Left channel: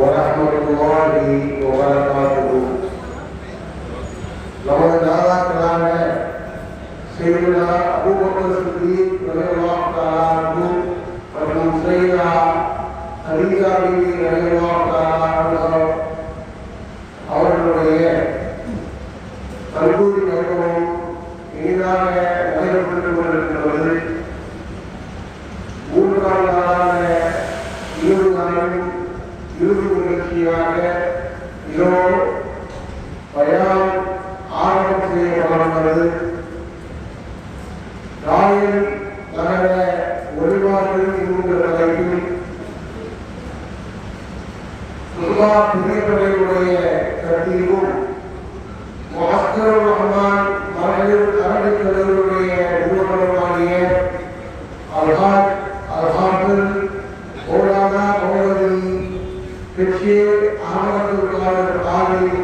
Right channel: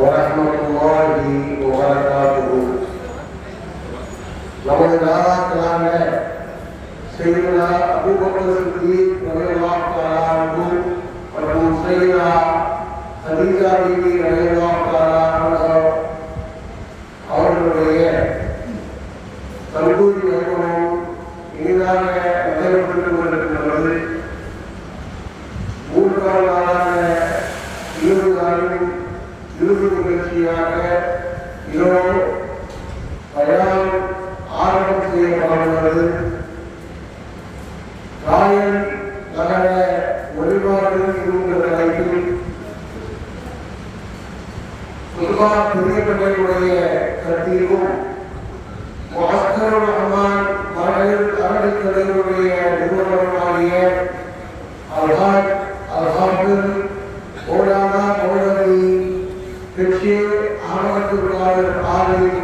ورحمة الله وبركاته. நமது நாதாக்களான சையதுனா அபூபக்கர் சித்திக் ரலியல்லாஹு தஆலா அன்ஹு மற்றும் சையதா ஹதீஜா பீவி ரலியல்லாஹு தஆலா அன்ஹா அவர்களுடைய கல்லூரி வைபவம் இனிதாக நடைபெற்றுக் கொண்டிருக்கிறது. 3ஆம் நாளான 20 நாளின் இறுதி நிகழ்ச்சியாக இதோ பயான் ஆரம்பம் செய்யப்பட்டுள்ளது. ராயல் நகர ஒளிவார்கள் என்கிற தலைப்பில் பெரியவர்களுடைய கருத்திலும் முஹஸ்ஸருர் ரஹ்மான் மகளிர் அரபிக்கலைகளுடைய நிறுவனமாகிய அல்ஹாஜ் அல்ஹாஃபில் மௌலானா மௌலவி பிச்சி அஹமதுல் காதர் ஆலிம்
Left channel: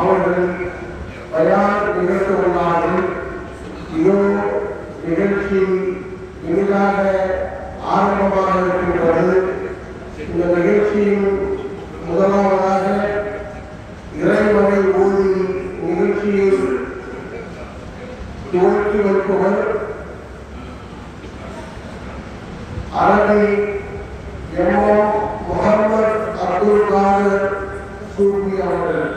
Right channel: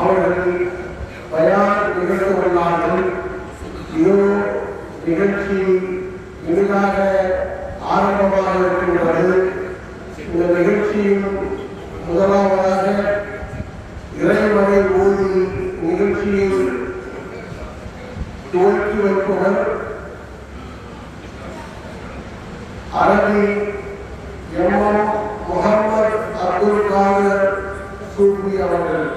அவர்கள் பயான் நிகழ்த்த உள்ளார்கள். இதோ நிகழ்ச்சி இனிதாக ஆரம்பமாக இருக்கின்றது. இந்த நிகழ்ச்சியின் முதலாவதாக இறைவனை ஓதி நிகழ்ச்சியில் துவக்கி வைப்பவர் அரபி எம்எம் முகமது அப்துல் காதர் சூஃபி அவர்கள்.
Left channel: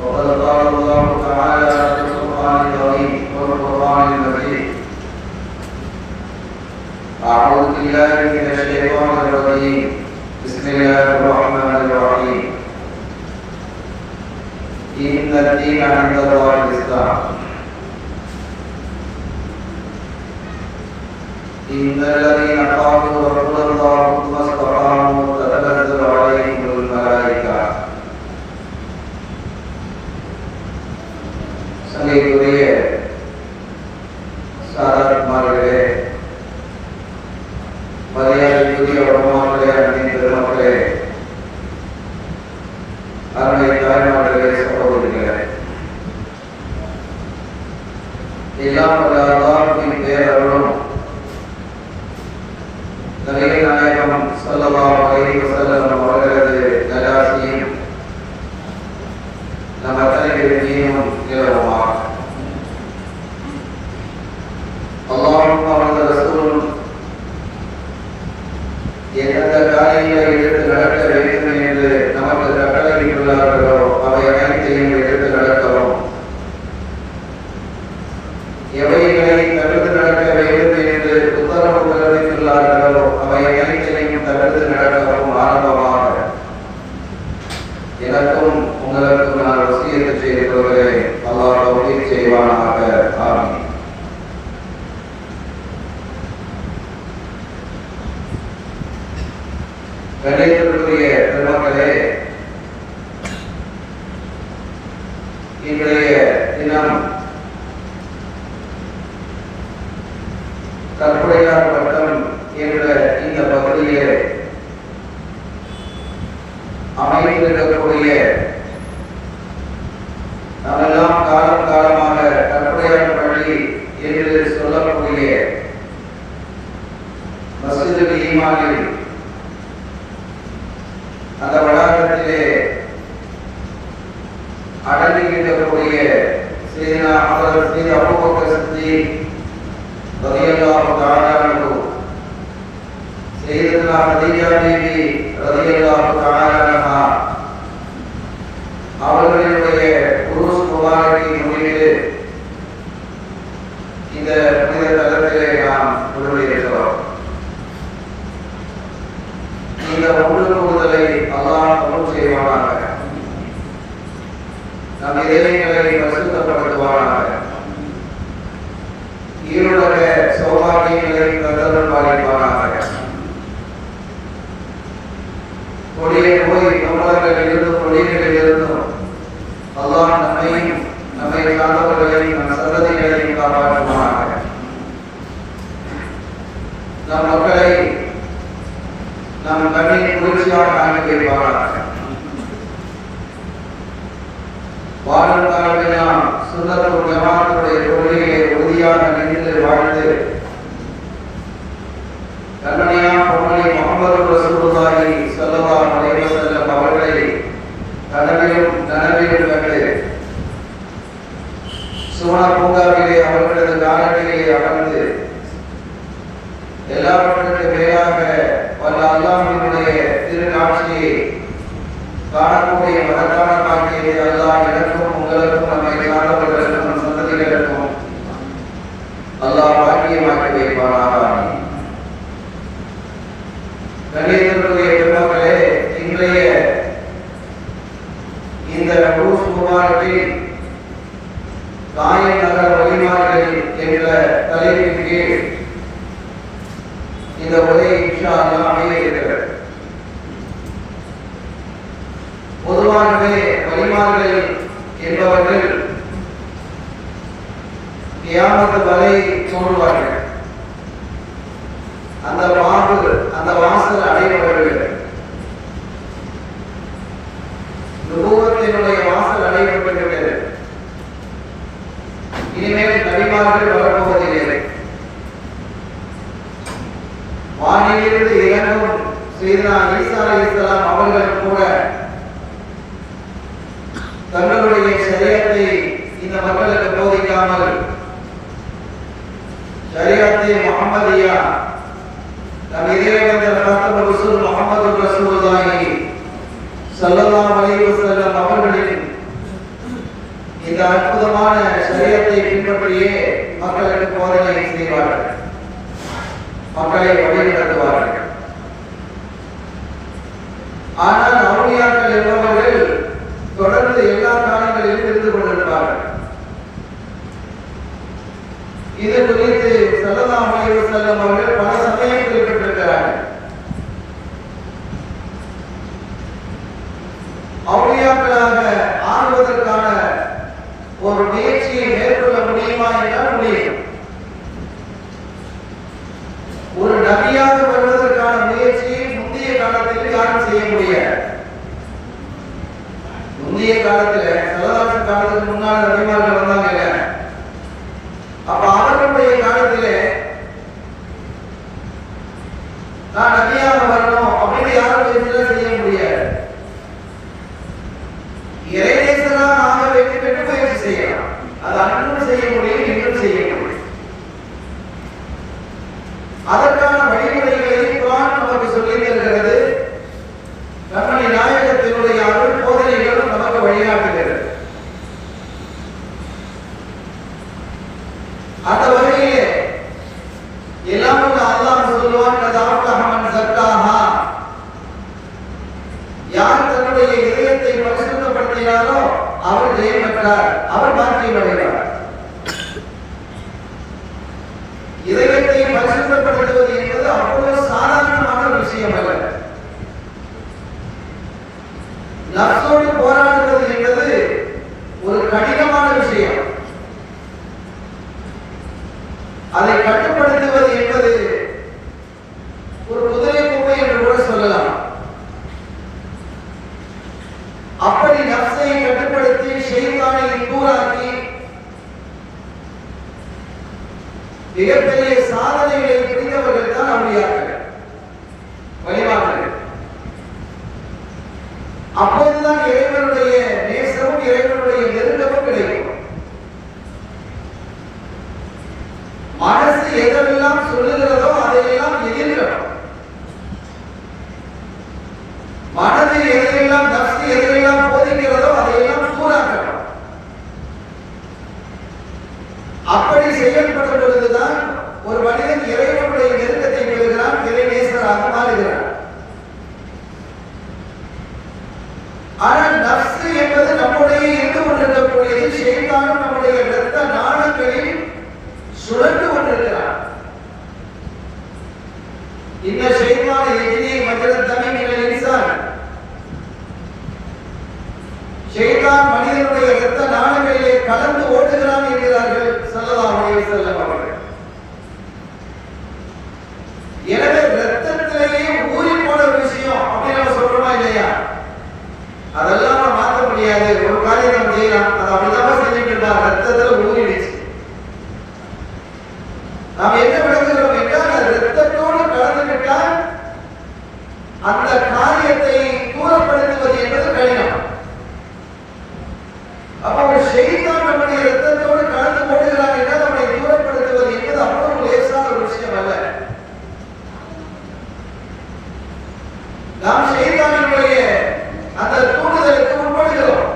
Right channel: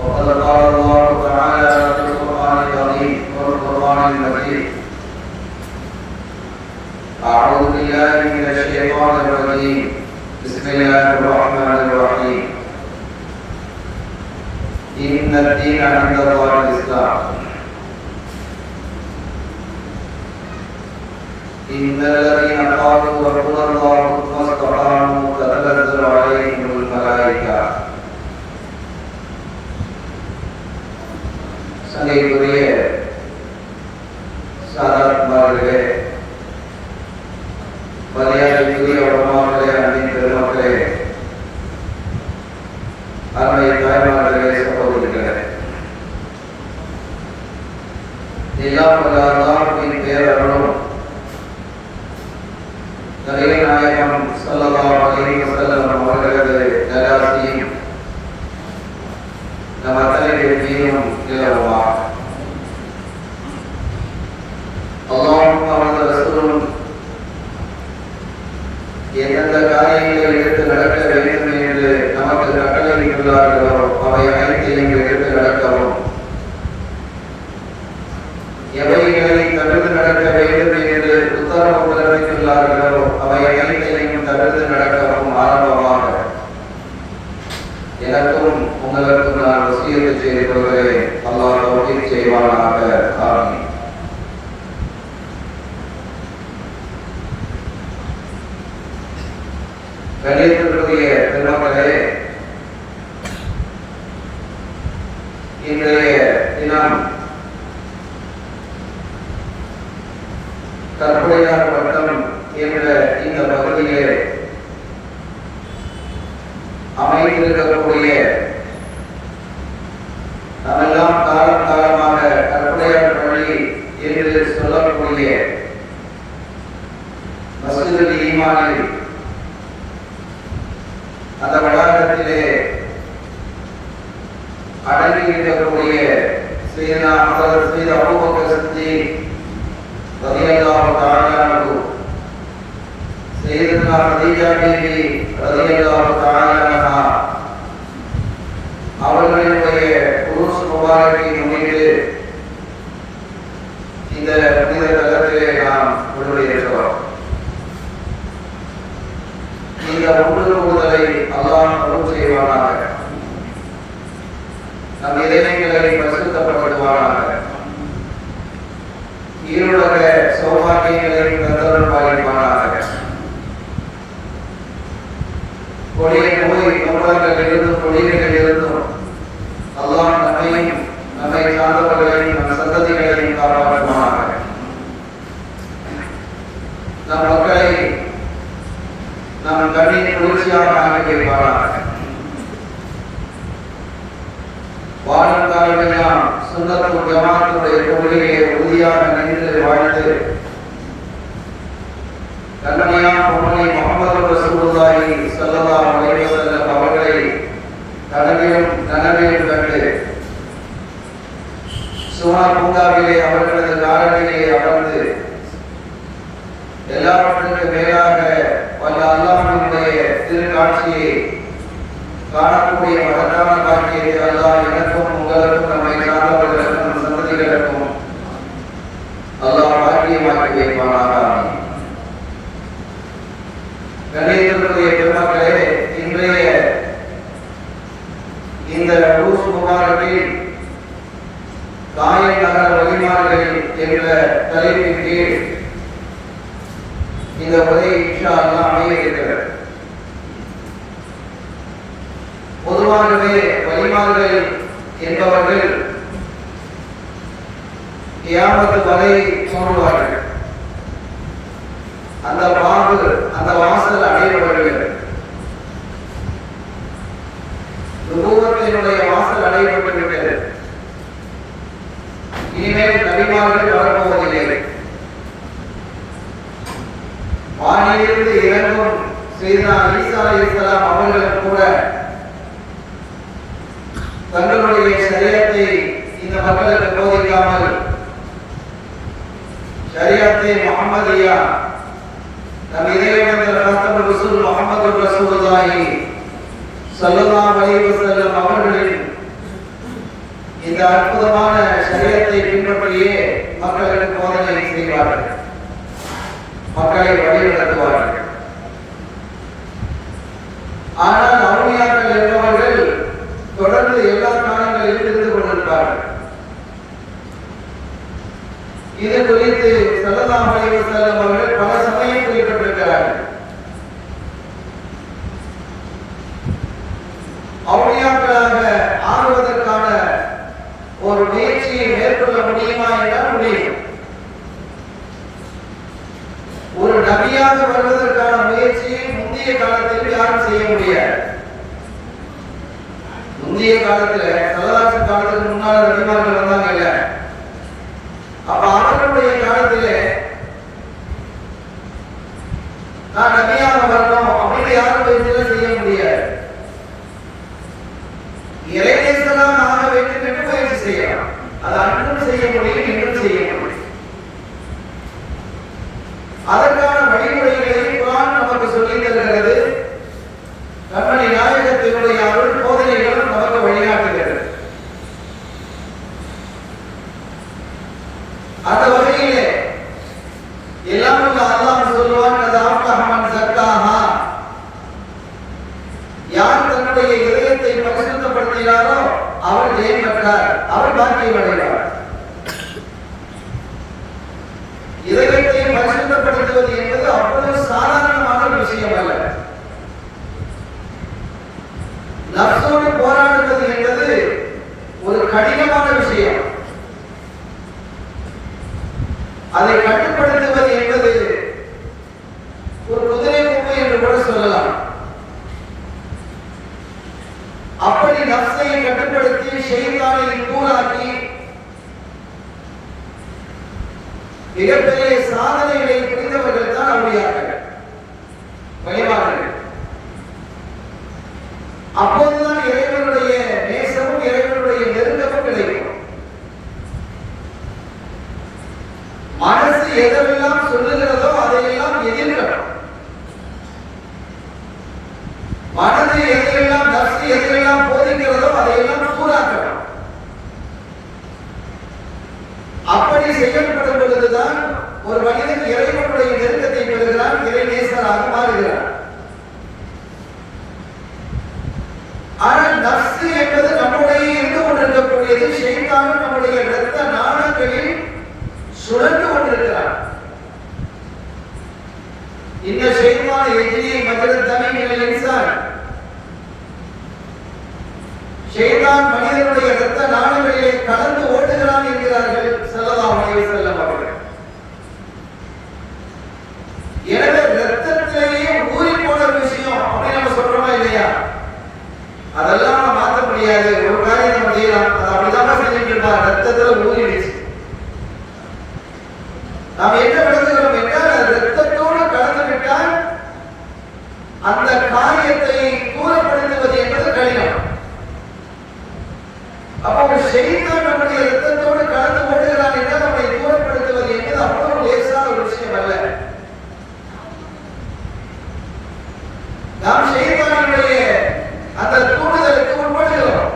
وقد قال الله تعالى في القرآن العظيم والقرآن المجيد أعوذ بالله من الشيطان الرجيم بسم الله الرحمن الرحيم إن الدين عند الله الإسلام إن الذين قالوا ربنا الله ثم استقاموا تتنزل عليهم الملائكة சங்கைக்குரிய சாதாத்மார்களே, மரியாதைக்குரிய உலமாக்களே, அன்னை பெருமக்களே, அருமை தாய்மார்களே, சகோதரிகளே, எல்லாம் வல்ல அல்லாஹ்வின் பேரருளும் நபிகள் நாயகம் ஸல்லல்லாஹு அலைஹி வஸல்லம் அவர்களது நல்லாசியும் நம் அனைவருக்கும் நிலவுமாக. அல்லாஹ்வும் அவனது ரசூலும் எந்தெந்த காரியங்களை எடுத்து நடக்க வேண்டும் என்று நமக்கு கட்டளையிட்டுள்ளார்களோ அவை அனைத்தையும் எடுத்து நடக்கவும், எவைகளை தவிர்த்து நடக்க வேண்டும் என்று உத்தரவு பிறப்பித்துள்ளார்களோ அவை அனைத்தையும் தவிர்த்து நடக்கவும் ஆரம்பமாக எனக்கும் உங்களுக்கும் நான் வசியத்தை செய்திருக்கிறேன். அல்லாஹ் தௌஃபீக் செய்வானாக. ஆமீன். கண்ணியத்திற்குரிய பெருமக்களே, இன்றைய தினம் கற்பனையார் வட்டம் என்ற இந்த பகுதியிலே அமைந்திருக்கக்கூடிய நம்மெல்லாம் காலம் காலமாக கற்பனையார் பள்ளி என்று சொல்லக்கூடிய மஸ்ஜிதுல் ஈமானில் அந்த வளாகத்திலே அடங்கியிருக்கக்கூடிய சையதுனா ஹஜ்ரத் சையத் அபூபக்கர் சித்திக் ரலியல்லாஹு தஆலா அன்ஹு, சையதுனா கதீஜா பீவி ரலியல்லாஹு தஆலா அன்ஹா அவர்களுடைய உருஸ் முபாரக்கை முன்னிட்டு இந்த புனித தலத்திலே நாம் உருவாகியிருக்கிறோம். இந்த ஒன்று கூடுதலை அல்லாஹ் கபூல் செய்வானாக. நம் இதயங்களை பரிசுத்தப்படுத்துவானாக. ஈருலக சௌபாகியங்களை தந்தருள் பாலிப்பானாக. கொடிய நோய் நோய்களிலிருந்தும் கொடியகளிலிருந்தும் அல்லாஹ் நம்மையும் நம்மை சார்ந்தவர்களையும் நம் சந்ததிகளையும் காப்பாற்றுவானாக. நம் மக்களை நம் கண்ணின் குளிர்ச்சியாக ஆக்கி வைப்பானாக. வாழ்நாள் நாம் சுன்னத்துல் ஜமாஅத்துடைய கொள்கையை உறுதியாக நின்று வாழ்ந்து கண்மணியான பொம்மலை முஹம்மது ரசூலுல்லாஹி ஸல்லல்லாஹு அலைஹி வஸல்லம் அவர்களை கடமையும் நனவையும் கண்டு சுவன பூங்காவிலே அவர்களது காலடியிலே அமர்ந்து எல்லாவற்றுக்கும் மேலாக வல்ல அல்லாஹ்வினுடைய திருக்காட்சியை காணக்கூடிய மகத்தான காட்சியை அல்லாஹ் எனக்கும் உங்களுக்கும் நம்மை சார்ந்தவர்களுக்கும் சந்ததிகளுக்கும் அல்லாஹ் பாக்கியமாக்கி வைப்பானாக. கண்ணியத்திற்குரிய பெருமக்களே, இன்றைய இந்த உருஸ் முபாரக்கில் காயின் நகர வழிமாறுகள் என்ற தலைப்பின் கீழ் இந்த உரை இன்ஷா அல்லாஹ் அமைய இருக்கிறது. பொதுவாகவே வழிமாறுகள் என்பவர்கள் கியாமத் வரை தோன்றுவார்கள். அந்த பாம்பு அந்த வாசல் அடையப்படுகிறது. நுபுவத்தினுடைய வாசல் அடையப்பட்டிருக்கிறது. இனிமேல் நபிமார்கள் வரப்போவதில்லை. வானிலிருந்து இறங்கும் சையதுனா ஈசா அலைஹிஸ்ஸலாம் அவர்கள் கூட தங்களுடைய ஷரியத்தை இந்த மக்களுக்கு போதிக்காமல் ஷரியத்தை முஹம்மதியா நம் இறைவன் ரசூல் முஹம்மது ரசூலுல்லாஹி ஸல்லல்லாஹு அலைஹி வஸல்லம் அவர்களின் இந்த அற்புதமான சரியத்தை பின்பற்றியே மக்களுக்கு போதனை செய்வார்கள், மக்களை வழிநடத்துவார்கள். ஆனால் அவுலியாக்கள் என்பவர்கள் தொடர்ந்து எல்லா காலங்களிலும் இருந்து கொண்டிருப்பார்கள். இது குறித்து ஸல்லல்லாஹு அலைஹி வஸல்லம் அவர்கள் பல சமயம் குறிப்பிட்டிருக்கிறார்கள். அவுலியாக்களாக ஆகுவதற்கான ஒரு முயற்சியை மேற்கொள்ள முடியுமா என்றால் முடியும். ஒரு நபியாக வருவதற்கான முயற்சியை முந்தைய காலத்தில் யாரும் செய்ய முடியாது. முந்தைய காலத்துல சல்லல்லாஹு காலத்துக்கு முன்னால நபிமார்கள் வந்தாங்க. அப்ப அவர்களுடைய காலத்திலே நான் நபியாக வரணும் அப்படி யாரும் முயற்சியில செய்ய முடியாது. இறைநேசனாக ஆக வேண்டும் என்று முயற்சி செய்யலாம். அது அன்றும் செய்ய முடியும், இன்றும் செய்ய முடியும். அதற்கான வழிமுறைகளை குர்ஆன் நமக்கு சொல்லித் தருகிறது. கண்மணி நாயகத்தினுடைய அருள் போதனைகள் நமக்கு வழிகாட்டுகிறது. அந்த வகையிலே எல்லாம் அல்லாஹ் சொல்வான், கதாஃபஹமன் சக்காஹா, யார் தன்னுடைய இதயத்தை பரிசுத்தப்படுத்தினாரோ அவர் ஜெயம் பெற்றார், அவர் பாக்கியம் அடைகிறார். இதயத்தை பரிசுத்தப்படுத்துவது என்பது அவ்வளவு சாதாரணமான ஒரு விஷயம் அல்ல. நஃப்ஸோடு போராடுவது என்பது ஒரு கடினமான விஷயம். அதை கட்டுப்படுத்துவது என்பது ஒரு குதிரை கொம்பு என்று கூட சொல்லலாம். அப்படி நஃப்ஸை கட்டுப்படுத்தி ஷைத்தானை தூராக்கி மிகப்பெரிய சாதனைகளை புரிந்தவர்கள் தான் அவுலியாக்கள், வழிமார்கள். அப்போதுதான் இறைவனுடைய நேசமும் இறைவனுடைய நெருக்கமும் கிடைக்கும். மனசு எதெல்லாம் சொல்லுகிறதோ அதையெல்லாம் எதிர்க்கணும். மனது எதையெல்லாம், நஃப்ஸ் எதையெல்லாம் போதிக்கிறதோ அதையெல்லாம் தூராக்கணும். அப்படி செயல்படும் பொழுதுதான் ஒரு மனிதன் இறைவனுடைய நெருக்கத்தை பெறுகிறான், இறை நேசராக மாறுகிறான். ஆனால் நஃப்ஸ் என்பது நம்முடைய இருந்து கொண்டிருக்கக்கூடியது. ஷைத்தானும் நம்முடைய இரத்த நாளங்களில் சுழன்று கொண்டிருக்கிறான். இந்த ஷைத்தான எஜ்ரி மஜரத் தமீமில் இன்சான், ஷைத்தான் மனிதனுடைய இரத்த நாளங்களிலே கலந்து ஓடுகிறான் என்கிறார்கள் ஸல்லல்லாஹு அலைஹி வஸல்லம் அவர்கள். எனவே இரத்தத்திலேயே ஊறி போன விஷயம் அப்படி நம்ம சொல்றோமா இல்லையா? அதெல்லாம் நம்ம மாற்ற முடியாது. ஒரு காரியம் நம்ம செய்யலாம், அது அப்படிதான் செஞ்சுட்டு இருந்தா ரத்தத்துல ஊறிடுச்சு. நாம் என்ன விளங்குகிறோம் என்றால் ரத்தத்தோடு கலந்துவிட்டால் அந்த காரியத்தை தூரப்படுத்துவது என்பது கடினம். அப்ப ஒரு ஷைத்தான் நம்முடைய ரத்தத்தோடு கலந்து கொள்கிறான் என்றால் நம்மை தூரப்படுத்துவது என்பது அவ்வளவு லேசான ஒரு விஷயம் அல்ல. நாம் ஷைத்தானுடைய அந்த தூண்டுதலுக்கு உட்படுகிறோம்.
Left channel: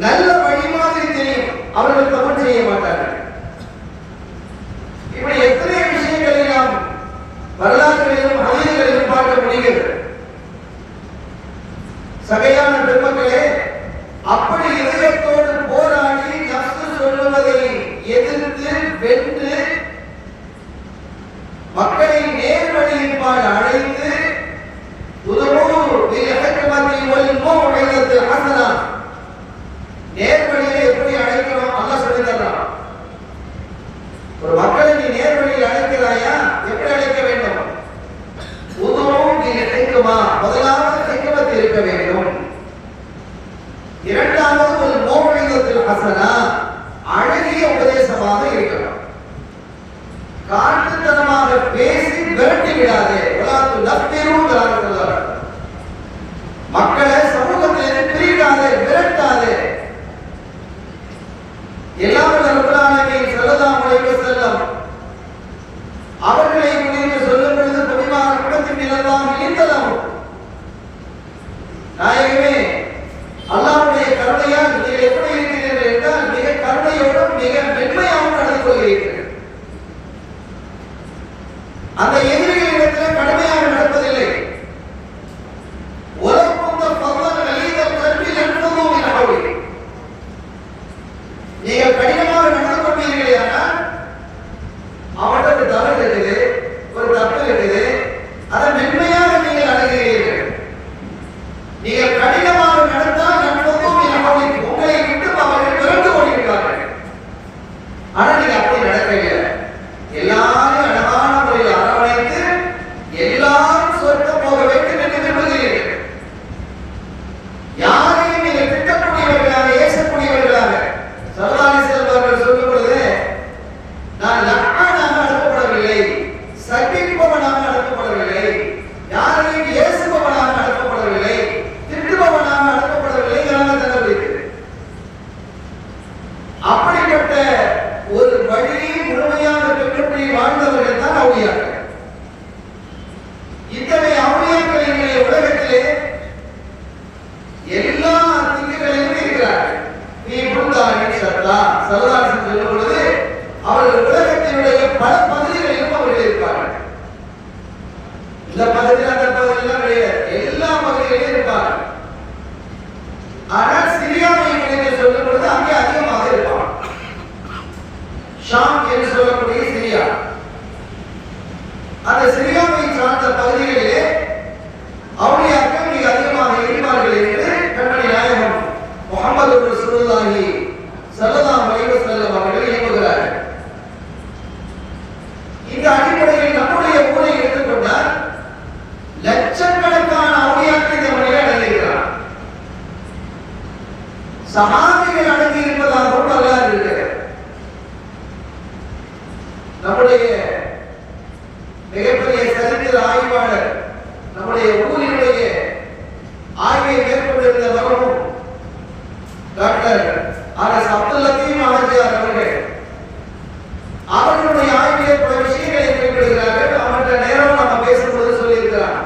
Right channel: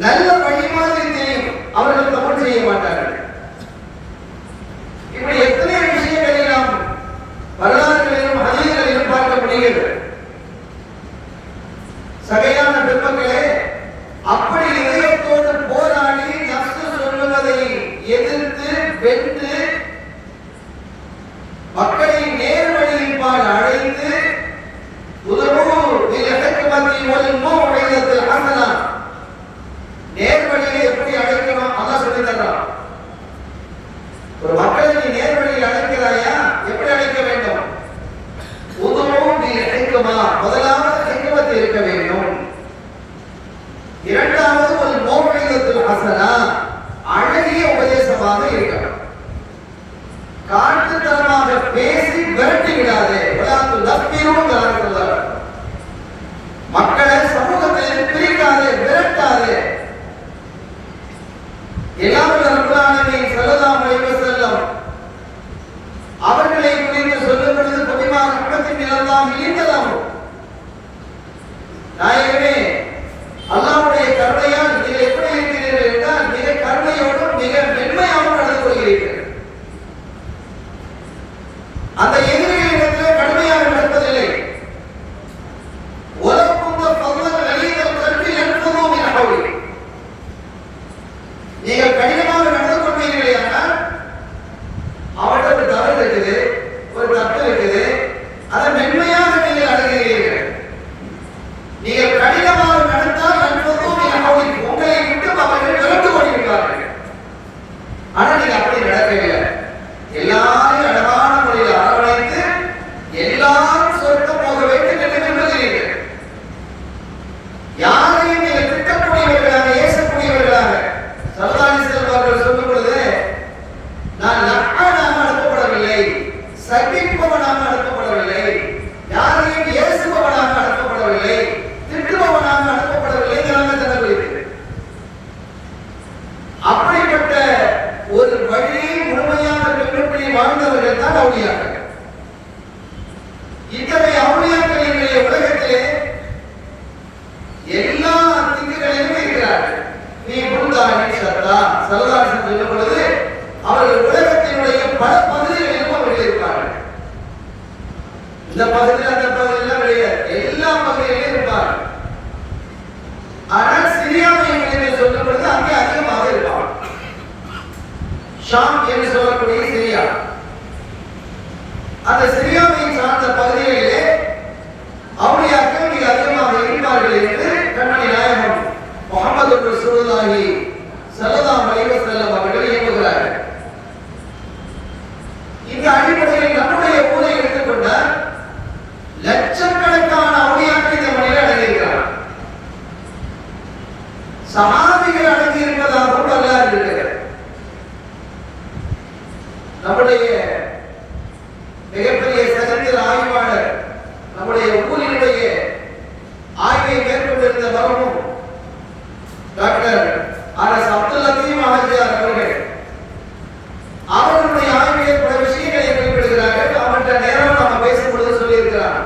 நல்ல வழி மாதிரி தெரியும், அவர்கள் தவறு செய்ய மாட்டார்கள். இப்படி எத்தனை விஷயங்களை நாம் வரலாறுகளிலும் ஹதீஸ்களிலும் பார்க்க முடிகிறது. சகையான பெருமக்களே, அப்படி இதயத்தோடு போராடி நஃப்ஸ் சொல்லுவதை எதிர்த்து வென்று மக்களை நேர்வழியின்பால் அழைத்து நேர்வழியை எப்படி அழைக்கணும் அல்லாஹ் சொல்லி தர்றான். ஒரு மக்களை நீ நேர்வழியில் அழைக்கிறாயா, எப்படி அழைக்க வேண்டும்? முதலாவது ஹிக்மத் இருக்க வேண்டும். இரண்டாவது ஒரு மௌஇதத்துல் ஹஸனா, அழகிய உபதேசமாக இருக்கணும். காட்டுத்தனமாக பேசி விரட்டி விடாதே. மக்களை சமூகத்தில் பிரிக்காதே, விரட்டாதே. அவர்களை குறித்து சொல்லும் பொழுது பொதுவாக குடும்பத்தின் எல்லாம் இணைந்ததாம். நாயகமே, அல்லாஹ்வுடைய கருணையால் நீங்கள் எப்படி இருக்கிறீர்கள் என்றால் மிக கருணையோடும் மிக மென்மையாகவும் நடந்து கொள்கிறீர்கள். அந்த எதிரிகளிடத்தில் கடுமையாக நடப்பதில்லை. நீங்கள் கடினமாக நடந்து கொள்வீர்களே, ஆனால் அவர்கிட்ட ஒரு தவறு இருக்குது, ஒரு தப்பு இருக்குது, அதை மென்மையாக நீங்கள் அணுகிறீர்கள். நீங்கள் கடினமாக நடந்தால் உங்களை விட்டு அவர்கள் விரண்டு கொண்டிருக்கிறார்கள். ஆனால் நீங்க அப்படி நடக்கவில்லை. எல்லாரும் அழகான முறையில் அரவணைத்து எல்லாரும் சொர்க்கம் போக வேண்டும் என்று விரும்புகிறீர்கள். யாரையும் நீங்கள் திட்டக்கூடியவர்களாக, ஏசக்கூடியவர்களாக சல்லல்லாஹு அலைஹி வஸல்லம் சொல்லும் பொழுது, நான் லஅனாக அனுப்பப்படவில்லை, சபிப்பவனாக அனுப்பப்படவில்லை, யாரையும் ஏசுபவனாக அனுப்பப்படவில்லை, திட்டுபவனாக அனுப்பப்படவில்லை என்று தெரிவிக்கிறது. அப்படிப்பட்ட ஒரு வழியை முழுமையாக பின்பற்றி வாழ்ந்தவர்கள் தான் அவுலியாக்கள். இத்தகைய அவுலியாக்கள் என்கிற உலகத்திலே எல்லா திக்குகளிலும் இருக்கிறார்கள். நீ புரிந்தானே சத்தா சரதாசன் சொல்லும் பொழுது அவர்கள் உலகத்தினுடைய பல பகுதிகளிலும் அவர்கள் இருப்பார்கள். இந்த பகுதியில் அந்த பகுதியெல்லாம் கிடையாது, எல்லா பகுதிகளிலும் இருப்பார்கள். ஆனால் சிரியாவை என்று சொல்லும் பொழுது அங்கே அதிகமாக இருப்பார்கள். ஷாம் என்று சொல்லக்கூடிய சிரியா, அந்த சிரியாவை சார்ந்த பகுதிகளிலே அவுலியாக்கள் மிக அதிகமாக இருப்பார்கள் என்று கண்மணி நாயகம் முஹம்மது ரசூலுல்லாஹி ஸல்லல்லாஹு அலைஹி வஸல்லம் அவர்கள் ஏவுகிறார்கள். இந்த அடிப்படையில் நம்முடைய ஊரை எடுத்துக்கொண்டால் லட்சக்கணக்கான அவுலியாக்கள் இந்த மண்ணில் அடங்கியிருக்கிறார். சஹாபிகள் அடங்கி இருப்பதாகவும் வரலாறு இருக்கிறது. நம்முடைய மிகப்பெரிய சரித்திர ஆய்வாளர் நம்முடைய ஊரினுடைய ஆய்வை மேற்கொண்டிருந்த வரவும் டாக்டர் ஆர்.எஸ். அப்துல் லத்தீப் ஆஜியார் அவர்கள் அவர்களுடைய ஆய்விலே பல விஷயங்களை குறிப்பிடுகிறார்கள். அவற்றை நேரம் நாம் பேசும்பொழுது சொல்லியிருக்கிறார்.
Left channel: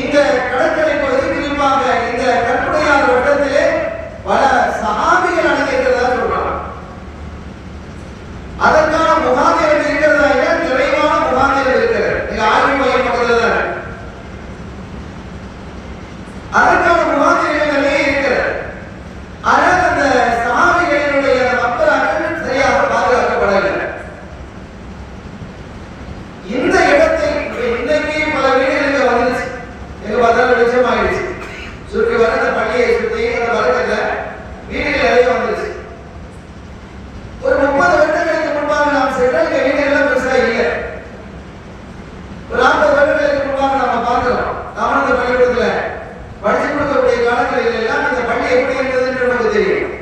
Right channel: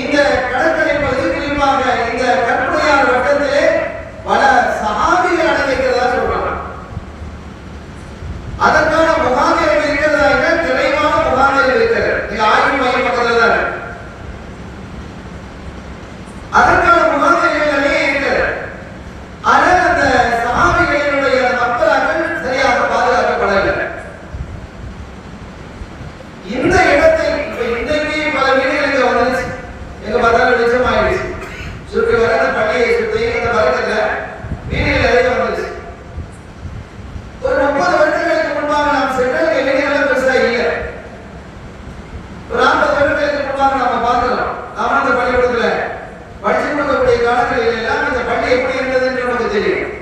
இந்த கடற்கரை பகுதி, குறிப்பாக இந்த கற்பனையார் வட்டத்திலே பல சஹாபிகள் அடங்கியிருக்கிறதா சொல்றாங்க. அதற்கான முகாமிகள் இருக்கிறதா? தெளிவான முகாமிகள் இருக்கிறது. நீங்க ஆய்வு மையம் பக்கத்தில் தான் அதற்கான முகாமிகள் நிறைய இருக்கிறது. ஆனால் அந்த சஹாபிகளினுடைய மக்களாக்கள் சரியாக பாதுகாக்கப்படவில்லை. இந்த இடத்தை இன்னைக்கு பல வீடுகளுக்கு வந்துருச்சு. எங்க பார்த்தாலும் வெளிச்சமாயிடுச்சு. சுற்றி வர அந்த பள்ளியை சுற்றி இந்த வரத்துல வீடுகள் நிறைய வந்துருச்சு. ஒரு 30 வருடங்களுக்கு முன்பாக நாம் சென்ற இந்த வீடுகள் பெருசா இல்லை. ஒரு 40 வருடங்களுக்கு முன்பாக நாம பார்க்கலாம். நாம அந்த பள்ளிக்கூடத்துல படிச்சு கொடுக்கக்கூடிய காலத்தில் எல்லாம் இந்த பள்ளி எப்படி இருந்ததுன்னு நமக்கு தெரியும்.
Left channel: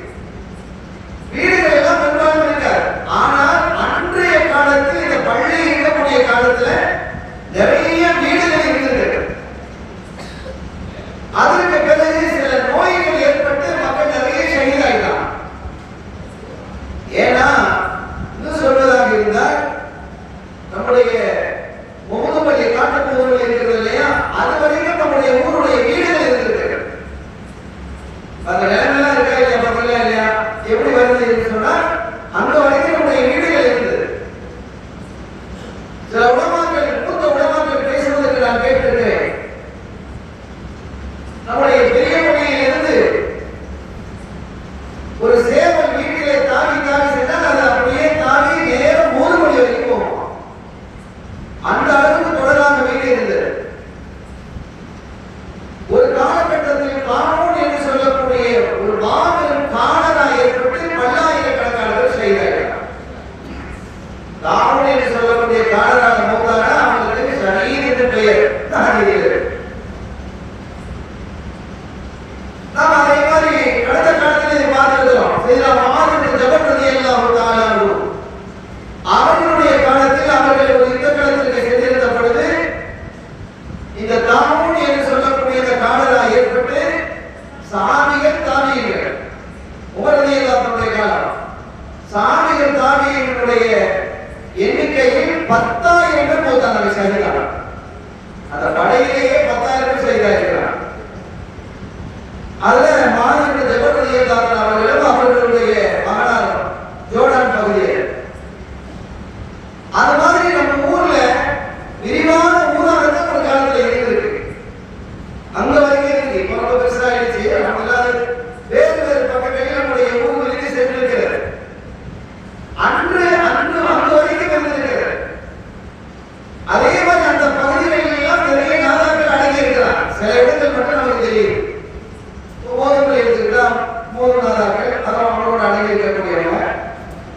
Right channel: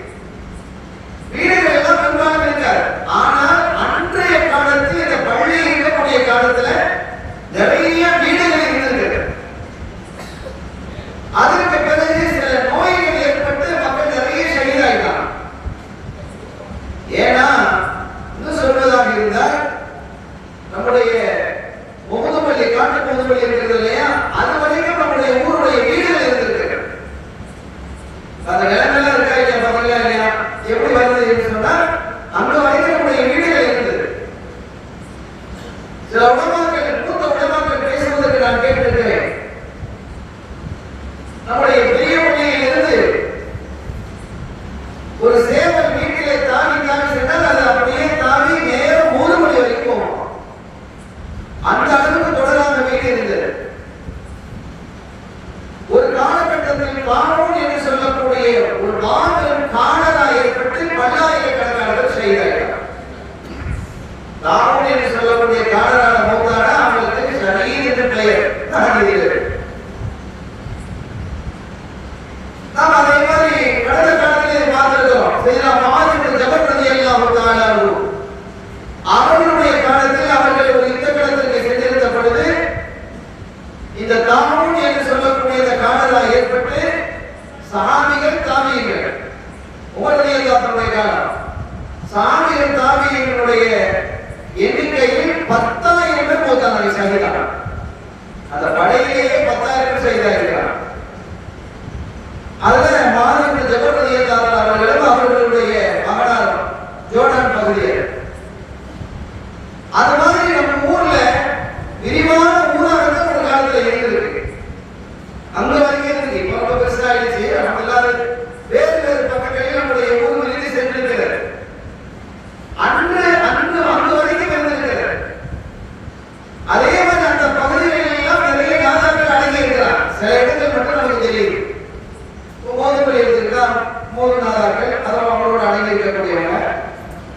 வீடுகள் எல்லாம் பெரும்பாலும் இருக்காது. ஆனால் அன்றைய காலத்தில் இந்த பள்ளி இருக்கக்கூடிய காலத்துல நிறைய வீடுகள் இருந்திருக்கு. அதற்கு பிறகு சில நோய்கள் ஏற்பட்டு மக்கள் நிறைய ஷஹீதாயிட்டாங்க. ஏன்னா இன்னும் சொல்வதாக இருந்தால் நம்முடைய முகமது காட்டு முகமது இருக்கிறது இல்லையா, அது வரைக்கும் நம்முடைய ஊருடைய வீடுகள் இருந்திருக்கு. நம்முடைய பெரிய மொழியிலிருந்து ஒரு சேவல் வீட்டிலே தாவி தாவி சென்றால் அது அப்படியே தாவி நேரம் 3 மணி வரைக்கும் போகும். அந்த அளவுக்கு தொடராக வீடு இருந்தது. ஒரு காலகட்டத்தில் கானூன் என்று சொல்லக்கூடிய ஒரு மாபெரும் காணராக ஏற்பட்டு பல்லாயிரக்கணக்கானவர் செய்தார்கள். கானூன் என்று சொல்லக்கூடிய காணராக மௌத்தானா அவர்களுக்கு ஷஹீத் என்று பெயர் தாங்கியது. நாம் அதே மாதிரி கடந்த காலத்திலே பார்த்திருக்கிறோம். சையதுனா முஆத் இப்னு ஜபல் ரலியல்லாஹு தஆலா அன்ஹு அவர்களுடைய காலத்தில் அவர்கள் ஒரு யுத்தகளத்திற்கு சென்றிருந்த பொழுது இந்த கானூன் என்று சொல்லக்கூடிய இந்த காணரா ஏற்பட்டு சஹாபிகள் தாபியீன்கள் உமர் ரலியல்லாஹு அன்ஹுடைய காலம் சஹாபிகள் தாபியீன்களுடைய எண்ணிக்கையில் 10,000 பேர் போத்தாங்க ஷஹீதான. அந்த படையிலேயே 10,000 பேர் ஷஹீதாகிறார். அதுல முஆத் இப்னு ஜபல் ரலியல்லாஹு அன்ஹு அவர்களும் அவர்களுடைய மகனார் ஜோர்டான் பகுதியில் அது மாதிரி நம்ம ஊர்ல விரிவான ஊராட்டம் ஒரு காலத்துல இருந்திருக்கு. அங்க வரைக்கும் இருக்கு. இப்ப ரொம்ப பெருசாயிடுச்சு. அல்லாத வேறு வேறு பக்கங்களில் நம்முடைய ஊர்களில் சென்றிருக்கிறது. அன்று அங்க வரைக்கும் இருந்திருக்கிறது. அதே மாதிரி அந்த பகுதிகளில் எல்லாம் நிறைய நாதாக்கள் அடங்கி இருக்கிறார். சில இடங்கள் மட்டும் நமக்கு தெரியுது. மோதல் எடுத்துக்கிட்டா மூணு நாதாக்கள் அதான் அவங்களோட அடங்கி இருக்கக்கூடியவங்க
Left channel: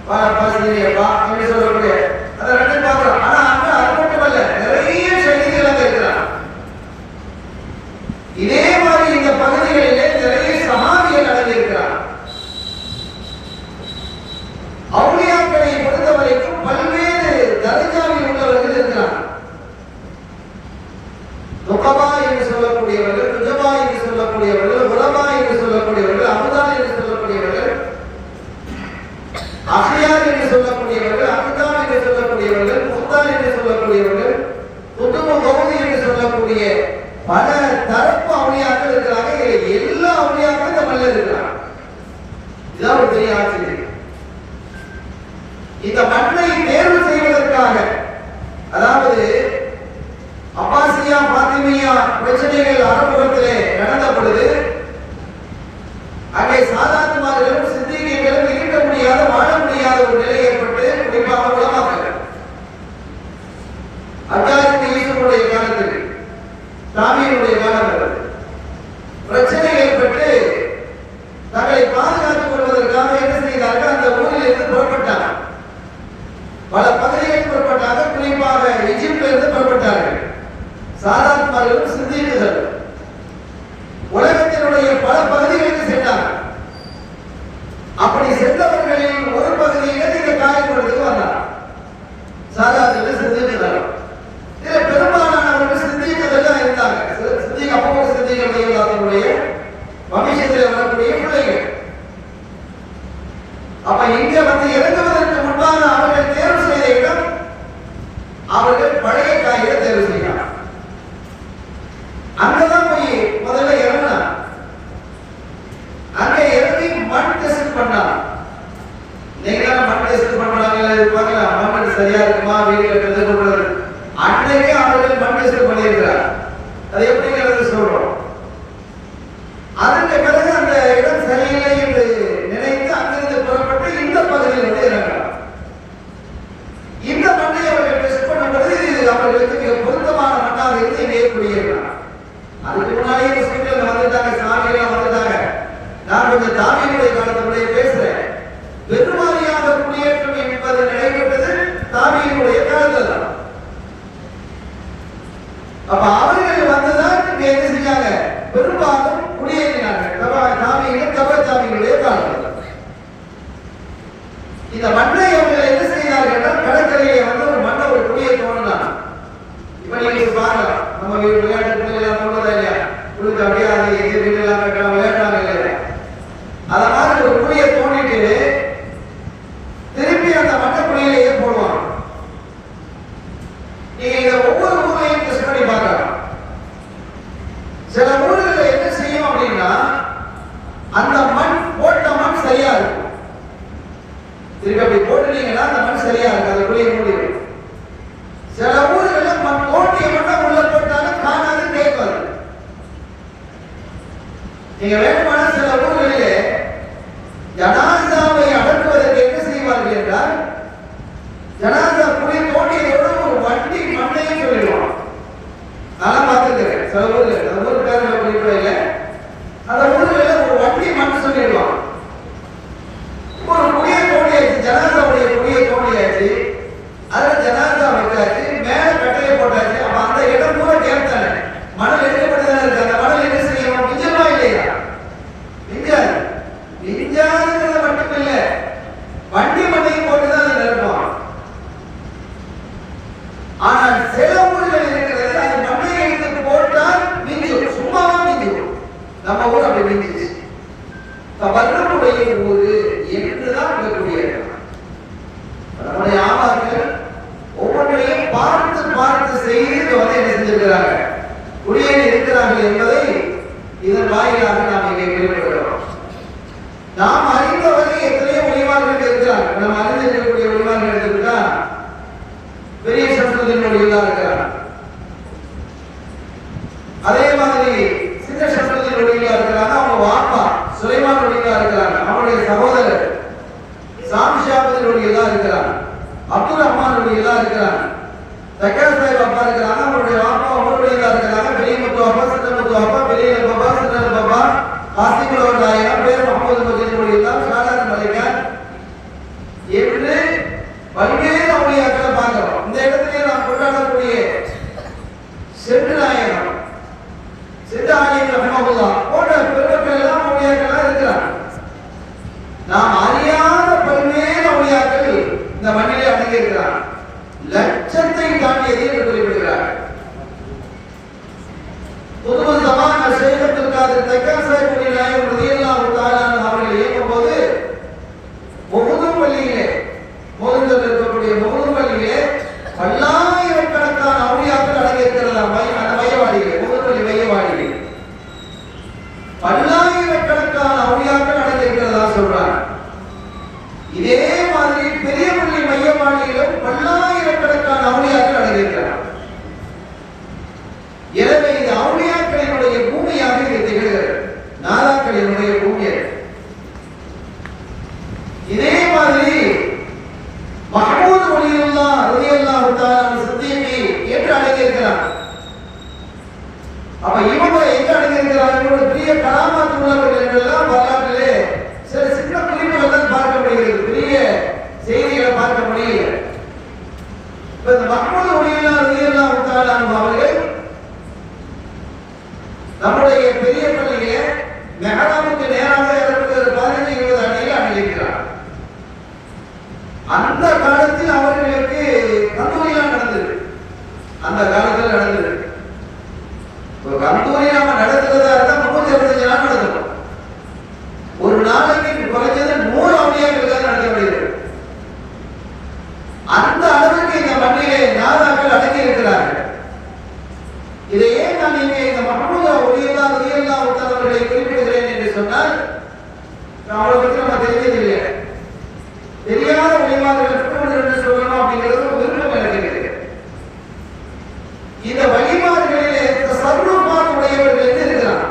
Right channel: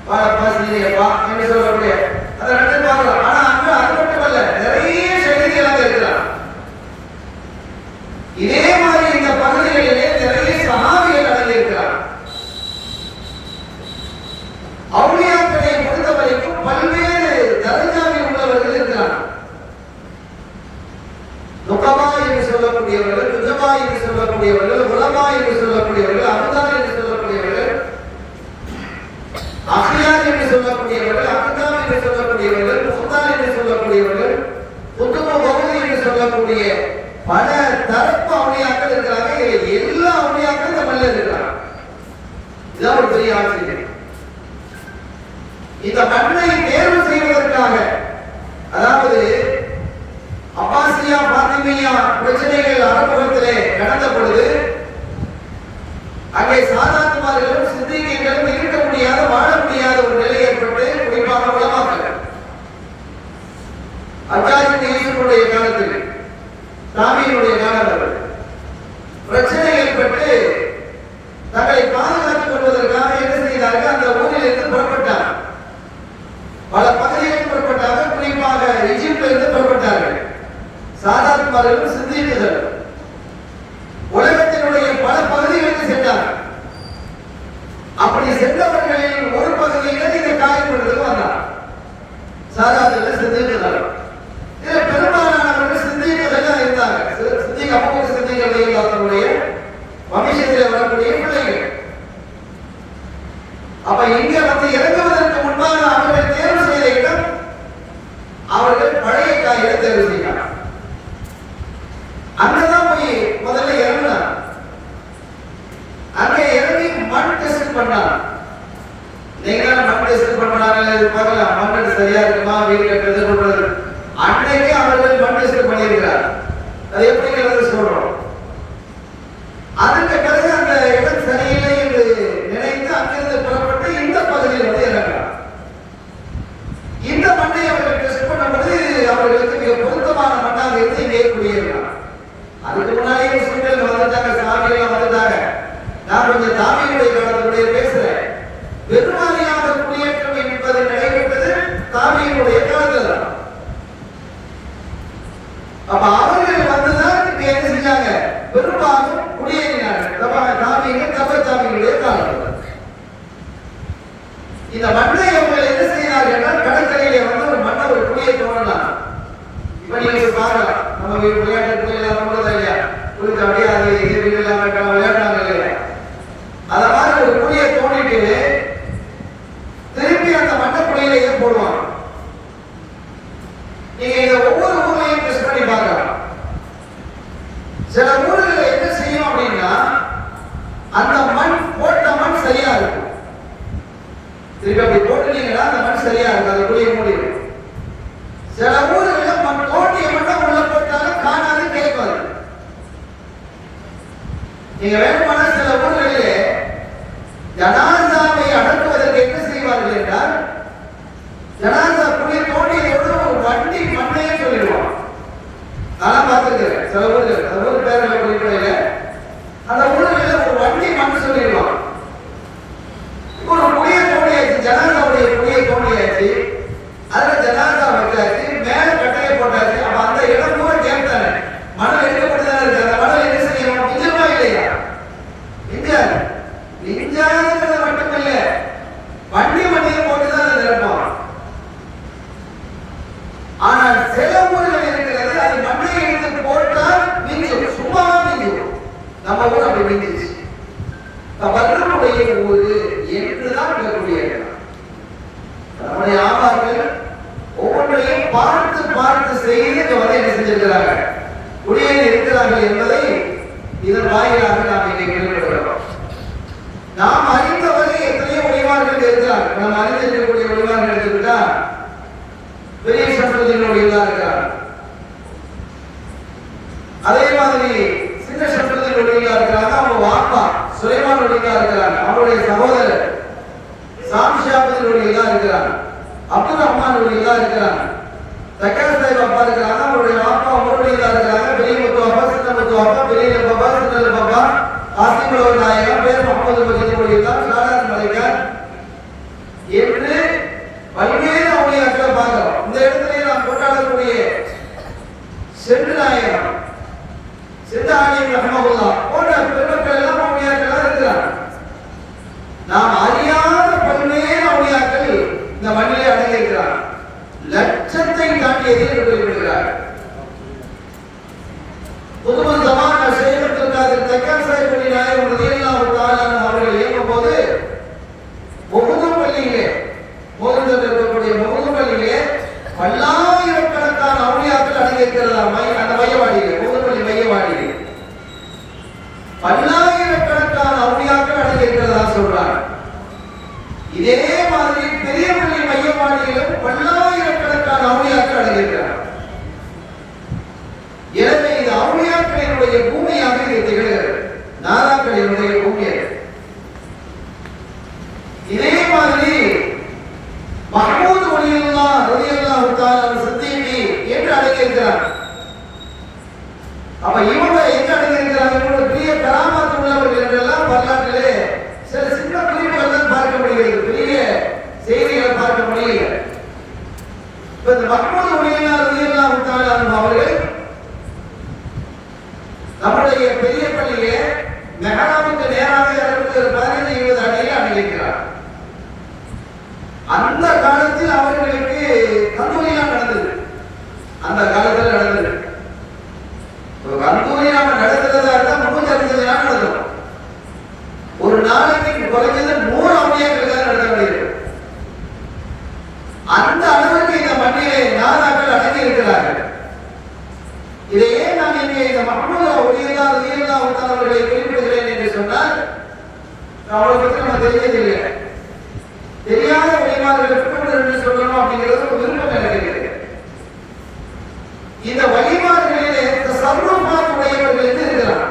பாசிரியப்பா என்று சொல்லக்கூடிய அதை ரெண்டு பார்க்கலாம். ஆனா அங்க அது மட்டுமல்ல, நிறைய ஷஹீதுகளாக இருக்கிறார். இதே மாதிரி இந்த பகுதிகளிலே நிறைய சஹாபிகள் அடங்கி இருக்கிறார். அவுலியாக்களை பொறுத்த வரைக்கும் பல்வேறு தரஜாவில் உள்ளவர்கள் இருக்கிறார். நுகபா என்று சொல்லக்கூடியவர்கள், நுஜபா என்று சொல்லக்கூடியவர்கள், உலமா என்று சொல்லக்கூடியவர்கள், அமுதா என்று சொல்லக்கூடியவர்கள், அஹ்யார் என்று சொல்லக்கூடியவர்கள், அக்தாம் என்று சொல்லக்கூடியவர்கள், முஹ்தார் என்று சொல்லக்கூடியவர்கள், குதுபு பகுதி என்று சொல்லக்கூடிய பல தரப்பு அவுலியாக்கள் இருக்கிறாங்க. எல்லா அவுலியாக்களும் தமிழ்ல இருக்கிறாங்க. இதான் ஒரு பெரிய ஆச்சரியம். இந்த மண்ணை தேர்வு செய்வதற்காக, அதாவது அப்பாசியா பாத்திமியா பிரச்சனைகள் அரபுலத்திலே நடந்த பொழுது அங்கே சாதாத்துமார்களும் சித்திகீகளும் இருக்க முடியாத, வாழ முடியாத ஒரு நிலை ஏற்பட்டு, குறிப்பாக உலமாக்கள் அஜாரின் யூசுஃபுடைய காலத்தில் தாபீனுடைய காலத்தில் பிரச்சனை ஏற்பட்டு தங்களை பாதுகாத்துக் கொள்வதற்காக என்ன செய்தார்கள்? அந்த ஊரில் இருந்து புறப்பட்டார். பல பகுதிகளில் புறப்பட்டாங்க. குறிப்பாக எகிப்தில் இருந்து புறப்பட்டார்கள். சாதாத்துமார்களும் சித்திகீகள் உலகத்தினுடைய பல பகுதிகளுக்கு சென்றார்கள். அப்படி சென்றவர்களில் ஒரு பகுதியிலிருந்து இந்த காயப்படுறதுக்கு வந்தார். சாதாத்துகள் சித்திகீகள். இதுல பெரும்பாலானவர்கள் சித்திகீகள் தான் இருந்தாங்க. சித்திக அபூபக்கர் சித்திக் ரலியல்லாஹு அன்ஹுடைய வம்சத்தில் வரக்கூடிய பிள்ளைகள். அப்ப இங்க வந்து இறங்குவதற்கு முன்பாக அவர்கள் தேர்வு செய்த இடம், அவர்கள் பழைய காயில தேர்வு செய்யலாம். அங்கதான் போய் முதல்ல இறங்கினார். அங்க இறங்கி மண் டெஸ்ட் பண்ணார். நீங்க மண் டெஸ்ட் பண்ணாங்க பார்க்கலாம். மண் சரியா இருக்குமா வீடு கட்டுறது சொல்றது. அன்னைக்கு அவர்கள் மண் டெஸ்ட் பண்ணியிருக்கிறார். அது எப்படிங்கிறது சொல்றோம். அதற்கு பிறகு அந்த இடம் சரியில்லை என்று நினைத்து அங்கிருந்து புறப்பட்டு இந்த பகுதியில் வந்து இறங்கினார். இந்த மண்ணை அவர்கள் டெஸ்ட் பண்ணும்போது அவர்களுக்கு மிக பொருத்தமான மண்ணாக இருந்து இங்கே குடியேறினார். அதுக்கு முன்னாடியே முஸ்லிம்கள் வந்துட்டாங்க, சாமிகள் வந்துட்டாங்க. நான் கொஞ்சம் தாபீனுடைய காலத்துடைய பேசுறேன். பெருவாரியாக குடியேற்றம் என்பது நடைபெற்றது தாபீனுடைய காலத்தில் தான். அப்ப அவர்கள் வந்துதான் இங்க என்ன செஞ்சாங்க? பெரும்பாலும் குடியேறினார்கள். தாபீன்கள் தபத்தாபீனுடைய காலத்தில் இந்த மண்ணை அவர்கள் என்ன செய்தார்கள் என்றால் கடற்கரையிலே வந்து ஒரு மண்ணை ஒரு குடியை தோன்றினார். இப்ப நீங்க பார்க்கலாம், நம்ம விளையாட்டு இல்லையா கொடுத்து அப்படியே அது விளையாடுறாங்க இல்லையா, அத மாதிரி ஒரு குடியை தோண்டிட்டு திருப்பி அந்த மண்ணை குடியிலேயே போடுவாங்க. நீங்க இந்த ஒவ்வொரு ஊரையும் டெஸ்ட் பண்ணி பார்க்கலாம். சில ஊர்கள் என்ன செய்யும் அப்படின்னா, அந்த மண் போட்ட மண் சரியா இருக்கும். திருப்பி அப்படி போட்டுனீங்கன்னா அந்த மண் சரியா இருக்கு, அதை குடியை மூடிடும். சில ஊர்களில் மண் தோண்டிய மண்ணை உள்ள போட்டாலும் காணாது, கேட்காது. நீங்க வேண்டுமான சில ஊர்களிலே ஜனாசாவை அடக்குவதற்கு என்ன செய்வார்கள் என்றால், ஜனாசா குழி தோண்டியதோடு ஒரு வண்டி மண்ணையும் சொல்லிடுவான். நான் பார்த்துருக்கிறேன் சில ஊர்கள், அந்த ஊர் பேரில் குறிப்பிடல, அந்த ஊர்களில் ஒரு வண்டி மண் சொல்லிடுவான். ஒரு குழியை தோண்டியாச்சு, ஜனாசாவுடைய குழியை தோண்டியாச்சு, அதில் ஜனாசா வச்சாச்சு, மேலே கட்டையை போட்டாச்சு. அப்ப அந்த இடம் பூரா கேட்டாரு, மணல் எடுக்கப்பட்டுதான் இருக்கு. அந்த மணல் என்ன செய்யணும், மிஞ்சமா இல்லையா? மிஞ்சாது. மிஞ்சாதுங்கிறது மட்டும் இல்ல, வண்டி மண்ணையும் போட்டுதான் நிரப்பான். ஆனால் சில ஊர்கள் இருக்கிறது, அது மண்ணையை எடுத்து போட்டால் மிஞ்சும், சும்மாவா மிஞ்சும். நம்ம ஊர் அப்படி மிஞ்சிச்சு. வர்றனுடைய ஊரு என்றுதான் இருக்கக்கூடிய நம்முடைய ஆமாக்கள் ஒவ்வொன்றையும் பார்த்து பார்த்து செய்து இந்த வரை என்ன செஞ்சிருக்கிறாங்க, குடியேறி இருக்கிறார்கள் என்பதை இதன் வாயிலாக நாம் இங்கே வெளிப்படுகிறோம். நாம் அறிந்தவரை எத்தனையோ ஒளிவார்கள் இருக்கிறார். நாம் அறிந்திருக்கக்கூடிய ஒளிவார்கள் எடுத்துக்கிட்டா பெரிய சம்பந்தனுடைய இருக்கிறார். அதே மாதிரி சின்ன சம்பந்தனுடைய இருக்கிறாங்க. அவங்க வாப்பா சுலைமான் ஒளியா இருக்கிறாங்க. அவருடைய சகோதரர் சாமிஷாபதினுடைய இருக்கிறார். அப்துல் ரஹ்மான் இருக்கிறார். தக்கார் சாஹிப் அப்பா இருக்கிறாங்க. அவருடைய வாப்பா அவருடைய இருக்கிறாங்க. பெரிய முத்து அப்பா, சின்ன முத்து அப்பா, பெரிய பாபா, சின்ன பாபா, ஆசிமுல் நாயகம், பேர் முகமது மஜீதுடைய சாதாரண மலைக்கார் என்று பல்வேறு அவுளியாக்களை பார்க்கிறோம். இந்த இடத்துல நாம் கொண்டாடக்கூடிய சென்று நாயகம், சித்தாரியம் ரஹ்மத்துல்லாஹ் போன்ற பெருமக்கள் எல்லாம் அவுளியாக்களா இருக்கிறார். நாம் அறியாத பல்வேறு அவுளியாக்கள் இந்த மண்ணிலே அடங்கியிருக்கிறார். லட்சத்தை தாண்டியதை குறிப்பிடுகிறார். புதுமு ஜமான் ஷேக் அப்துல் காதிர் தக்கார் சாஹிப் நாயகம் ரலியல்லாஹு தஆலா அவர்கள் இயக்கும் போது முஹம்மது பள்ளியிலே மோதல் இருக்கக்கூடிய முஹம்மது பள்ளியிலே பல்லாயிரக்கணக்கான அவுளியாக்கள் அடங்கியிருக்கிறதா அந்த மையவாடியிலே, முஹம்மது பள்ளி மையவாடியிலே பல்லாயிரக்கணக்கான அவுளியாக்கள் அடங்கியிருக்கிறதா சொல்றாங்க. இதே மாதிரி பெரிய பள்ளி மையவாடியிலும் பல்லாயிரக்கணக்கான அவுளியாக்கள் அடங்கியிருக்கிறார். எனவே இது அவுளியாக்களினுடைய பூமியாக இது திகழ்கிறது, நாதாக்களினுடைய பூமி. இதே மாதிரி மஹ்மூத் வலியுல்லாஹ் ரலியல்லாஹு தஆலா சித்திகி என்று அடங்கியிருக்கிறார். அப்ப இவங்க எங்க அடங்கியிருக்கிறார்கள்? இவங்க பெரிய கராமத் உள்ளவர்கள் என்றெல்லாம் வரலாற்றிலே சில சின்ன குறிப்புகள் தான் பார்க்க முடிகிறது, பெரிய செய்திகளை பார்க்க முடியல. இப்ப இந்த மஹ்மூத் வலியுல்லாஹ் ரலியல்லாஹு தஆலா அவர்கள் நம்முடைய பெரிய பள்ளியிலே மெஹராபுக்கு நேராக 15-20 அடியில் அடங்கியிருக்கிறார். அந்த காலத்தில் அவர்களுக்கு கந்தூரிலாம் நடந்தது. அந்த காலத்தில் நடந்தது. ஒரு கந்தூரி நாம நடத்துறதா இருந்தா 365 நாள் நடக்கும். ஒரு நாளைக்கு குறைஞ்சது 100 அவுளியாக்கள் தான் நடத்த முடியும். அந்த அளவுக்கு இந்த மண்ணிலே நாதாக்கள் அடங்கி இருக்கிறார்கள். இதையே நான் இங்கே இந்த மஹ்மூத் வலியுல்லாஹ் ரலியல்லாஹு தஆலா அவர்களை குறிப்பிடுகிறேன் என்று சொன்னால் அவரை பற்றி நம்ம தெரிஞ்சதில்லை. தெரியாத வழிமார்கள் என்று சொல்லணும் அப்படிங்கிறது ஒரு விருப்பம் எனக்கு. இந்த வழிமார்களிலே தஸர்ருஃபாத் உடையவர்கள் என்று இருக்கிறார்.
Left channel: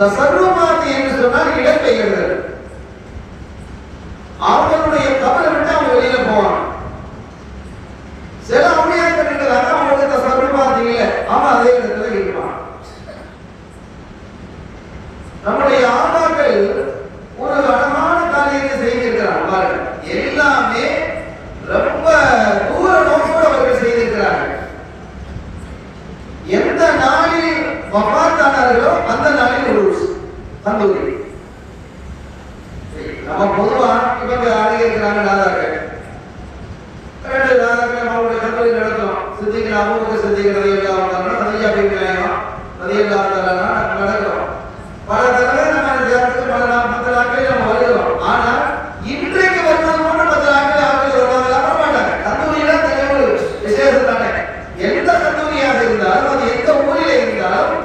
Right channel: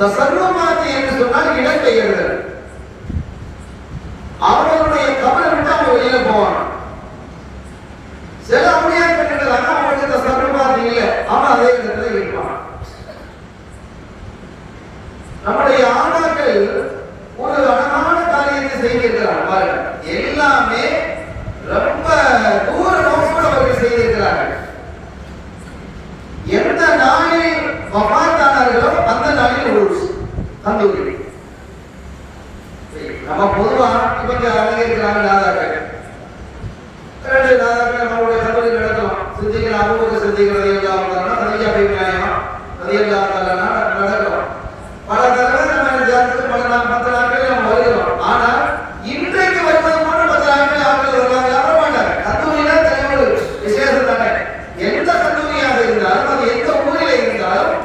தஸர்ருஃபாத் என்று சொன்னால் இடம்பெயர்தல். அவர்களுடைய கபரை விட்டு அவங்க வெளியில போவாங்க. சில அவுளியாக்கள் இருக்கிறாங்க, அவங்களுக்கு தஸர்ருஃபாத் இல்லை, அவன் அதே இடத்துல இருப்பான். நம்முடைய ஆண்டாக்கள் ஒரு அழகான காரியத்தை செய்திருக்கிறார் பாருங்க. எல்லாமே ரொம்ப தூர நோக்கோடு அவர்கள் செய்திருக்கிறார்கள். எந்த நாளில் வஃபாத்தானார்களோ அந்த நாளில் உருஸ் கந்தூரி. நம்ம பொதுவா இவங்க அடங்கியிருக்கிறாங்க நாதாக்கள். 2 நாதாக்கள் நம்மளுடைய கந்தூரி நடத்தலாம். சித்திகள் அவங்க சித்திகள் நடக்கிறோம். பல தடவை நம்ம ஜாதகத்துக்கு பல நாள் 10 நாட்கள் நம்ம வருகிறோம். ஆனால் இன்றைக்கு வருவது மட்டும் 10 நாட்கள் அவர்கள் வருவாங்க, வர மாட்டாங்க. கந்தூரினா தனி ஒரு விசேஷம் தானே. எந்த கந்தூரியாக இருந்தாலும் அது எந்த ஊரில் இருந்தாலும்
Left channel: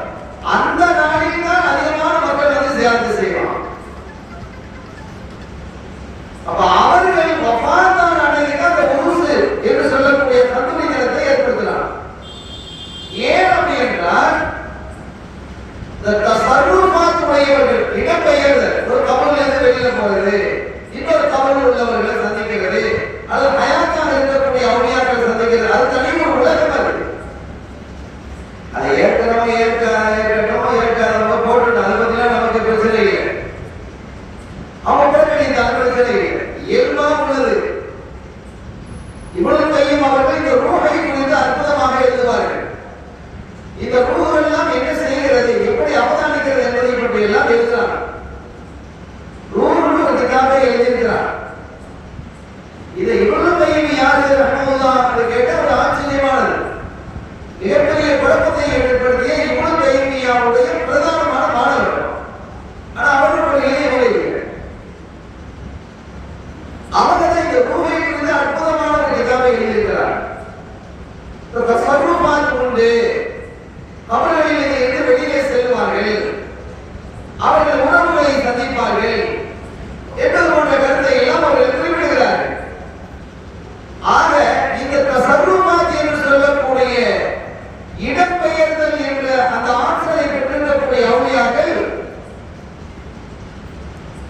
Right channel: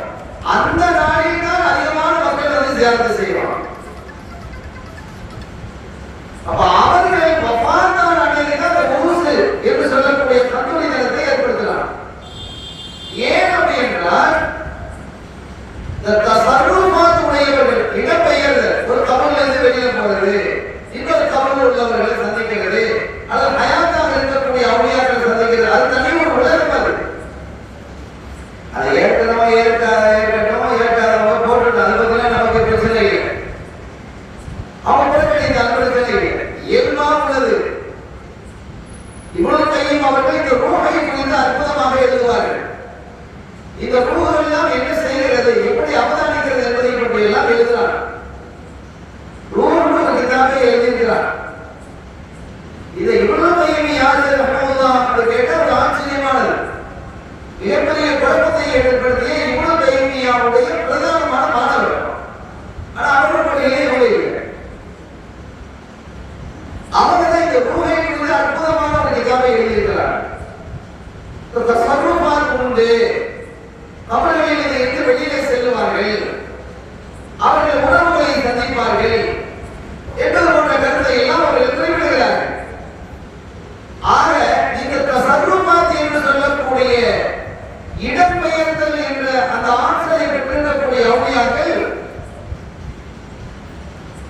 அந்த நாளில் தான் அதிகமான மக்கள் வந்து ஜியாரத் செய்வாங்க. அப்ப அவர்கள் வஃபாத்தான அன்னைக்கு அந்த உருஸ் என்று சொல்லக்கூடிய கந்தூரி தினத்தை ஏற்படுத்தலாம். ஏன் அப்படி என்றால் உடையவர்கள் இடம்பெயர்தல், ஒரு கபல்ல இருந்து வெளியே போகிறது, இன்னொரு கபலில் உள்ளவர்களை சந்திக்கிறது, அல்லது ஹயாத்தாக இருக்கக்கூடிய அவுலியாக்களை சந்திக்கிறது, அது தனி ஒரு உலகம் அது. அதை ஏற்கனவே ஏற்காதவங்க போட்டு அதை பத்திலாம் நமக்கு பிரச்சனை இல்லை. அவங்க புறக்கணித்த பிரச்சனை இல்லை, இயல்பானது. இவ்வளவு கையும் அவர்கள் இந்த ரூஹை குறித்து அற்புதமாக எழுதுவார்கள். இந்த ரூஹ் எல்லாம் என்ன செய்கிறது, எப்படி அவதானிக்கிறது என்பதை பற்றி எல்லாம் எழுதுகிறார். ரூஹுக்காக எழுதியிருக்கிறார். இதை இவ்வளவு கையும் யாரு ரஹ்மத்துல்லாஹ் என்று கேட்ட ஒரு ஆச்சரியமானது, மிகப்பெரிய குழப்பத்தை ஏற்படுத்திய இவ்வளவு கைமியாவுடைய பிரதானமான மாணவர்கள். ஆனா அவர்களுடைய இல்லை, அவங்க இந்த ரூஹை குறித்து அற்புதமான ஒரு கிதாபை எழுதியிருக்கிறார். தஸர்ருஃபாத் உண்டு, கபர்களில் இருந்து வெளியே செல்வார்கள், அவர்கள் உணவுகளை சந்திப்பார்கள் என்பது போன்ற கருத்தை எல்லாம் அவர்கள் குறிப்பிடுகிறார்கள். ஆக இந்த தஸர்ருஃபாத் என்று சொல்லக்கூடிய இடம்பெயர்தல் என்ற அந்த ஆற்றலை பெற்றிருக்கக்கூடிய அவுலியாக்கள்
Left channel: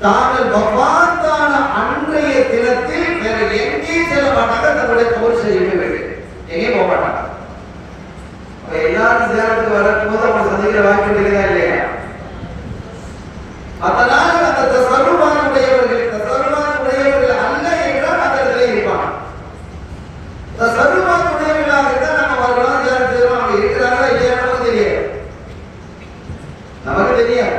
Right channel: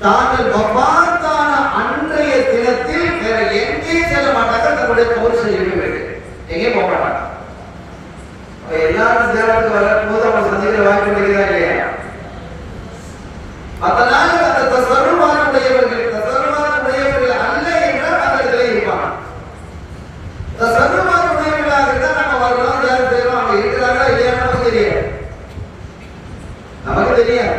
தாங்கள் வஃபாத்தான அன்றைய தினத்தில் வேற எங்கேயும் செல்ல மாட்டாங்க, தன்னுடைய கபர் செய்யவே எங்கேயும் போக மாட்டாங்க. எல்லாரும் சேரத்துக்கு வரும்போது அவங்க சந்திக்கிற வாய்ப்பு இருக்குதா இல்லையா? அதனால் அந்த தஸர்ருஃபாத் உடையவர்கள் அல்ல என்றால் அந்த இடத்துல இருப்பாங்க. தஸர்ருஃபாத் உடையவர்களாக இருந்தால் நம்ம வரலாம், சேரம் செய்யலாம், அவங்க இருக்கிறாங்களா இல்லையா நமக்கு தெரியாது, நமக்கு தெரியாது.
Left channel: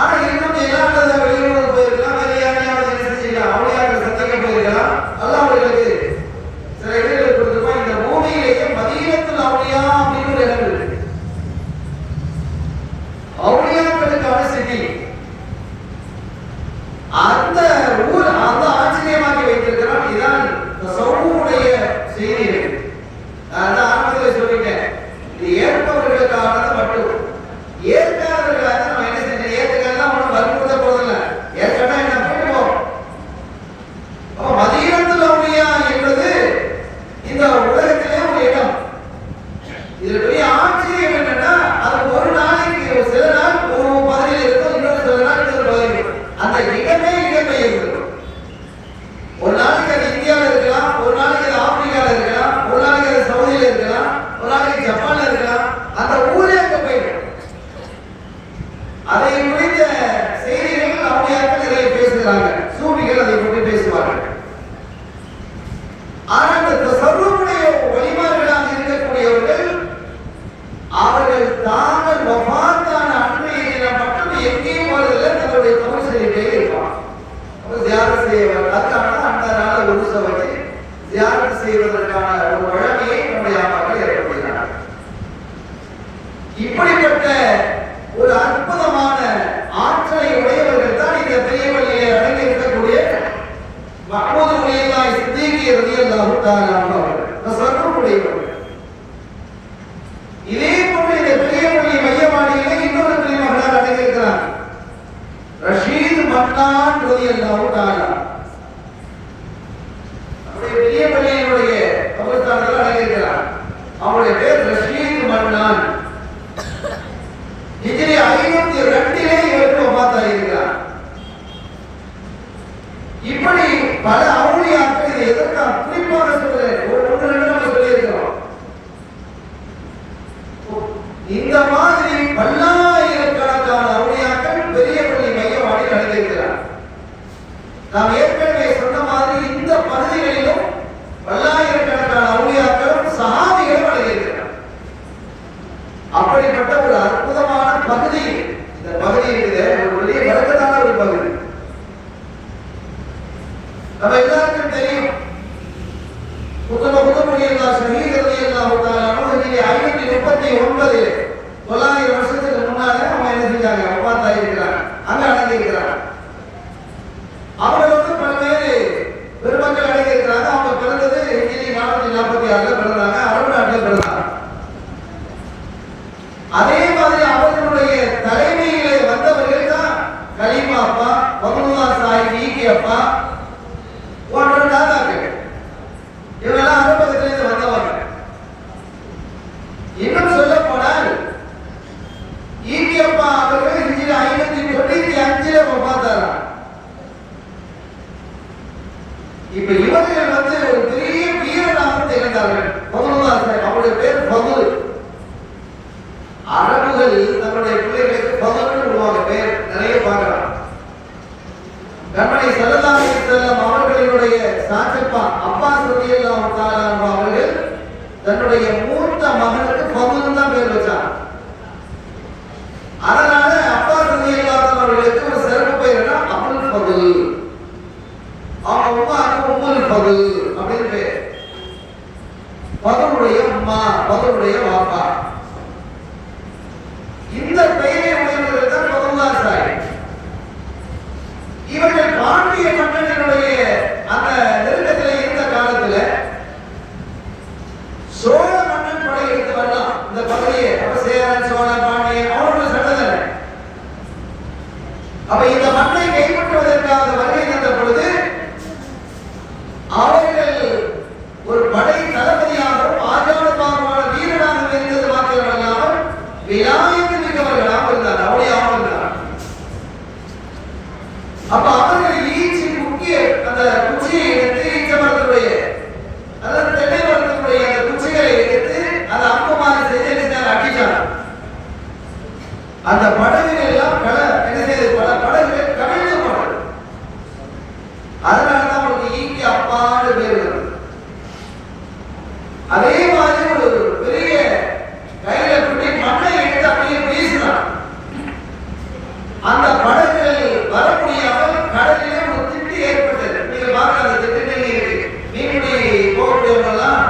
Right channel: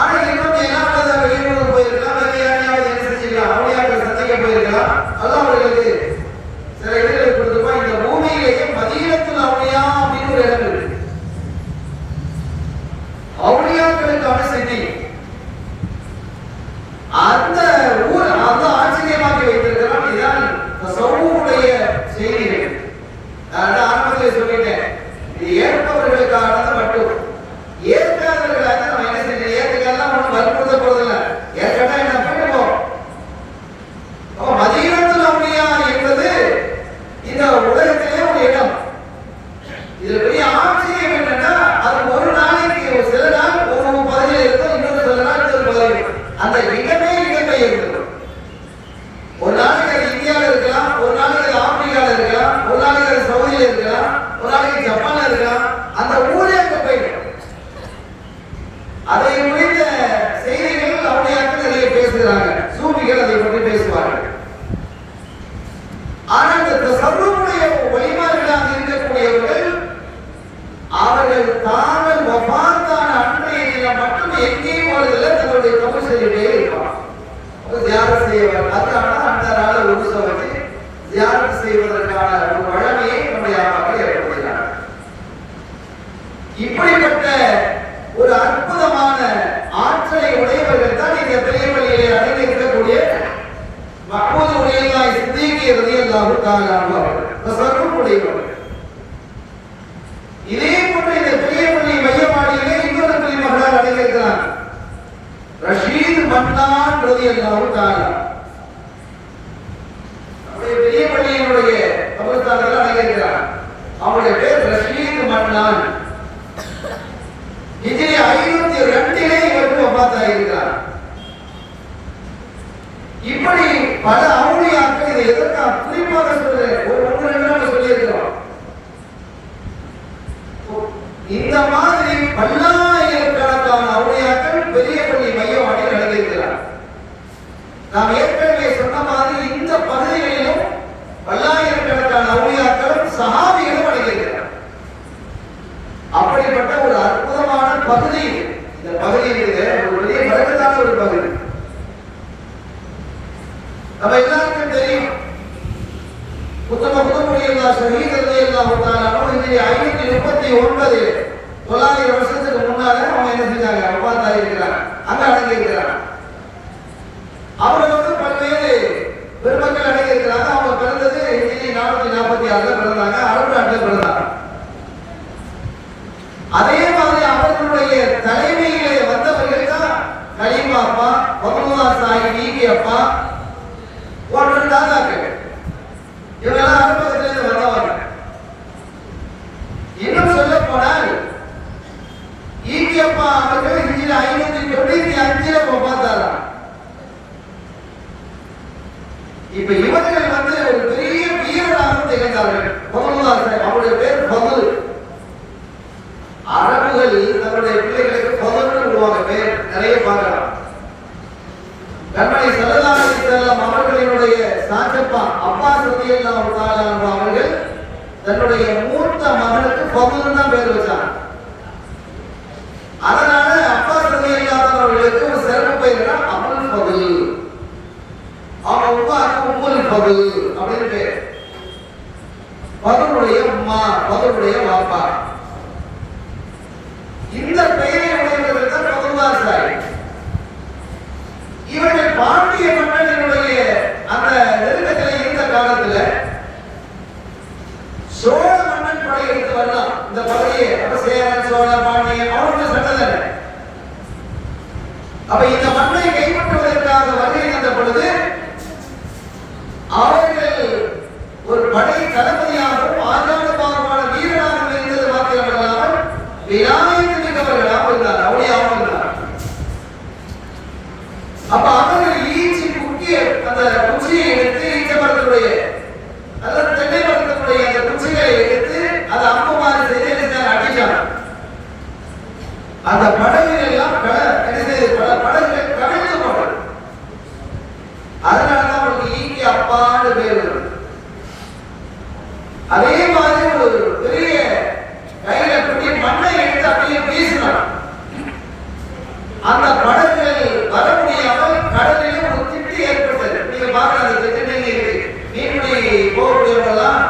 ஆனா இன்னும் எல்லாரும் வெளியூருக்கு போயிருக்கலாம், வேற யாரையாவது என்ன செஞ்சிருக்கலாம், அவளையாவது சந்திக்க போயிருக்கலாம். அல்லாஹ் அவர்களுக்கு சில இடங்களை கொடுத்துருப்பா. இந்த பூமியிலேயே மதீனத்துல் அவுலியா அப்படின்னு ஒரு இடம் இருக்கு, அவுலியாக்களுக்கான சிட்டி. அந்த ஊர் அந்த ஆச்சரியமாக வைத்திருக்கிறான். இதுதான் தஸவ்வுடைய செய்திகள். நான் ஆரம்பத்தில் சொல்லிட்டேன், இது ஏற்பவர்களுக்கானது மட்டும். ஏற்காதவர்களாக நம்ம என்ன செஞ்சோம், ஏற்கெல்லாம் ஒன்றும் வற்புறுத்த போறதில்லை, ஏற்கனவே என்ன பண்ணுவோம். மதீனத்துல் அவுலியா என்பது இந்த உலகத்திலே ஒரு இடம். இதுல பெரிய ஆச்சரியம் என்னன்னா, அது ஒரு நாளைக்கு சில நாள் ஒரு பகுதியில் இருக்கும், இன்னொரு சில நாள் இன்னொரு பகுதியில். அந்த இடமே இடம்பெயர்ந்தது. ஒரு நாளைக்கு அது இந்தியாவில் இருக்கலாம், ஒரு நாளைக்கு அது ஆப்பிரிக்காவில் இருக்கலாம், ஒரு நாளைக்கு அது சவுதியில் இருக்கலாம், ஒரு நாளைக்கு ஜப்பான்ல இருக்கலாம். அந்த ஊரே அங்க போயிடும். அதை குறித்த செய்திகள் அவுலியாக்கள் இதை பேசுகிறாங்க, சூஃபிகள் அதை பற்றி பேசுவார்கள். ஆனால் இந்த தஸர்ருஃபுடைய வழிமார்களாக இருக்கக்கூடியவர்கள் அவர்கள் தாங்கள் வஃபாத்தான அன்றைய தினம் மட்டும் எங்கேயும் போறதில்லை, தங்களுடைய கபர் செய்துட்டே இருப்பாங்க. தியானம் செய்வார்கள். அதனால அந்த நாள உருசை வச்சு தியானம் செய்வதற்கான ஒரு வழமையை நம்முடைய மக்கள் ஏற்படுத்தினார்கள். இப்படிப்பட்ட ஒரு அற்புதமான ஆற்றலை உடையவர்கள் தான் இந்த பெரியவர்களிலே அடங்கி இருக்கக்கூடிய மஹ்மூது உடையல்லாஹ் சித்திகி ரலியல்லாஹு தஆலா அவர்கள் தஸர்ருஃப் உடையவர்கள். இதே போன்ற இந்த பெரியவர்களை மையமாடியிலே இன்னொரு பெரியவர்கள் அடங்கி இருக்கிறார், ரஷீத் மன்னான் ரலியல்லாஹு தஆலா. நம்முடைய பெரியவர்களுடைய கபர்ஸ்தானில் அடங்கி இருக்கிறார். அவருடைய பேர் ரஷீத் மன்னான். ஹிஜ்ரி 502 இவருக்கு வஃபாத் இருக்கிறார். இப்படி பல அவுலியாக்கள், இதை எதற்காக குறிப்பாக சொல்றேன், ஒன்று ரெண்டு நம்ம சொல்லியிருக்கிறோம். இந்த மாதிரி பல்லாயிரக்கணக்கான அவுலியாக்கள் பெரிய பள்ளி மையவாடியில் அடங்கியிருக்கிறார். நாம் ஏற்கனவே சொன்ன மாதிரி இந்த பகுதிகளிலும் பல்லாயிரக்கணக்கான அவுலியாக்களும் சஹாபிகளும் அடங்கியிருக்கிறார். அப்படிப்பட்ட ஒரு அற்புதமான பகுதி இந்த பகுதி இருக்குது, ஒரு பெரிய பரக்கத்தான ஒரு பகுதி. நம்ம எல்லாருக்கும் தெரியும், குத்துபுல்லாஹ் ஷஹீத் ரலியல்லாஹு தஆலா ஹிஜ்ரி 539 900 வருஷத்துக்கு முன்னாலே அவங்க என்ன செஞ்சாங்க, வஃபாத் ஆகியிருக்கிறாங்க, அங்க அடங்கி இருக்கிறாங்க. அவர்கள் பல்வேறு பெருமக்கள் அடங்கி இருக்கிறாங்க. அவங்க பிறந்தது ஹிஜ்ரி 446 பிறந்தாங்க, அரபு நாட்டில் பிறந்தாங்க. அதே மாதிரி அவர்களுடைய தலைமையிலே வந்தவர்கள் தான் கலீமா அப்பா, வக்லுல்லாஹ் சாஹிப், ஈகி அப்பா போன்ற தாதாக்கள். இவங்கெல்லாம் அரபகத்திலிருந்து வந்தவங்க. இன்னும் சொல்ல போனால் ஈகி அப்பா அவர்கள் ஹிஜ்ரி பார்த்தாரா? இப்ப இவர்கள் வந்து ஒரு பெரிய வீரனாக திகழ்ந்தார்கள். அவருடைய பேர் பதுல். அரபுகள் தன்னுடைய பிள்ளைகளுக்கு பதுல்னு விடுவாங்க. பேர் நிறைய பார்க்கலாம். கண்மணி ஸல்லல்லாஹு அலைஹி வஸல்லம் அவர்களுடைய சாச்சப்பா அப்பாஸ் ரலியல்லாஹு தஆலா அவர்கள் தன்னுடைய மூத்த மகனுக்கு பதுல் தான் பேர் வச்சாங்க. அதனால அப்பாஸ் ரலியல்லாஹு தஆலா அவர்களுக்கு ஒரு சிறப்பு பெயர் அபுல் பதுல். அவங்க உம்மாக்கு உம்முல் பதுல் அப்படின்னு பேர். பதுலுடைய அம்மா, பதுலுடைய பாப்பா. இந்த பெயரை உடையவர்கள் தான் பதுல்லாஹ் சாஹிப். இவர்கள் பாண்டிய மன்னனுடைய அந்த நெருக்கத்தில் இருந்த காலத்துல சோழ மன்னன் படையெடுத்து வரலாம் இந்த பகுதியை. அப்ப சேரன், சோழ, பாண்டிய அவர்கள் சட்டதனை. அப்ப இந்த மண்ணை கைப்பற்றுவதற்காக வருகை தந்த பொழுது அவர்கள் ஒரு படை தளபதியாகவும் ஆஜானுபாகமான வீரனாக இருந்தது மாத்திரமல்லாமல் விநாயக மிக்கவர்களாக இருந்தார். அவருடைய இருந்தார். அப்ப அவர்கள் ஈச்சி முக்கிய அந்த குச்சியை எடுத்து ஈச்ச மரத்தினுடைய அல்லது தென்னை மரத்தினுடைய அந்த குச்சிகளை எடுத்து அதை அம்புமாறு செய்து அடிச்சாங்க. அந்த படகுகள் எல்லாம் பல படகுகள் கவிழ்ந்து போனது. அதனாலதான் அவங்களுக்கு ஈக்கி அப்பான்னு பேர் வருது. அதே மாதிரி ஒரு பெரிய கையில பிடி மண்ணை எடுத்து அப்படியே வீசினார். அந்த படகுகள் வர முடியாமல் கடலிலே ஒரு திட்டு ஏற்பட்டது. நீங்க பாருங்க, அந்த திட்டு இருக்கு. மீன்பிடி போகக்கூடியவங்கெல்லாம்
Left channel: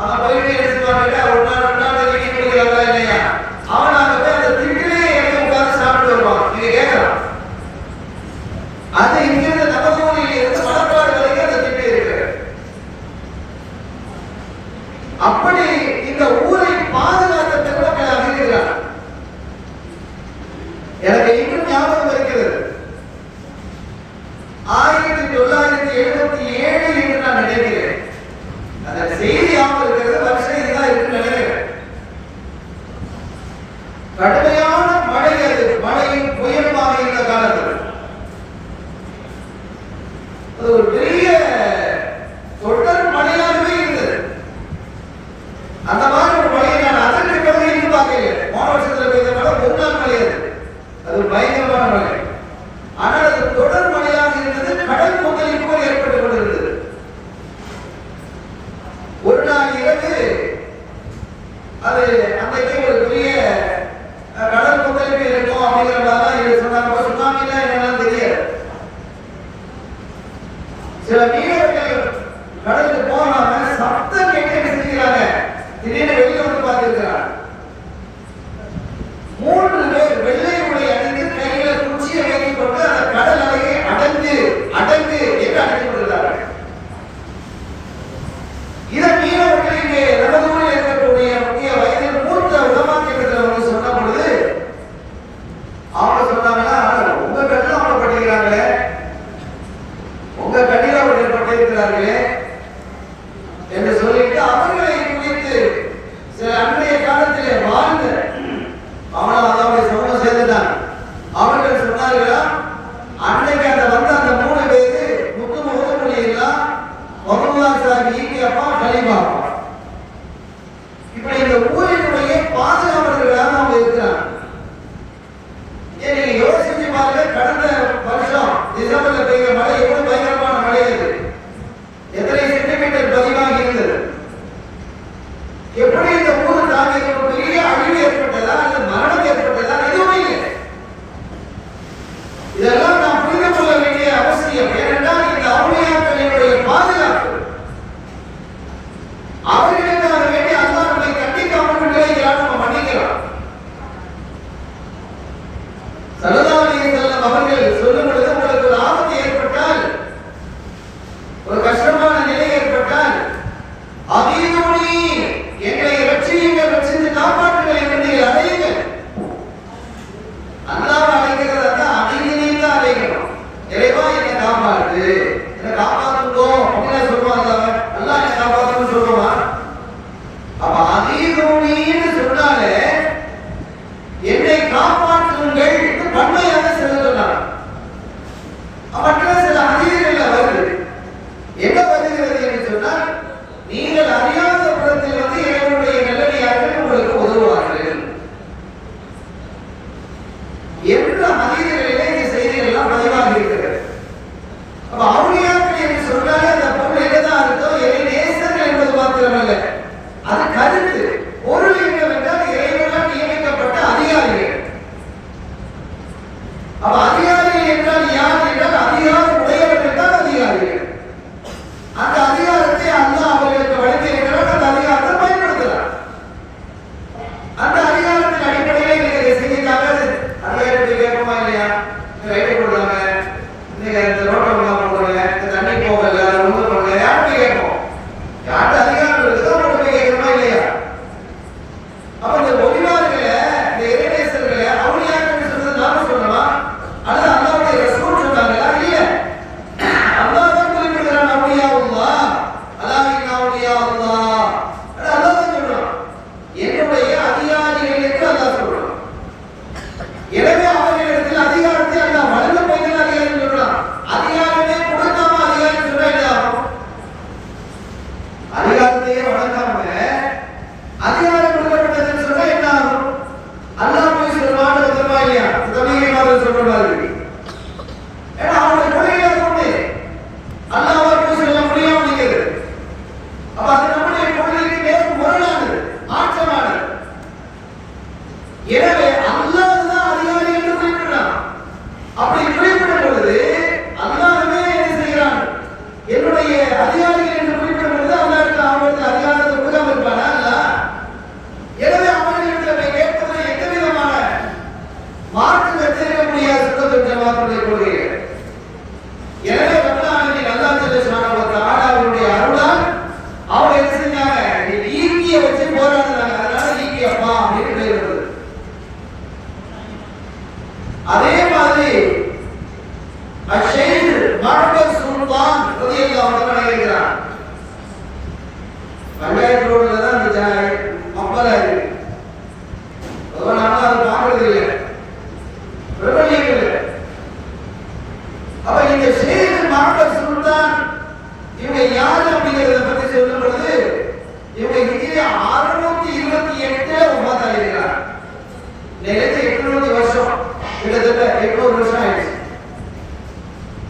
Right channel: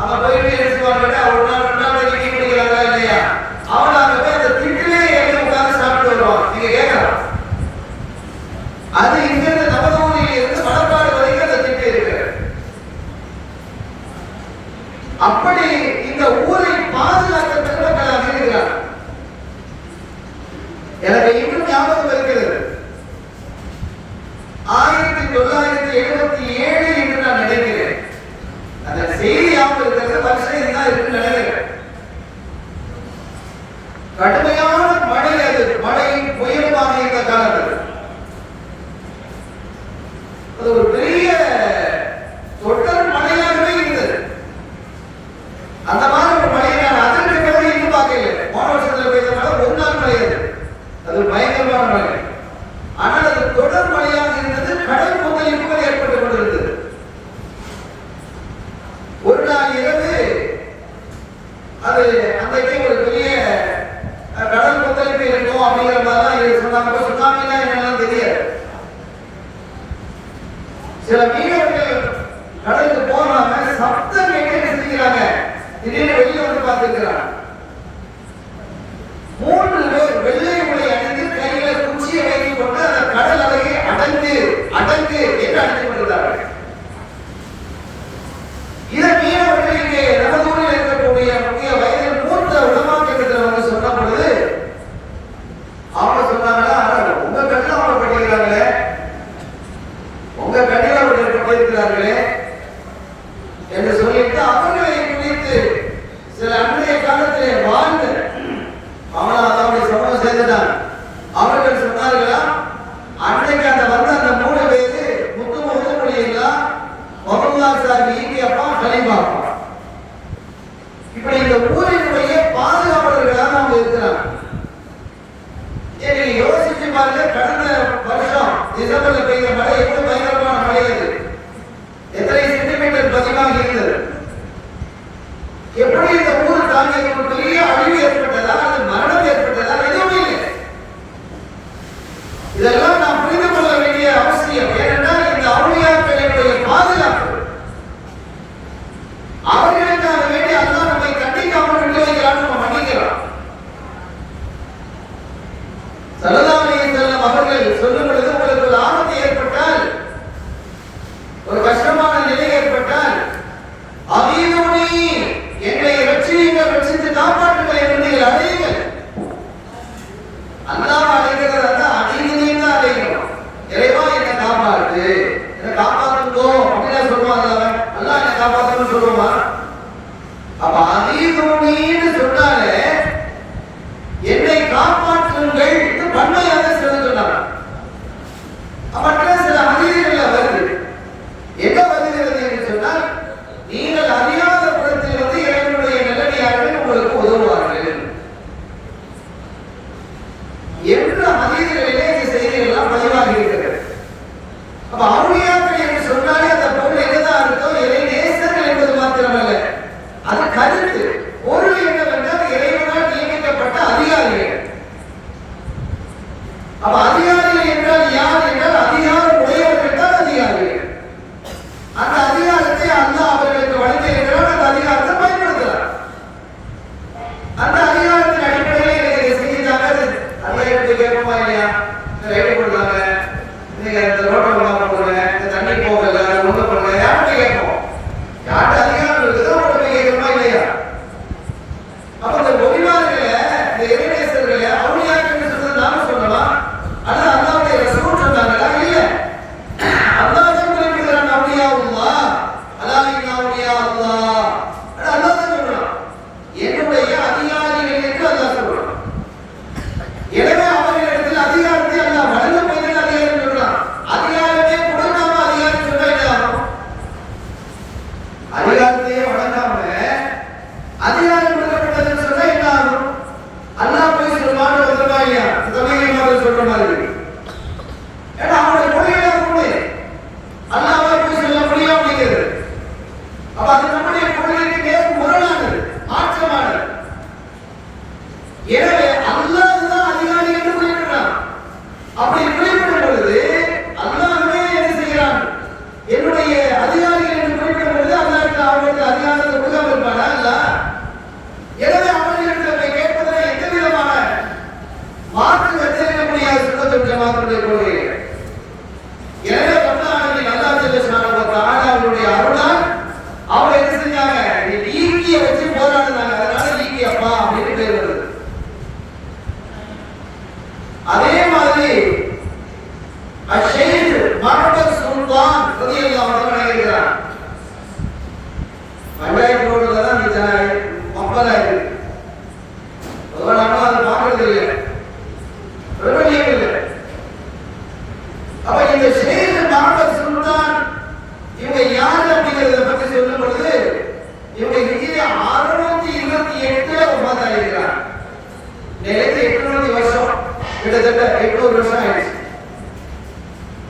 அவங்க போயிட்டு எடுத்துவாங்க. ஒரு நாள் மீன் பிடிக்கிறாங்களா இல்லையா? அவனால போய் அந்த திட்டிலே எழுதி உட்கார்ந்து சாப்பிட்டு வருவான். நீங்க கேட்கலாம், அது இங்கிருந்து நமது ஊரில் இருந்து மணப்பாறை வரைக்கும் அந்த திட்டு இருக்கு. அப்படி இந்த ஊரை பாதுகாத்த பெருமக்கள் அறிகிறார். எனக்கு இன்னும் ஞாபகம் இருக்கிறது, 1977 என்று நான் நினைக்கிறேன். அந்த செய்தி ஞாபகம் இருக்கிறது, வருஷம் இதுதான் இருக்குன்னு நினைக்கிறேன். கடுமையான மழை, அது மழையும் புயலுமாக இருந்த காலத்தில் அது ஒரு பெரிய தொடர் மழையாகவே இருந்தது. அந்த மாதிரி ஒரு மழையை நான் அதற்கு பிறகு இன்னும் பார்க்கல. போன வருஷத்துல பெய்தனால ஒரு நாள் மழை அது பயங்கரமான மழை. ஆனால் அது தொடர் மழையாக இருந்தது. கடல் கொந்தளிப்பு ஏற்பட்டுக் கொண்டிருந்தது. ஒரு நாள் இரவு அது அன்றைக்கு ஒரு பெரிய கடல் கொந்தளிப்பு இருக்கும் அப்படிங்கிற மாதிரி சொன்னாங்க. சுனாமினா என்னெல்லாம் தெரியாது. சில மீனவர்கள் கடலுக்கு போனாங்க, சப்தம் கேட்டு செஞ்சுக்கிறாங்க. திடீர்னு வெளியே வந்து பார்த்துக்கிறாங்க. 3 பேர் வெள்ளை உடை அணிந்து கையில குச்சியை வைத்துக் கொண்டு அந்த கடல் அலையை அடங்கு அடங்கு என்று அழைத்துக் கொண்டிருந்தார்கள். இதை மீனவர்கள் இங்கே நமதூரில் இருக்கக்கூடிய முக்கிய வயதில் மூத்த உலமாக்கத்தில் சொன்ன பொழுது அவங்க சொன்னாங்கன்னா, உங்க கட்டில அவங்க படிக்கிறாங்களே, உங்க கடில அவர்கள் படிக்கிறார்களே என்று சொல்லிட்டு அவர்களை குறித்து சில அன்றைய காலத்திலே வாழ்ந்த அவனுடைய சமூகம் சேர்ந்துட்டாங்க. அவர்கள் சொன்னார்களா, அன்றைக்கு அந்த வந்த அந்த 3 பேரு முத்துமொழிகளா பதுல்லாஹ் சாஹிப், ஈக்கி அப்பா, கலீமா அப்பா. இப்படி இந்த ஊரினுடைய பாதுகாவலர்களாக அவங்க இருக்கிறாங்க. நீங்க யோசிச்சு பாருங்க, கடந்த வருஷம் டிசம்பர்ல பெய்த மழை எவ்வளவு பயங்கரமான மழை அது. எத்தனை சென்டிமீட்டர் பதிவாக இருந்தது. எப்படி இந்த ஊர் தாங்க ஒரு பெரிய அழிவு ஏற்பட்டதா அல்லது மரணம் ஏற்பட்டதா? எதுவுமே இல்லை. இதெல்லாம் நாம் புரிந்து கொள்ள வேண்டிய அவசியம். ஏனென்றால் இந்த அவுளியாக்களுடைய பாதுகாப்பு அவர்களுக்காக வேண்டி அல்லாஹ் நம்மை கண்டிக்காமல் விட்டுவைக்கிறான், நம்ம மன்னிக்கலாம். ஸல்லல்லாஹு அலைஹி வஸல்லம் அவர்கள் சொல்லும் பொழுது, உங்களுக்கு ஒரு ஆபத்து ஏற்பட்டால், ஒரு கஷ்டமான நிலை ஏற்பட்டால், அமீதுனி, என்னை ரட்சியுங்கள், ரட்சித்து காப்பாற்றுங்கள் என்று நீங்கள் அழையுங்கள். அல்லாஹ் அழைக்கிறது அந்த அமீதுனி தான் அழைக்கணும். இறைவா என்னை காப்பாற்று, என்னை காப்பாற்றுவோம் அப்படின்னு சொல்லுவாங்க. அல்லாஹ் என்னை காப்பாற்றணும்னு சொல்லுவா. அப்ப அமீதுனின்னு சொன்னாலே என்னை காப்பாற்றுங்கள் பன்மையாக சொல்ல சொன்னார். வருமா இல்லையா? தமிழ் மாதிரி சொல்ற மாதிரி. ஏன்னா அவங்க கொள்கையில இருக்கு அல்லாஹ்வை போய் சொல்ல முடியும் அப்படிங்கிறது. அப்ப அது நம்முடைய கொள்கைக்கு நேர் முரணானது, மாற்றமானது. எனவே அல்லாஹ் தான் அதிகாரி என்று குறிப்பிடுறான். அப்படி குறிப்பிடும் பொழுது அல்லாஹ்வே என்ன செய்கிறான்? என்னுடைய அதிகாரிகள் என்று குறிப்பிடும் பொழுது அல்லாஹ்வுக்கு அவர்களுக்கு அதிகாரத்தை கொடுக்காம இருப்பானா? இல்ல. எனவே அவர்களிடத்தில் கேட்பதில் எந்த விதமான மாற்று வச்சிருக்க முடியாத சுத்தத்துவ ஜமாத்துடைய கொள்கை. எனவே ரமலானை அல்லாஹ் ஜல்லல்லாஹு தஆலா அவருடைய அருளால் அவங்க என்ன செஞ்சாங்க? ஈக்கிய வச்சு போராடினாங்க. அதனால ஈக்கியப்பா அப்படின்னு பேர் வருது. அதே மாதிரி அஷைத் மஹ்மத் சுல்தான் ரலியல்லாஹு அன்ஹு இருக்கிறார். பஞ்சாயத்து ரோட்ல தான் இந்த மக்பரா இருக்கு. அதனால அது பார்க்கிறது இல்லை, பிரபலியம் இல்லை. அப்ப இந்த ஷேக் மஹ்மத் சுல்தான் இவங்க யாரு அப்படிங்கறத பத்தி சொல்லும் பொழுது இவங்க ஹிஜ்ரி 628 வஃபாத்தாகிறார். நேரே 800 வருஷம், கிட்டத்தட்ட 800 வருஷம் ஆயிடுச்சு.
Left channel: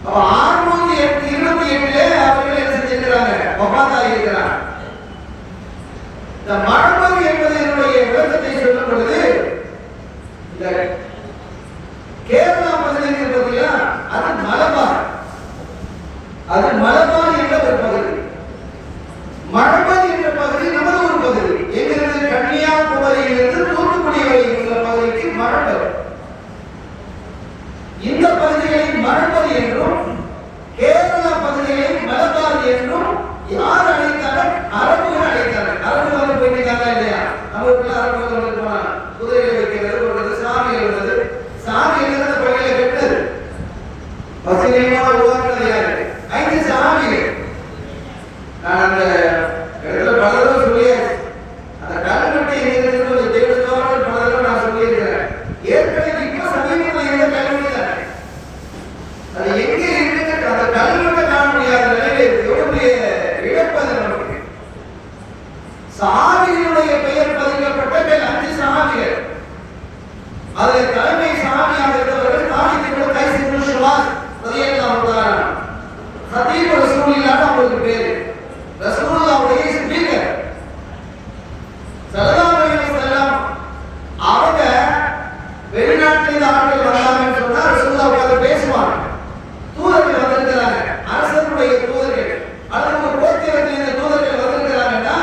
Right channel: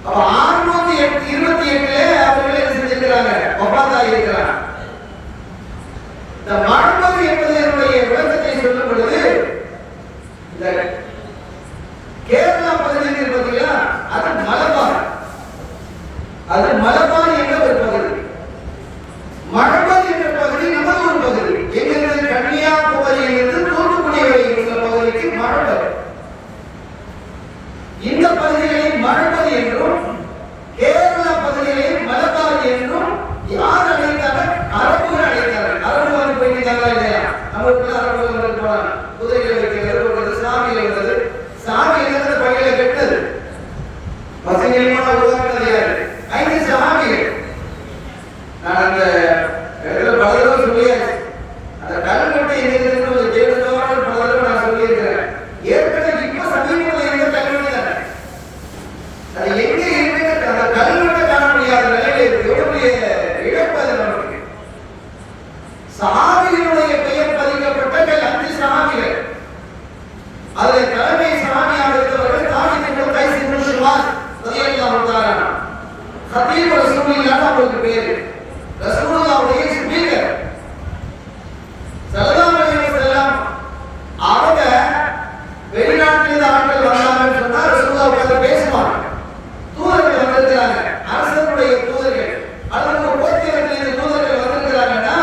அப்ப 628 அவர்கள் என்ன செஞ்சிருக்கிறாங்க? வஃபாத்தாகிறார். இந்த மஹ்மத் என்பதனுடைய விளக்கத்தை சொல்லும் பொழுது இந்த கேரளா பகுதியில் இருப்பதில்லையா, அது மலபார். அது மலபார் என்ற ஒரு பகுதி. மஹ்மத் என்ற பகுதி நமது ஒரு பகுதி. எங்கிருந்து? கன்னியாகுமரியில் இருந்து தூத்துக்குடி வரை உள்ள பகுதிக்கு மஹ்மத். இந்த பகுதிகளில் மஹ்மத் என்றும் கேரளா பகுதிகளில் மலபார் என்றும் யார் அழைத்தார்கள்? அரபுகள் அழைத்தார்கள். அரபுகள் போயிருக்காங்களா இல்லையா? நம்ம ஊர்ல அரபுகள் போனாங்க. குதிரை வைக்கிறது, சாமி எழுதுறது. சாமி எழுதுறது பகையில கெட்டது. பசுமையான உருவாக்குறது யாரு? 5 சாமிகள். நான் அந்த இடத்துல பல தடவை சொல்லியாச்சு. அந்த கல்வெட்டு எங்க இருக்கிறது தேவதோடு பல தடவை நான் சொல்லியிருக்கிறேன். ஏற்கனவே இப்ப சமீபத்தில் இருந்த கல்வெட்டு தானே. அது எங்க இருக்கு? அந்த கல்வெட்டை காண முடியாத நிலையில எவ்வளவு இழப்பு அது நமக்கு. சாமிகளுடைய பெயர் பதிக்கப்பட்ட 5 சாமிகள். அதில் தலைமை சாமியாக இருந்தவர்கள் தானியத்தில் கைஸ் இப்னு ஷுவாஸ் ரலியல்லாஹு தஆலா ஹதீப் ரசூலுல்லாஹ் அவருக்கு பேரு. ரசூலுல்லாஹ்வுடைய ஸ்பீக்கர் ஸல்லல்லாஹு அலைஹி வஸல்லம் அவங்க வெளிநாட்டில் ஆட்கள் வந்தாங்கன்னு சொன்னா ரசூலுல்லாஹ் வந்து பேசுவாங்க. தூதர்கள் வந்திருக்கிறாங்க, அரசனுடைய தூதர்கள் அல்லது ஒரு கோத்திரத்திலிருந்து தூதர்கள் வந்திருக்கிறாங்கன்னா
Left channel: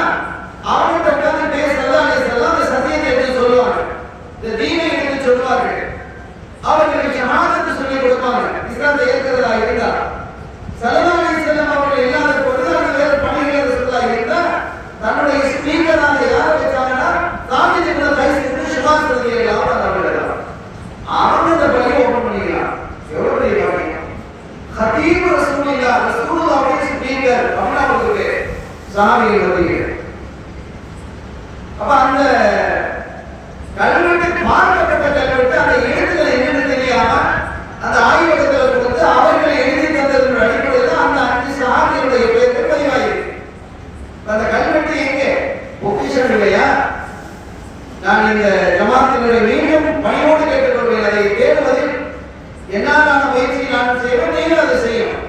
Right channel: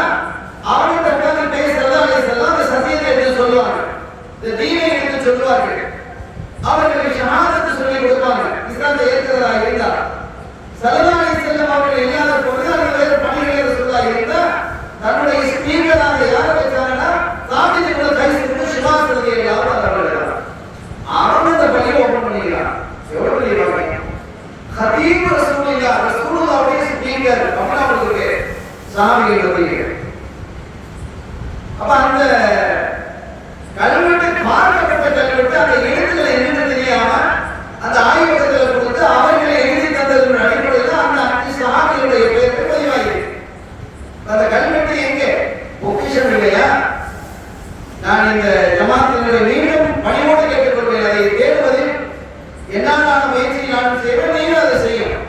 அவங்க உட்கார்ந்து பேச ஸல்லல்லாஹு அலைஹி வஸல்லம் அந்த சத்தியத்தை எடுத்து சொல்லுவாங்க, இந்த தீனை எடுத்து சொல்லுவார்கள். அவர்களுக்கு ஷஹாதத் சொல்லி கொடுப்பாங்க. இஸ்லாத்தை ஏற்கிறதா இருந்தா ஸல்லல்லாஹு அலைஹி வஸல்லம் அவர்கள் இல்லாத பொழுது அது வேறு பணிகளை சொல்ல இருந்தா தன்னுடைய ஸ்பீக்கராக யாரை வச்சாங்கன்னா தாவீது இப்னு கைஸ் இப்னு ஷுவாஸ் ரலியல்லாஹு அன்ஹு அவங்க அந்த பணியை ஓபன் பண்ணிருக்காங்க. எவ்வளவு பெரிய பணி! ஹதீப் ரசூலுல்லாஹ்வுடைய ஸ்பீக்கர் அப்படியே சாமிகள் ரலியல்லாஹு. அப்ப அந்த கல்வெட்டு பார்க்கப்பட்ட கல்வெட்டு அந்த எழுத்துக்களை என்னன்னு தெரியாம அந்த ஆய்வகத்தில் கொடுத்து அவர்களை எழுதி தந்ததன் அடிப்படையில் அந்த 5 சாமிகளுடைய பெயர்கள் பதிவாகிருக்கு. அந்த கல்வெட்டு எங்கே? பொக்கிஷன் இல்லையா? நான் இந்த ஜமாத்தினுடைய மீண்டும் பணியோடு கேட்டுக்கொள்வேன். அதை தேடுவதில் என்னாலான முயற்சியை நான் செய்வேன். நீங்கள் அதை செய்யணும்.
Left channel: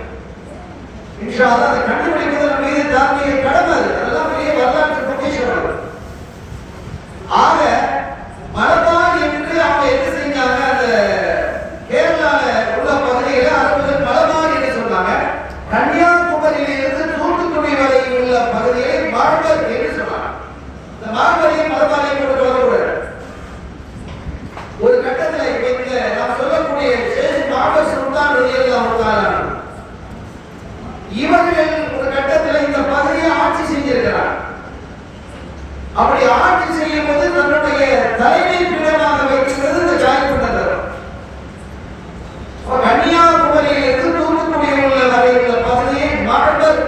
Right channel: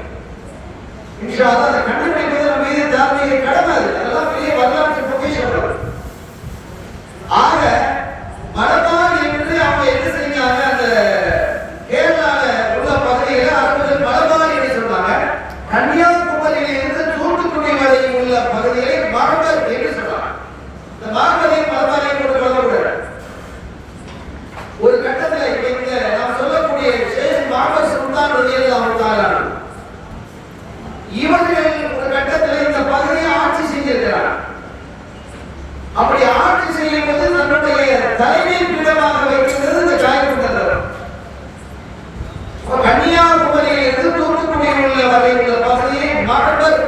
இன்ஷா அல்லாஹ் அதை கண்டுபிடிப்பது நம்ம மீது தார்மீக கடமை. அதெல்லாம் பெரிய வரலாற்று பொக்கிஷம். ஆக மலபார் என்று அவங்க என்ன செஞ்சாங்க? அந்த கேரளால உள்ள பகுதியில அரபுகள் மலபார் என்று சொன்னாங்க. கன்னியாகுமரியில் இருந்து தூத்துக்குடி வரை உள்ள பகுதியை மஹ்மத் என்று சொன்னாங்க. இந்த மஹ்மதையும் மலபாரையும் கூட கலந்துவிடுறாங்க. ஒரு கட்டத்தில் இந்த நாம் சொல்லக்கூடிய ஷேக் மஹ்மத் சுல்தான் ரலியல்லாஹு தஆலா இவர்கள் ஒரு கட்டத்தில் இந்த பகுதியை ஆட்சி செஞ்சிருக்கிறார். அப்படி ஆட்சி செய்யும் போது தன்னுடைய தலைமை பீடமாக வைக்கிறது இந்த காயப்பட்டது. கன்னியாகுமரியில் இருந்து தூத்துக்குடி உள்ள வரை உள்ள பகுதியை மஹ்மத்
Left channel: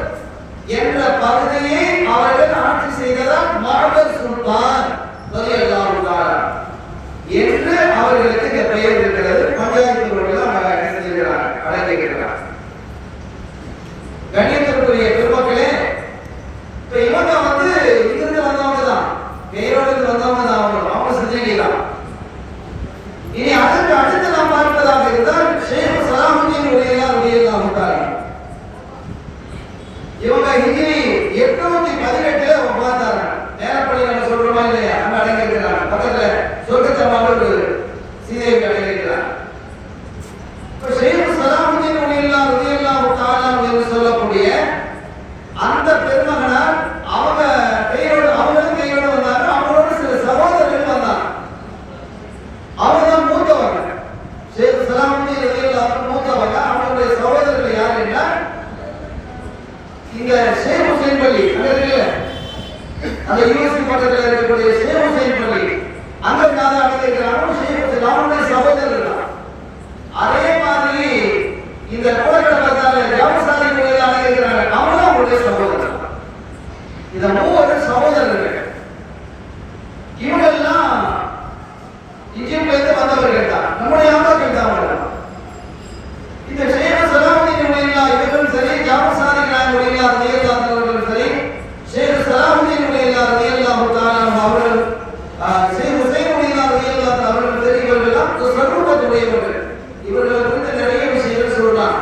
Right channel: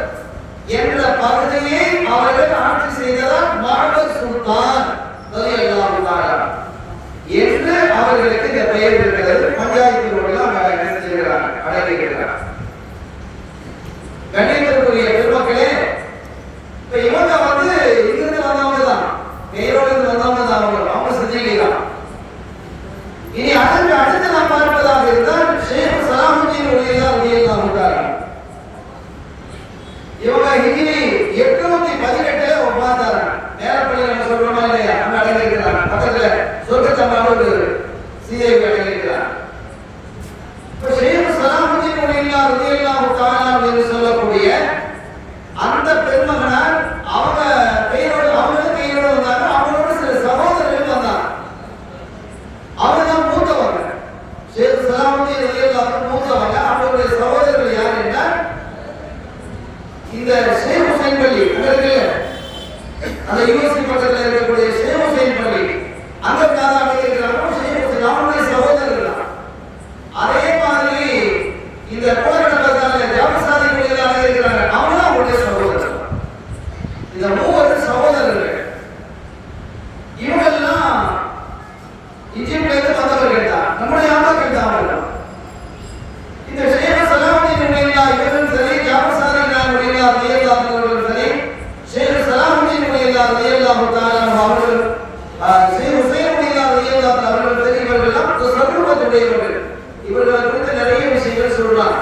என்ற பகுதியை அவர்கள் ஆட்சி செய்ததால் மஹ்மத் சுல்தான் ரலியல்லாஹு தஆலா என்று அவர்களுக்கு இந்த பெயர் இருக்கிறது. பஞ்சாயத்து ரோட்ல அழைக்கிறார். கண்ணியத்திற்குரிய பெருமக்களே, இப்ப இவங்க வந்து இங்கிருந்து வந்தவங்க தான், பெயரோடு வந்தவங்க தான். அவங்க செஞ்சுக்கலாம். இனி இதுதான் ஷேக் சலாமுதீன் ரலியல்லாஹு தஆலா. இவங்க ஹிஜ்ரி 818 வஃபாத்தாங்க. நேரப்படி நம்ம சொல்றோமா இல்லையா? அங்க அடங்கியிருக்கிறாங்க. பக்கத்துல சொர்க்கத்தம்மாள் ஒரு சீதேவி அடங்கியிருக்கிறாங்க. இப்போ ஷேக் சலாமுதீன் ரலியல்லாஹு தஆலா என்று சொல்லக்கூடிய அந்த பெருமகனார் அவங்க அவங்களும் கையோட வந்தாங்க. அவங்களோட சில சகோதரர்கள் வந்தாங்க. அவங்க தான் மூத்தவங்க. ஷேக் சலாமுதீன் ரலியல்லாஹு மூத்தவங்க. அவங்களுடைய சகோதரர்கள் யார் என்றால் இந்த ஷேக் ஹுசைன் பள்ளி அந்த யூனிவர்சிட்டி பக்கத்தில் இருக்கக்கூடிய ஷேக் ஹுசைன் பள்ளி அங்க இருக்கிறாங்க. ஷேக் ஹுசைன் அவங்களுடைய சகோதரர்கள். அதே மாதிரி இந்த கோயிலை பார்த்தாலே ஜாபசாதி கோயிலாக இருக்கிறாங்க. அவங்க அவங்களுடைய சகோதரர்கள். இந்த மூவர் சகோதரர்கள் இவங்கெல்லாம் இஜிப்ட்ல இருந்து வந்தவர்கள் தான். நம்முடைய ஆமாக்கள் தான் அவர்கள். இந்த ஷேக் சலாமுதீன் ரலியல்லாஹு இவர்களும் சரி, ஜாபர் சாதிக் ரலியல்லாஹு அவர்களும் சரி, ஷேக் சலாமுதீன் ரலியல்லாஹு தஆலா அவர்கள், ஷேக் ஹுசைன் ரலியல்லாஹு அவர்கள் சரி, இவர்களெல்லாம் சர்வத்துடையவர்கள். இவர்களை குறித்து நிறைய விஷயங்கள் சொல்றாங்க.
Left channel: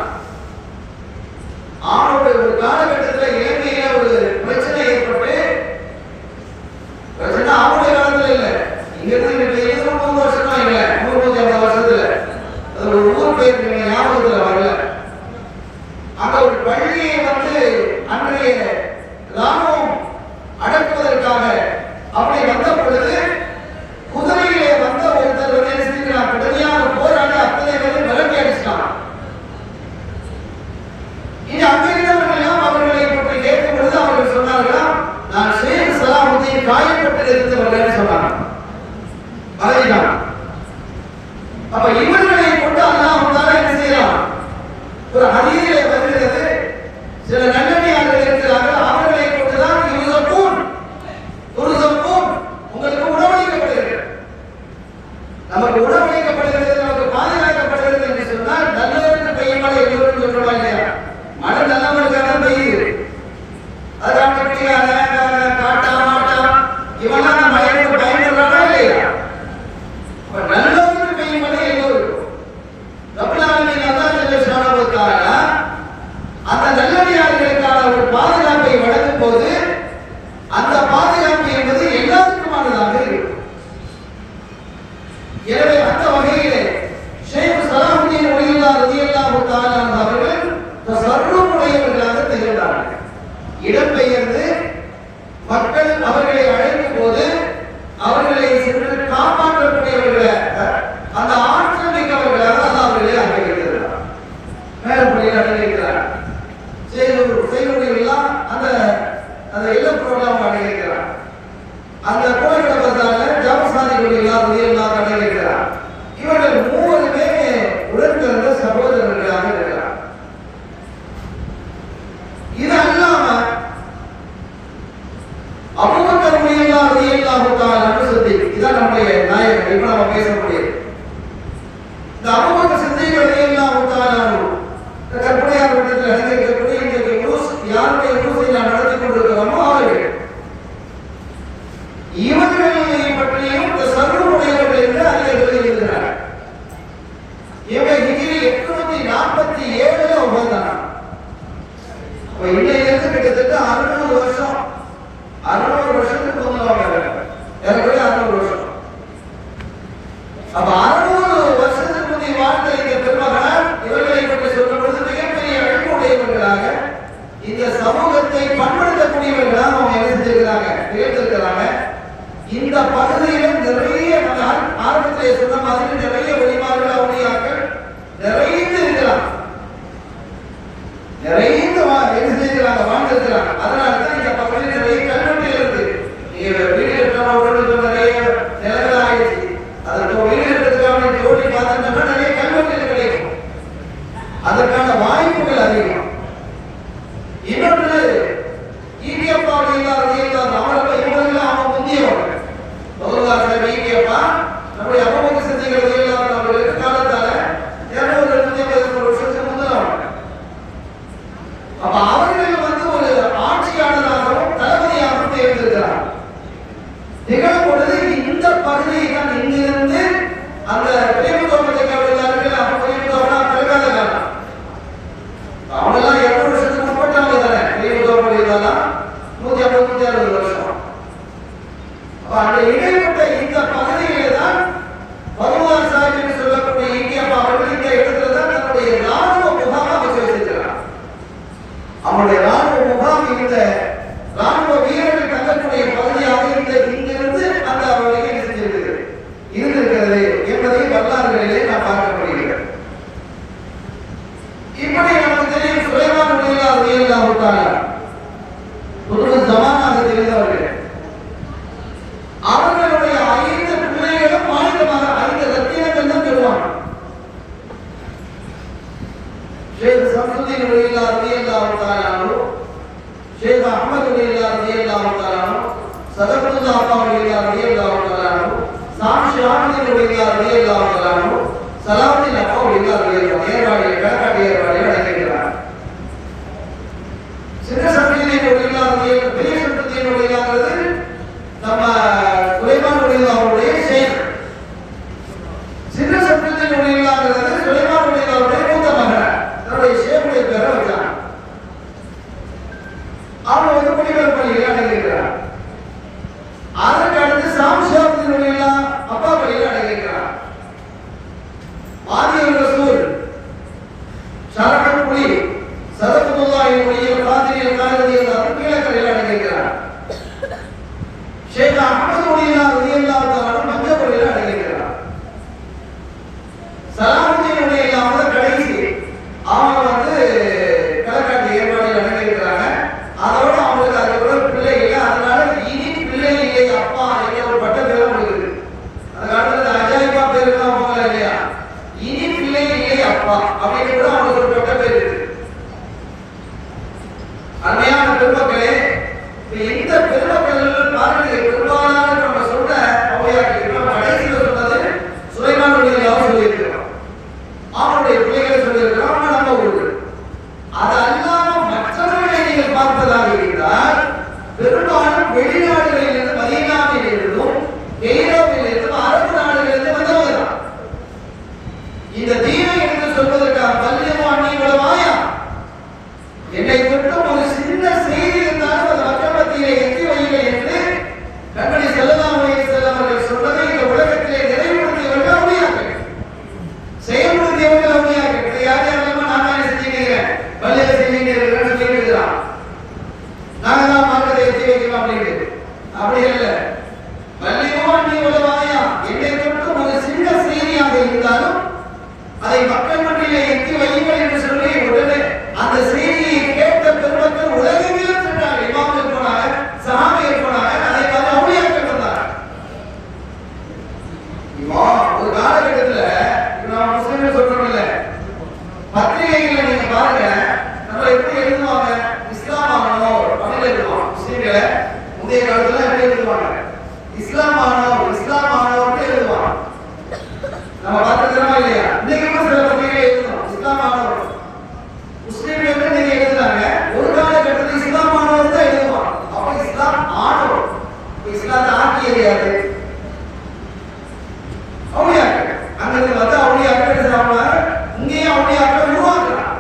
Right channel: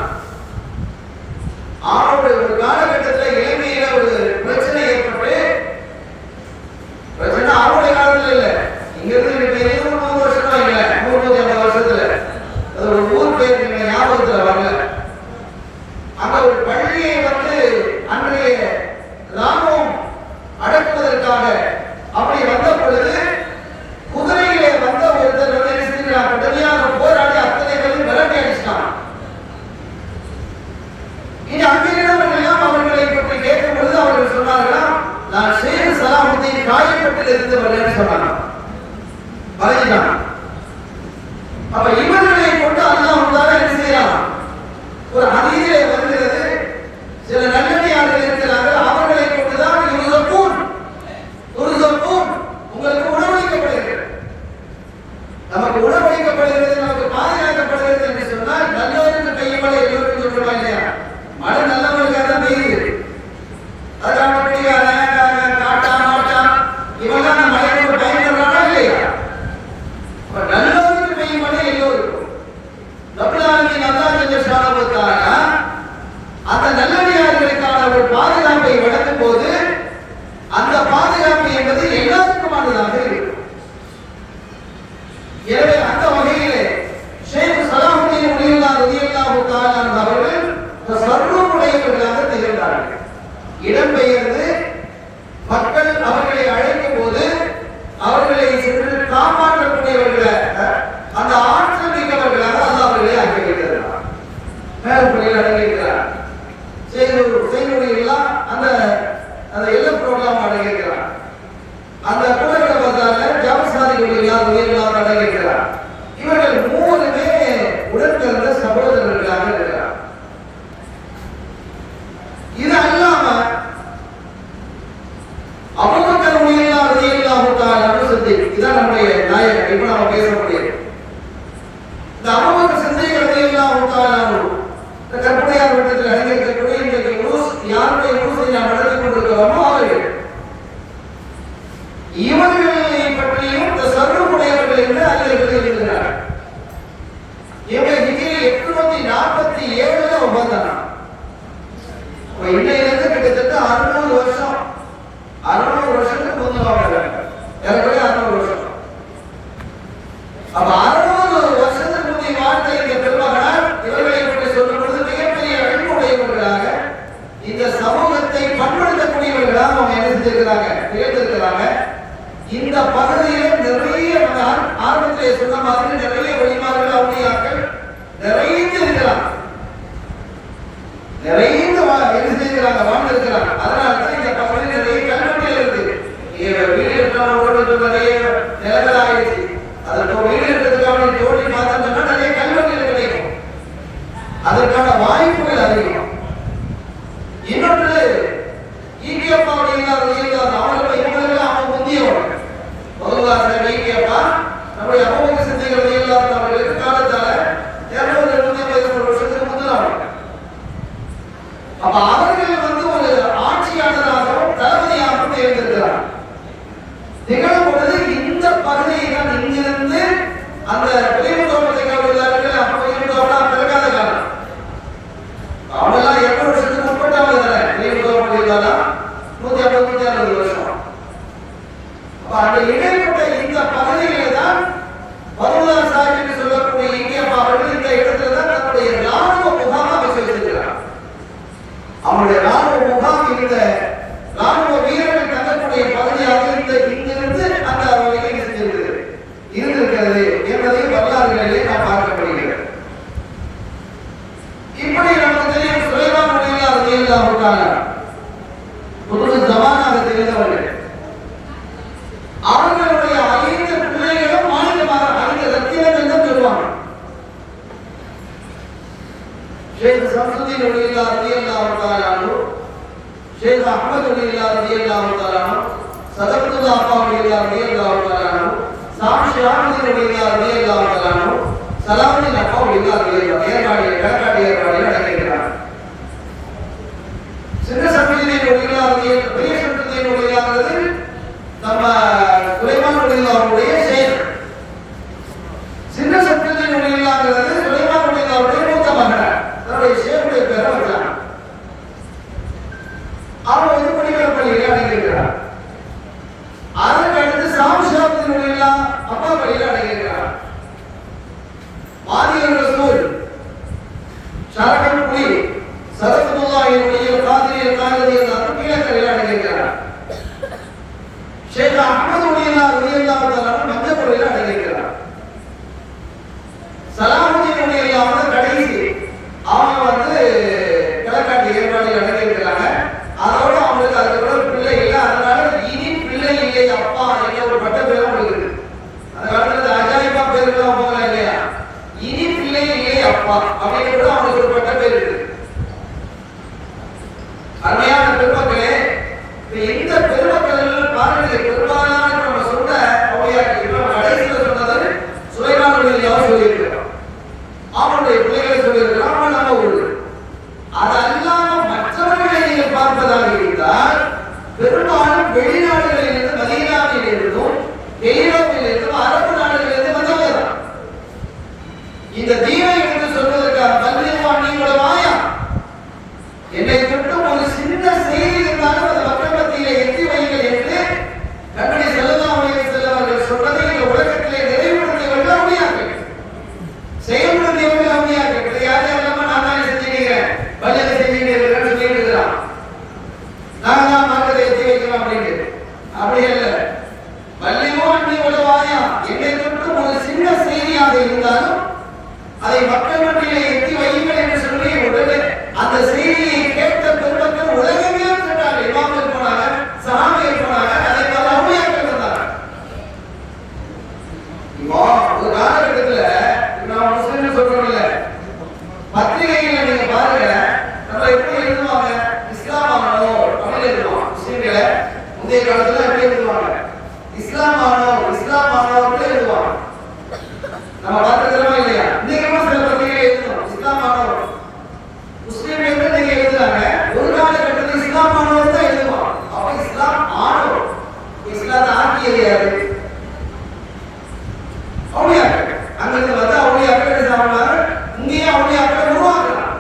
அவருடைய ஒரு காலகட்டத்தில் இலங்கையில ஒரு பிரச்சனை ஏற்பட்டு, பிரச்சனை அவருடைய காலத்துல இல்ல, இங்க இருந்து 100 வருஷமா இல்ல, 150 வருஷத்துல அது ஒரு ஊர் பேர் ஞாபகத்துல வரல. அங்க ஒரு பள்ளியை அன்றைய ராணுவம் அடக்குவதற்காக அப்படி வந்த பொழுது குதிரையிலே வந்த ஒருத்தர் கடுமையாக போராடி அத்தனை பேரும் விரட்டி அடிச்சிட்டாங்க. இனி அங்கிருந்தவர்களெல்லாம் அவர்களை பற்றி கேட்கும் பொழுது அவர்கள் சொன்னார்களாம், நான் ஷேக் சலாமுதீன் காயப்பட்டில் இருந்தவர்கள் சொன்னாங்க. அப்ப இவர்களை கொண்டு அல்லாஹ் தான் என்ன செய்யறான்? ஒரு ஹதீஸிலே வருகிறது, சில நல்லடியார்கள் இருக்கிறார்கள், அவர்களை கொண்டுதான் யுர்ஸகூன் உங்களுக்கு உணவளிக்கப்படுகிறது, நமக்கு உணவளிக்கப்படுகிறது, நமக்கு பாதுகாக்கப்படுகிறது என்று சொன்னால் நல்லவருக்கு பெய்யும் மழை எல்லோரும் சொல்றோம் இல்லையா? மழை நல்லவர்களுக்காக தான் பெய்யுது. அதான் காட்டா மாட்டா இவெல்லாம் நம்ம மழையோடு பயன்படுறாங்களா இல்லையா? நல்லவருக்கு பெய்யும் மழை எல்லோருக்கும். அந்த நல்லடியார்களுக்கான ஒரு பாதுகாப்பை வழங்கும் போது அந்த பாதுகாப்பு என்பது எல்லாருக்குமானதாக இருக்கும். எனவே அந்த வகையிலே ஷேக் சலாமுதீன் ரலியல்லாஹு தஆலா அவர்கள் சர்வமுடையவர்களாக திகழ்ந்தார்கள். இடம்பெயர்ந்து மக்கள் அவர்களை அழைக்கும் போது அவர்களை சென்று காப்பாற்றக்கூடியவர்களாக, அந்த ஆற்றல் மிக்கவர்களாக அல்லாஹ் அவர்களை ஆக்கி வைத்திருக்கிறார். மேலப்பள்ளியில் அடங்கியிருக்கிறார். செய்தியெல்லாம் அந்த எல்லா ப்ரோக்ராம் அடங்கியிருக்கிறார். அந்த குலகட பசால ஜாபசாதிகள் யார் அடங்கியிருக்கிறார். இவர்கள் மூவருமே உடன்பிறந்த சகோதரர்களாக இருக்கிறார். இது அல்லாம அபூபக்கர் ரலியல்லாஹு தஆலா சித்திக், இதான் நம்முடைய நாயகர். இப்ப நாம பேசக்கூடியது இந்த அபூபக்கர் சித்திக் ரலியல்லாஹு தஆலா கற்பனையாக இடத்தில் அடங்கியிருக்கக்கூடிய இந்த யாருடைய யூஸை நாம் நடத்தி கொண்டிருக்கிறோமோ அவர்கள், இவர்களை பற்றியும் இந்த சர்வமுடையவர்கள் என்று அறிஞர்கள் எழுதினார். இவங்க ஹிஜ்ரி 847 வந்தாங்க. இன்னையிலிருந்து கிட்டத்தட்ட 600 வருஷத்துக்கு முன்னாடி, 600 வருஷம். அப்ப 600 வருஷத்துக்கு முந்தைய வாழ்க்கையை பெருமகனார் இவர்களை பற்றி சொல்லும் பொழுது மிகப்பெரிய அழிவுடையவர்களாக, இந்த சமூகத்தை பண்படுத்தக்கூடியவர்களாக அவங்க நினைச்சிருக்கிறாங்க, தேர்ந்தெடுக்கிறாங்க. இந்த பகுதியில் நிறைய ஆரம்பத்திலே சொன்ன மாதிரி நிறைய வெளிமாறுகள் அவருடையாக்கள் நிறைந்து இருக்கிறாங்க, நிறைந்து வாழ்ந்திருக்கிறாங்க. அதனாலதான் இந்த பகுதியில் நிறைய கல்வெட்டுகள் இருக்கு. நிலங்கள் ஆயிடுச்சு, அதுக்கு வெளியிடத்துக்கான ஜோடி பார்த்தோம்னா நிறைய கல்வெட்டுகள் கிடைக்கும். அதற்கான வாய்ப்புகள் அதிகம். இன்னொன்று ஈகியப்பா அவர்கள் இவங்களெல்லாம் முந்தியவர்கள். நம்முடைய அபூபக்கர் சித்திக் ரலியல்லாஹு அவர்களுக்கு காலத்தால 250 வருஷத்துக்கு முந்தினவங்க. அப்ப அவர்கள் ஒரு ஆட்சியாளராகவும் தளபதியாகவும் தேர்ந்தெடுக்கிறார். நிகழும் பொழுது இந்த பகுதியை இங்கிருந்து அந்த பிரிவு தோட்டத்தை கவிழ்ந்தார்கள், ஷம்சுதீன் ரலியல்லாஹு தஆலா அன்ஹு, ஷேக் அஹ்மத் ரலியல்லாஹு தஆலா அன்ஹு, சதகத்துல்லாஹ் ரலியல்லாஹு தஆலா அன்ஹு, சாமி ஷாஹித் ரலியல்லாஹு தஆலா அன்ஹு, சலாமுல் அஃபா ரலியல்லாஹு ஏற்பாடு நடக்கிறார். சின்ன சட்டத்திலே பெரிய சட்டத்திலே நம்ம சுலைமான் ரலியல்லாஹுடைய ஷேக். சின்ன சட்டத்திலே சுலைமான் ரலியல்லாஹுடைய மூத்த மகன் தன்னுடைய ஷேக்குடைய பேரை வச்சாங்க. அவன் வந்து குடிகள் பள்ளியிலே அடங்கியிருக்கிறான். அதற்கு அடுத்து சாமி ஷாஹித் ரலியல்லாஹு அப்பா பள்ளியிலே அடங்கியிருக்கிறான். மாரியர் ரசூல் ஷரஃபுல் குலி சதகத்துல்லாஹி காதிரில் காதிரில் அருமையாக அடங்கியிருக்கிறான். ஷேக் அஹ்மத் ரலியல்லாஹு தஆலா மஞ்சள் அடங்கியிருக்கிறான். சலாமுதீன் ரலியல்லாஹு கடைசி அவங்க வந்து கலக்காட்டி ஏற்பாடு அடங்கியிருக்கிறாங்க. அதோட அவங்களுக்கு அதோட பிள்ளை இல்லை. அதனால இனி பிள்ளை இல்லை அப்பா ஒரு பட்டப்பேரும் இருக்கு. அதனால அஜாயிபா பேருக்கு தான் போகல இல்லையா, இனி பிள்ளை இல்லை அப்பா அப்படின்னு கூட அவங்களுக்கு ஒரு பட்டப்பேர் இருக்கு. அருமையான பெருமக்களே, இந்த பெருமக்கள் பாருங்கள், பெரும்பாலான நம்ம சொன்ன கடைசியில் சொன்னது சுலைமான் ரலியல்லாஹு சொல்லியிருக்கிறோம். அவனுடைய பிள்ளைகளை சொல்லியிருக்கிறோம். நம்ம ஊர் அது அல்லாம மற்றவர்களை நீங்கள் பார்ப்பதாக இருந்தால் பெரும்பாலும் வெளிநாடுகளிலிருந்து மதீனாவிலிருந்தும் கெய்ரோவிலிருந்தும் அரபு நாடுகளிலிருந்து வந்தவர்கள். இந்த தீனை என்று சொல்வதற்காக பல்வேறு என்னை மட்டும் ஒரு சின்ன செய்தி இருந்தாலும் அது மக்கள் மத்தியிலே எட்டி வைகள் என்று கண்மணி ஸல்லல்லாஹு அலைஹி வஸல்லம் அவர்கள் சொன்னதை இந்த உலகத்திலே நிறைவேற்றுவதற்கு அவசியம். செயல்படுத்துவதற்கு அவசியம் கிடையாது. யாரெல்லாம் நான் தான் செஞ்சிருக்கிறேன், பள்ளியில செஞ்சிருக்கிறேன் சொல்லியிருக்கிறான், நான் தான் மக்களை எட்டி வைக்கலாம் அப்படின்னு. அப்படி இல்லை. பள்ளியோ நீ உலவாயா என்னை மட்டும் ஒரு சின்ன செய்தியாக இருந்தாலும் அதை மக்கள் மத்தியிலே எட்டி வைகள் என்று சொல்லி உடனே அந்த செய்தியை கேட்ட பெருமக்கள் உலகெங்கிலும் சென்றார்கள். இமாம்கள் போனாங்க, சஹாபிகள் போனாங்க, அதை பல அவுலியாக்கள் வந்தாங்க. ஒரு காலகட்டத்தில் நான் முஸ்லிம் சொல்றோம் இல்ல, பத்திரிகைகளை நீங்க பாருங்க, நம்ம எப்படி எழுதுவாங்க, இஸ்லாம் ஆனோர் அப்படின்னு எழுதுவாங்க. முஸ்லிம்களை முந்தைய காலத்துல எப்படி எழுதுவாங்க, இஸ்லாம் ஆனோர் எழுதுவாங்க. நம்ம பார்த்துக்கிறோமா இல்லையா? இன்னைக்கு சில பத்திரிகை எழுதுவோம் இஸ்லாம் ஆனோர் முஸ்லிம் என்று நீங்க எழுதுறாங்க. ஒரு காலகட்டத்தில் இஸ்லாம் ஆனவர் தான் எழுதுவாங்க. அப்ப இஸ்லாம் ஆனவர், இஸ்லாத்தை ஆக்கியது யாரு? அவுலியாக்கள். அங்கிருந்து வந்து அவுலியாக்கள் சாப்பிடுவாங்க. இங்கேயே அவுலியாக்கள் உருவாக்குறாங்க.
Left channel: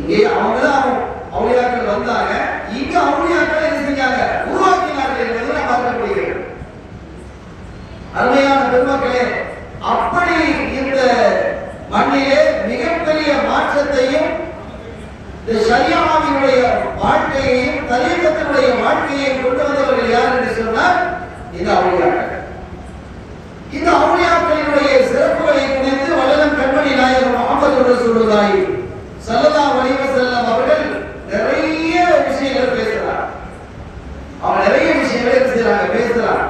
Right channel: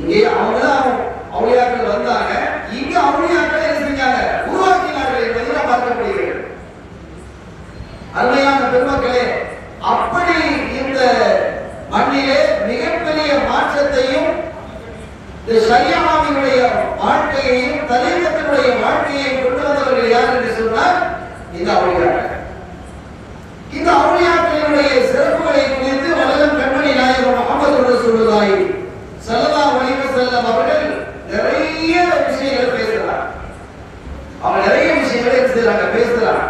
இங்கே அவங்க தான் அவுலியாக்கள் வந்தாங்க. இங்க அவுலியாக்கள் என்ன செஞ்சாங்க, உருவாக்கினார்கள் என்பதை நாம் பார்க்க முடிகிறது. அருமையான பெருமக்களே, அப்படி இந்த மண்ணிலே மிகப்பெரிய மாற்றத்தையும் இந்த ஷரியாவினுடைய வாழ்க்கையையும் தரீகத்தினுடைய வாழ்க்கையையும் கொண்டு வந்தவர்கள் யார் என்று சொன்னால் இந்த அவுலியாக்கள். இந்த அவுலியாக்களினுடைய சிறப்புகளை குறித்து வல்லல் கண்மணி நாயகம் முஹம்மது ரசூலுல்லாஹி ஸல்லல்லாஹு அலைஹி வஸல்லம் அவர்கள் நிறைய விஷயங்கள் பேசுகிறார். அவங்க நிறைய விஷயங்களை பேசுகிறார்.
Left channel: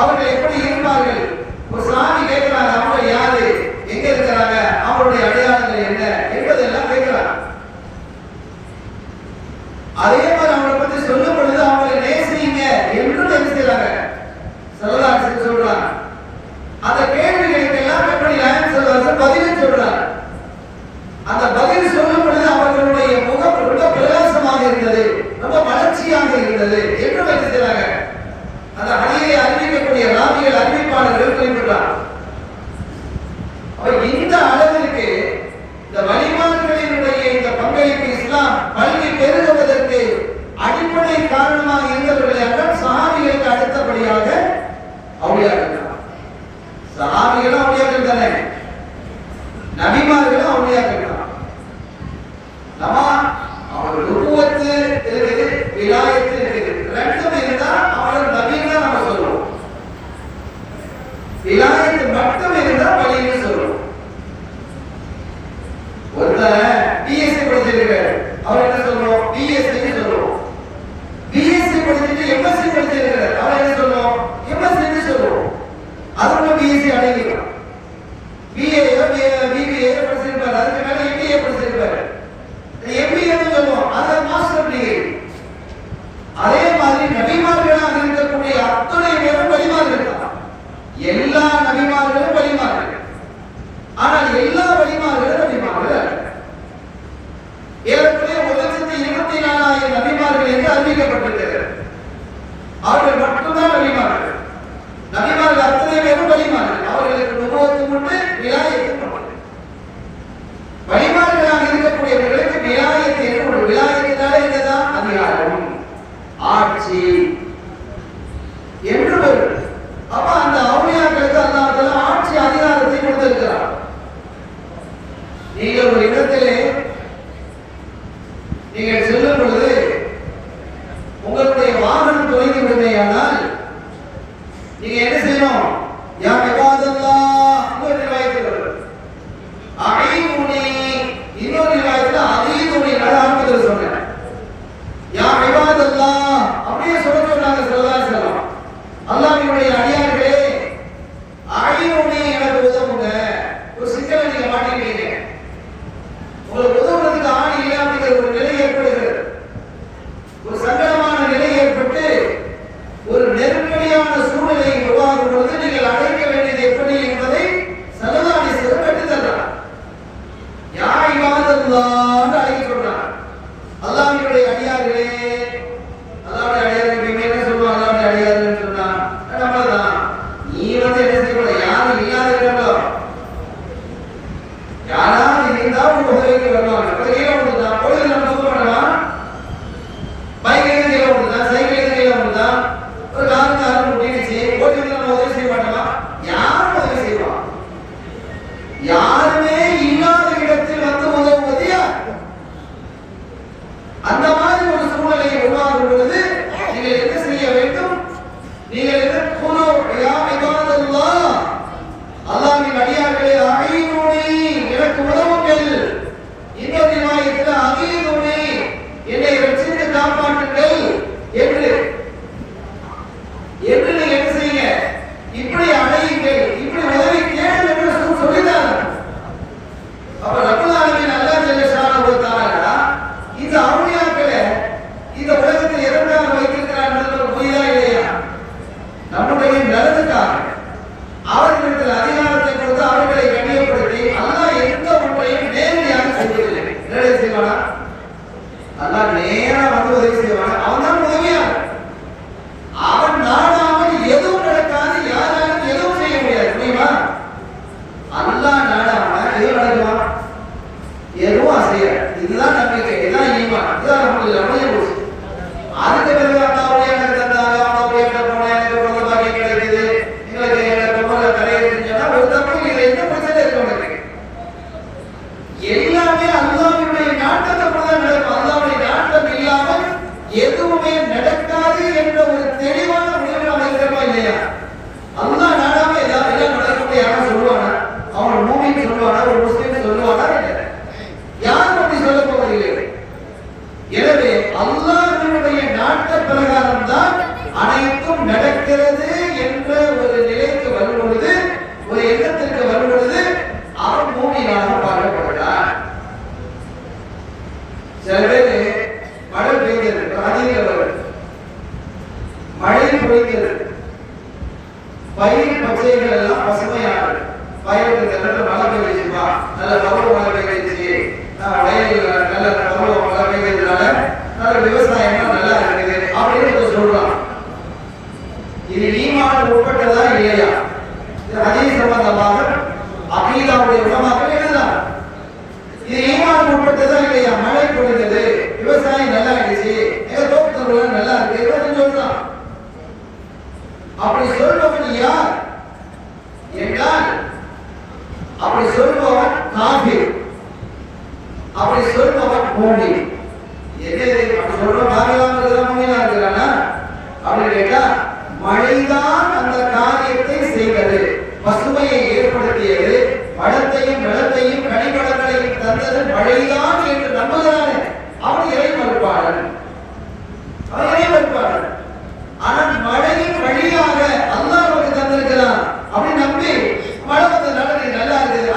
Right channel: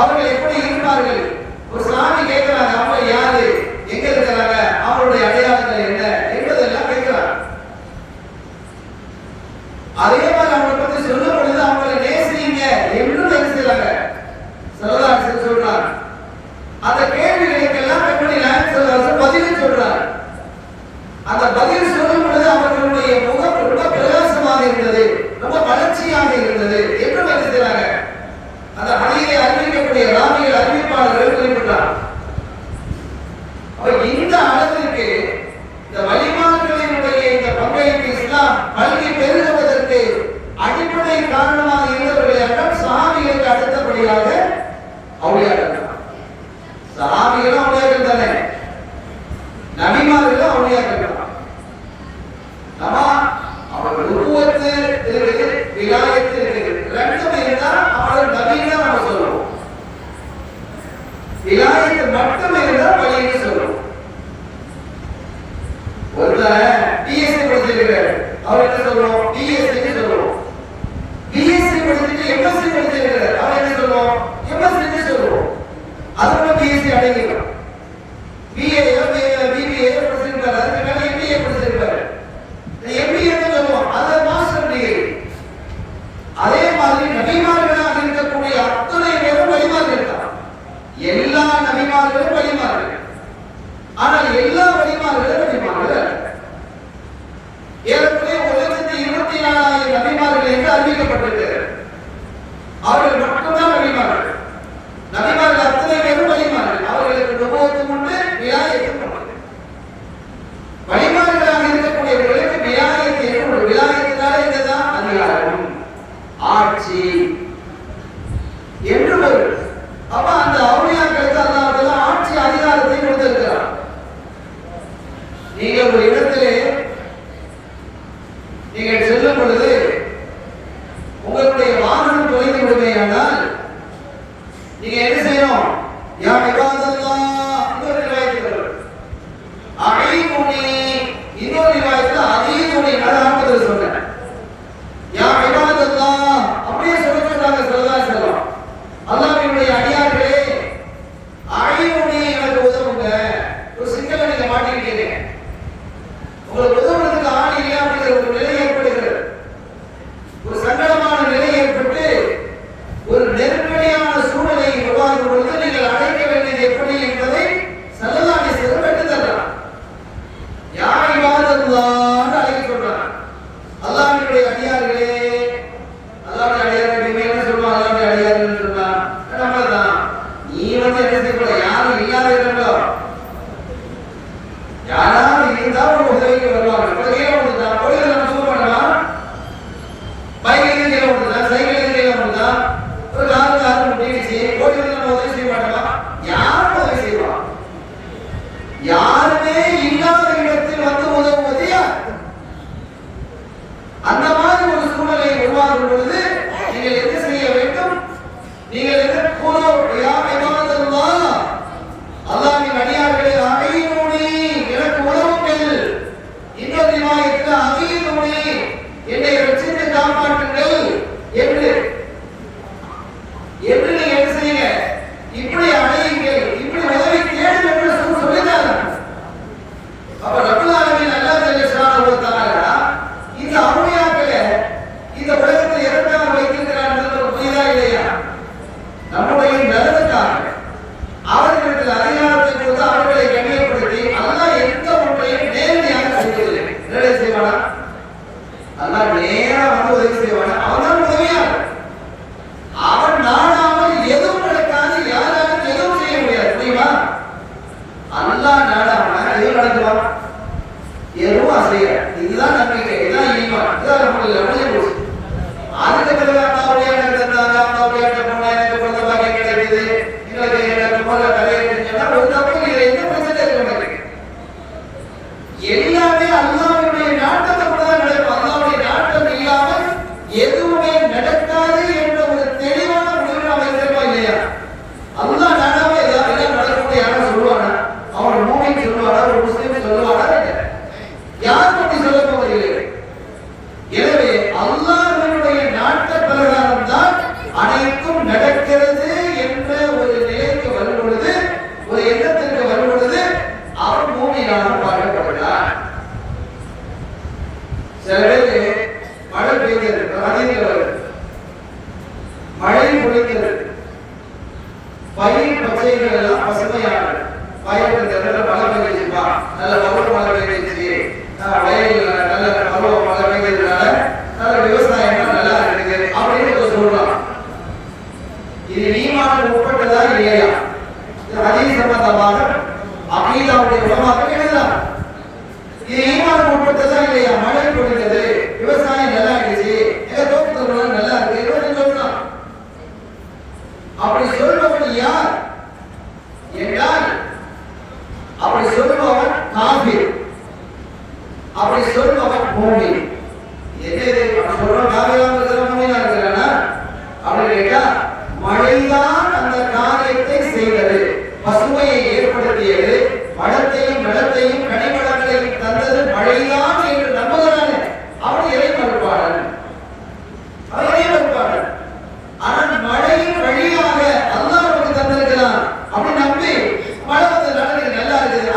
அவர்கள் எப்படி இருப்பார்கள்? ஒரு சாமி கேட்கிறாங்க, அவங்க யாரு, எங்க இருக்கிறாங்க, அவருடைய அடையாளங்கள் என்ன என்பதெல்லாம் கேட்கிறாங்க. அதே மாதிரி அவங்களை பற்றி சொல்லும் பொழுது அவங்களை நேசிங்க என்று நினைக்கிறாங்க. சரதாசி சொல்றாங்க. அந்த கேள்விகளுக்கெல்லாம் பதில் சொல்றாங்க. அந்த பதில் சொல்லும் பொழுது அவர்களுடைய முகம் ரொம்ப பிரகாசமாக இருந்தது, ரொம்ப வளர்ச்சியாக இருந்தது என்று நினைக்கிறாங்க. அந்த பணியை அறிவிக்கக்கூடிய ராமிகள் அறிவிப்பாளர்கள் குறிப்பிட்டார். இந்த அளவிற்கு இந்த வழிமார்களினுடைய இந்த பங்களிப்பு இஸ்லாம் பல்கி பெருகுவதற்கு அடிப்படை காரணமாக இருந்தவர்கள் சஹாபிகளுக்கு அடுத்தபடியாக அவுலியாக்கள். சஹாபிகளும் அவுலியாக்கள் தானே, நபிமார்களும் அவுலியாக்கள் தான். நம்ம அவர்கள் உருவத்து இருக்குது, விலாயத்து இருக்குது, ரெண்டும் இருந்தால் அவர்கள் நபிகள் நம்ம சொல்லுவோம். விலாயத்து மட்டும் இருந்தால் வழின்னு சொல்லுவோம். ஒருத்தர் பிஎஸ்சி படிச்சிருக்கிறார், அவர் என்ன சொல்லுவோம், பிஎஸ்சி சொல்லுவோம். பிஎஸ்சி படிச்சிட்டு எம்எஸ்சி படிச்சிருக்கிறார், அவர் என்ன சொல்லுவோம், எம்எஸ்சி சொல்லுவோம். அதோட பிஎஸ்சி அடைக்கிறோம். பிஏ பிபிஏ படிச்சிருப்பாரு, அதுக்கு மேல எம்பிஏ படிச்சிருப்பாரு. எம்பிஏன்னு சொல்லுவோம், அது மாஸ்டர் டிகிரி. அதே மாதிரி நபிமார்களாக இருக்கக்கூடிய அத்தனை பேரும் வழிமார்கள் தான். எல்லா நபிமார்களும் வழிமார்கள். ஆனால் எல்லா வழிமார்களும் வழிமார்கள் ஏறக்குறைய 1,24,000 நபிமார்கள் என்று அறிவிக்கப்பட்டிருக்கிறது. அவர்கள் மட்டும்தான் வழிமார்கள். நபிமார்கள் அத்தனை பேரும் வழிமார்கள். அவர்களுக்கு நுபுவத்தும் உண்டு, விலாயத்தும் உண்டு. வழிமார்களாக இருக்கக்கூடியவர்களுக்கு விலாயத்தை உண்டு. விலாயத்தினாலே என்னதான்? அதிகாரம், ஆட்சி என்று வருது. அப்ப அந்த அவுலியாக்களுக்கு அல்லாஹ் ஆட்சி அதிகாரத்தை கொடுத்திருக்கிறார். நீங்கள் ஒரு இடத்திலே நீங்கள் செல்லும் பொழுது உங்களுடைய வாகனம் தொலைந்து விடுமையானால் நீங்க என்ன செய்யணும்? யா இபாதல்லாஹ், இன்னொரு ரிவாயத்தில் அஹீமுனி, இன்னொரு ரிவாயத்தில் அஹீமுனி நடாமது சொன்னாங்க. யா இபாதல்லாஹ் அப்படியே சொல்றாங்க ஸல்லல்லாஹு அலைஹி வஸல்லம். அல்லாஹ்வுடைய அடியார்களே, அஹீமுனி எனக்கு உதவுங்க. ஒரு சிக்கலை நீங்க மாட்டிக்கிறீங்க, உங்களுக்கு உதவுறதுக்கு ஆள் இல்லையா அப்படிங்கிற ஒரு நிலை ஏற்படுகிறது. ஒரு சங்கடமான நிலை ஏற்பட்டு ஒரு நெருக்கடியான சூழ்நிலை உருவாகும் பொழுது நீங்கள் அழைக்க வேண்டியது எப்படி என்பதை ஸல்லல்லாஹு அலைஹி வஸல்லம் கற்றுத் தந்தார். யா இபாதல்லாஹ் அழைக்க சொல்றாங்க. அல்லாஹ்வுடைய அடியார்களே, அல்லாஹ்வுடைய அடியார்கள் என்ன சொல்லுவாங்க? அல்லாஹ்வுடைய அடியார்கள் சொன்னா நம்மதான். நீ வந்து என்ன செய்யணும்? யாரும் இல்லாத இடங்களோ யாராவது இருந்தால் ஒரு உதவிக்கு வருவாங்க. உதவியே ஒன்று தான். உதவி நம்ம சொல்ல பண்ணலாம். பைக்கில் செய்ய ஒன்று தான், சைக்கிளில் செய்ய ஒன்று தான். ஒரு காரணம் முடிச்சு உதவி நம்ம உதவி செய்ய மாட்டோம். யாரும் உதவி செய்வான்? யாருமே இல்லாத இடத்தில் வந்து உதவுவது யார்? அந்த மாதிரி ஒரு சூழ்நிலை உருவாகும் பொழுது நீங்கள் என்ன செய்ய வேண்டும்? நீங்கள் யா இபாதல்லாஹ், அல்லாஹ்வின் அடியார்களே, அஹீமுனி எனக்கு உதவுங்கள். இன்னொரு ரிவாயத்தில் அஹீமுனி என்னை ரட்சித்து காப்பாற்றுங்கள் என்று நீங்க என்ன செய்யுங்க? இப்படி அழையுங்கள், இப்படி உதவி கேள் என்று சொல்லிட்டாங்க. அப்ப ரப்பல் ஆலமீன் அல்லாஹ் ஜல்ல ஷானஹு வ தஆலா இந்த அவுலியாக்களை இந்த உலகத்தில் எதற்காக வைத்திருக்கிறார் என்பது புரியுதா இல்லையா? நம்முடைய நல்லதுக்காக அவர்களுக்கு அதிகாரத்தை கொடுத்து அவர்களை கண்ணியப்படுத்தி அல்லாஹ் எந்த ஒன்றையும் நேரடியாக செய்யவில்லை. என்ன செய்வானா? அல்லாஹ் நேரா வந்து உதவி செய்வானா? அவன் உதவியாளர். அவன் நாடாமல் எதுவும் நடக்காது, யாராலும் எதுவும் செய்ய முடியாது. புரியுமா? அல்லாஹ் நாடாமல் எதுவும் நடக்குமா? எதுவும் அசையாது. இதுதான் நம்பிக்கை, இதுதான் ஈமான், இதுதான் நம்முடைய முடிவு. அதுக்கு பிறகு அல்லாஹ்வுடைய தந்தாங்க, அல்லாஹ்வுடைய எனக்கு பொதுவாக கிடைக்குது, எங்களுக்கு ரொம்ப கலையை ஒரு தப்பு இல்லை. என்ன பிரச்சனை இருக்கு உங்களுக்கு? எல்லாமே அல்லாஹ்வுடைய நாட்டத்தை தான் நடக்கும். அல்லாஹ்வுடைய நாட்டம் இல்லாமல் எதுவுமே நடக்காது என்ற ஒரு தெளிவான முடிவு நமக்கு இருக்கா இல்லையா? அல்லாஹ் நாடாம ஏதாவது நடக்கக்கூடிய யாரும் சொல்லுவாங்க? அவன் மூமின் சொல்லுவாங்க, ஒரு முஸ்லிம் சொல்லுவாங்க, யாரும் அப்படி சொல்ல போவதில்லை. எனவே அல்லாஹ்வுடைய நாட்ட பிரகாரம் தான் அனைத்தும் நடக்கிறது என்ற ஒரு நிலைக்கு வரும் பொழுது, ஒரு எண்ணத்திற்கு வரும் பொழுது அவன் மூமினாக பார்க்கப்படுகிறான். சில பேர் மழை பெய்கிறது, மழை பொழிகிறது, பயிர் பச்சைகள் எல்லாம் பசுமையானது. பயிர்கள் மழை பெய்யுமா, நல்ல பருவ மழை பெய்யுது, வயலில் நல்ல பருவ மழை பெய்யுறதுனால நல்ல விவசாயம் நல்லா இருக்குது அப்படின்னு சொல்றான். இது ஈமான் உட்பட்டதா இல்லையா? இது ஹதீஸ் சம்பந்தமாக அகீதாவுடைய உலமாக்கள் எழுதுறாங்க. இது ஈமான் உட்பட்டதா இல்லையா? மழை பொழிகிறது, விவசாயம் நல்லா இருந்துச்சு, தோட்டத்தொழில் நல்லா இருக்கு அப்படின்னு சொல்றான். அப்படி சொல்றவன் யார் என்றால், அப்படி சொல்பவன் காஃபிர், அப்படி சொல்பவன் மூமின். மழைதான் அந்த காரியத்தை செய்தது, பசுமையை ஏற்படுத்தியது, வளத்தையும் வளத்தையும் கனிவளங்களையும் தந்தது மழைதான் என்று நம்புகிறானே அவன் இறை மறுப்பாளன். ஆனால் மழையின் வழியாக அல்லாஹ் நமக்கு தந்திருக்கிறான் அப்படி நம்பி மழை வந்து நடந்து நல்லா இருக்குது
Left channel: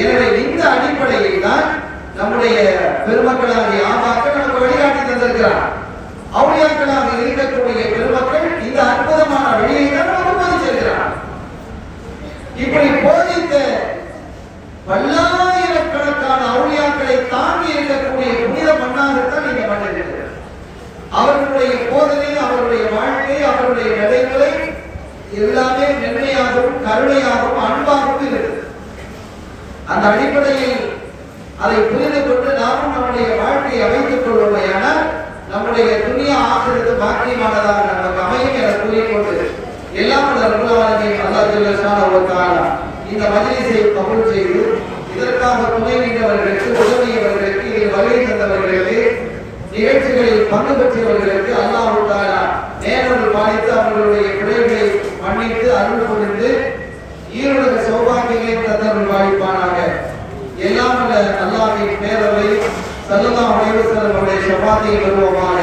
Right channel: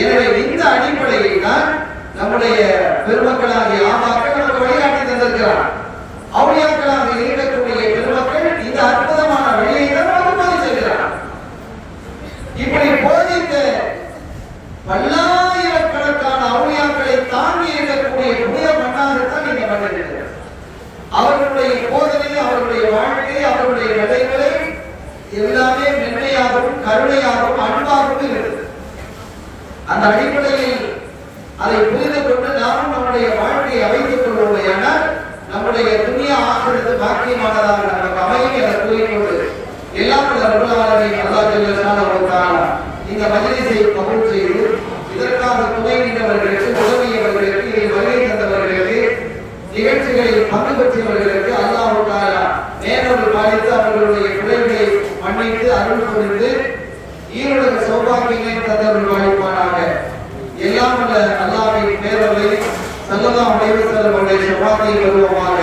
எனவே இந்த அடிப்படையில் தான் நம்முடைய பெருமக்களாகிய ஆமாக்கள் நமக்கு வழிகாட்டி தந்திருக்கிறார். அவுளியாக்களாக இருக்கக்கூடிய பெருமக்கள் இந்த அற்புதமான வழியை நமக்கு போதித்திருக்கிறார். இப்படி போதித்த பல்லாயிரக்கணக்கான அவுளியாக்களை தாண்டி இருக்கக்கூடிய புனித மண்ணாகத்தான் நீங்க பண்ணுகிறீர்கள். அவர்களுடைய போதனை, அவர்களுடைய வாழ்க்கை, அவர்களுடைய நடைமுறை எல்லாமே மென்மையாகவும் கருணையாகவும் அன்பாகவும் இருக்கிறது. அந்த அடிப்படையில் அதை புரிந்து கொண்டு நாமும் நம்முடைய வாழ்க்கையை அமைத்துக் கொள்வோம். நம்முடைய துணிய ஆசிரியர் பாக்கியமானதாக நமக்கு அமையும் என கூறிக்கொண்டு எல்லாம் இந்த மஜ்லிஸை கபூல் செய்து இதற்காக துணைவிந்தவர்களுக்கு, உதவியவர்களுக்கு, இதை வருகை தந்தவர்களுக்கு, நிகழ்ச்சிகளில் பங்கு பெற்றவர்களுக்கு அல்லாஹ் தஆலா நேரடி பாலித்து அவர்களுடைய குறைகளை மன்னித்து அருள் புரிந்து ஈருலக சௌபாகியங்களை தந்தவர்கள் வாய்ப்பானாக. எல்லாம் அல்லாஹ்வின் பேரவர்களை ஸல்லல்லாஹு அலைஹி வஸல்லம் அவருடைய ஷஃபாத்தில் வருவோமாக.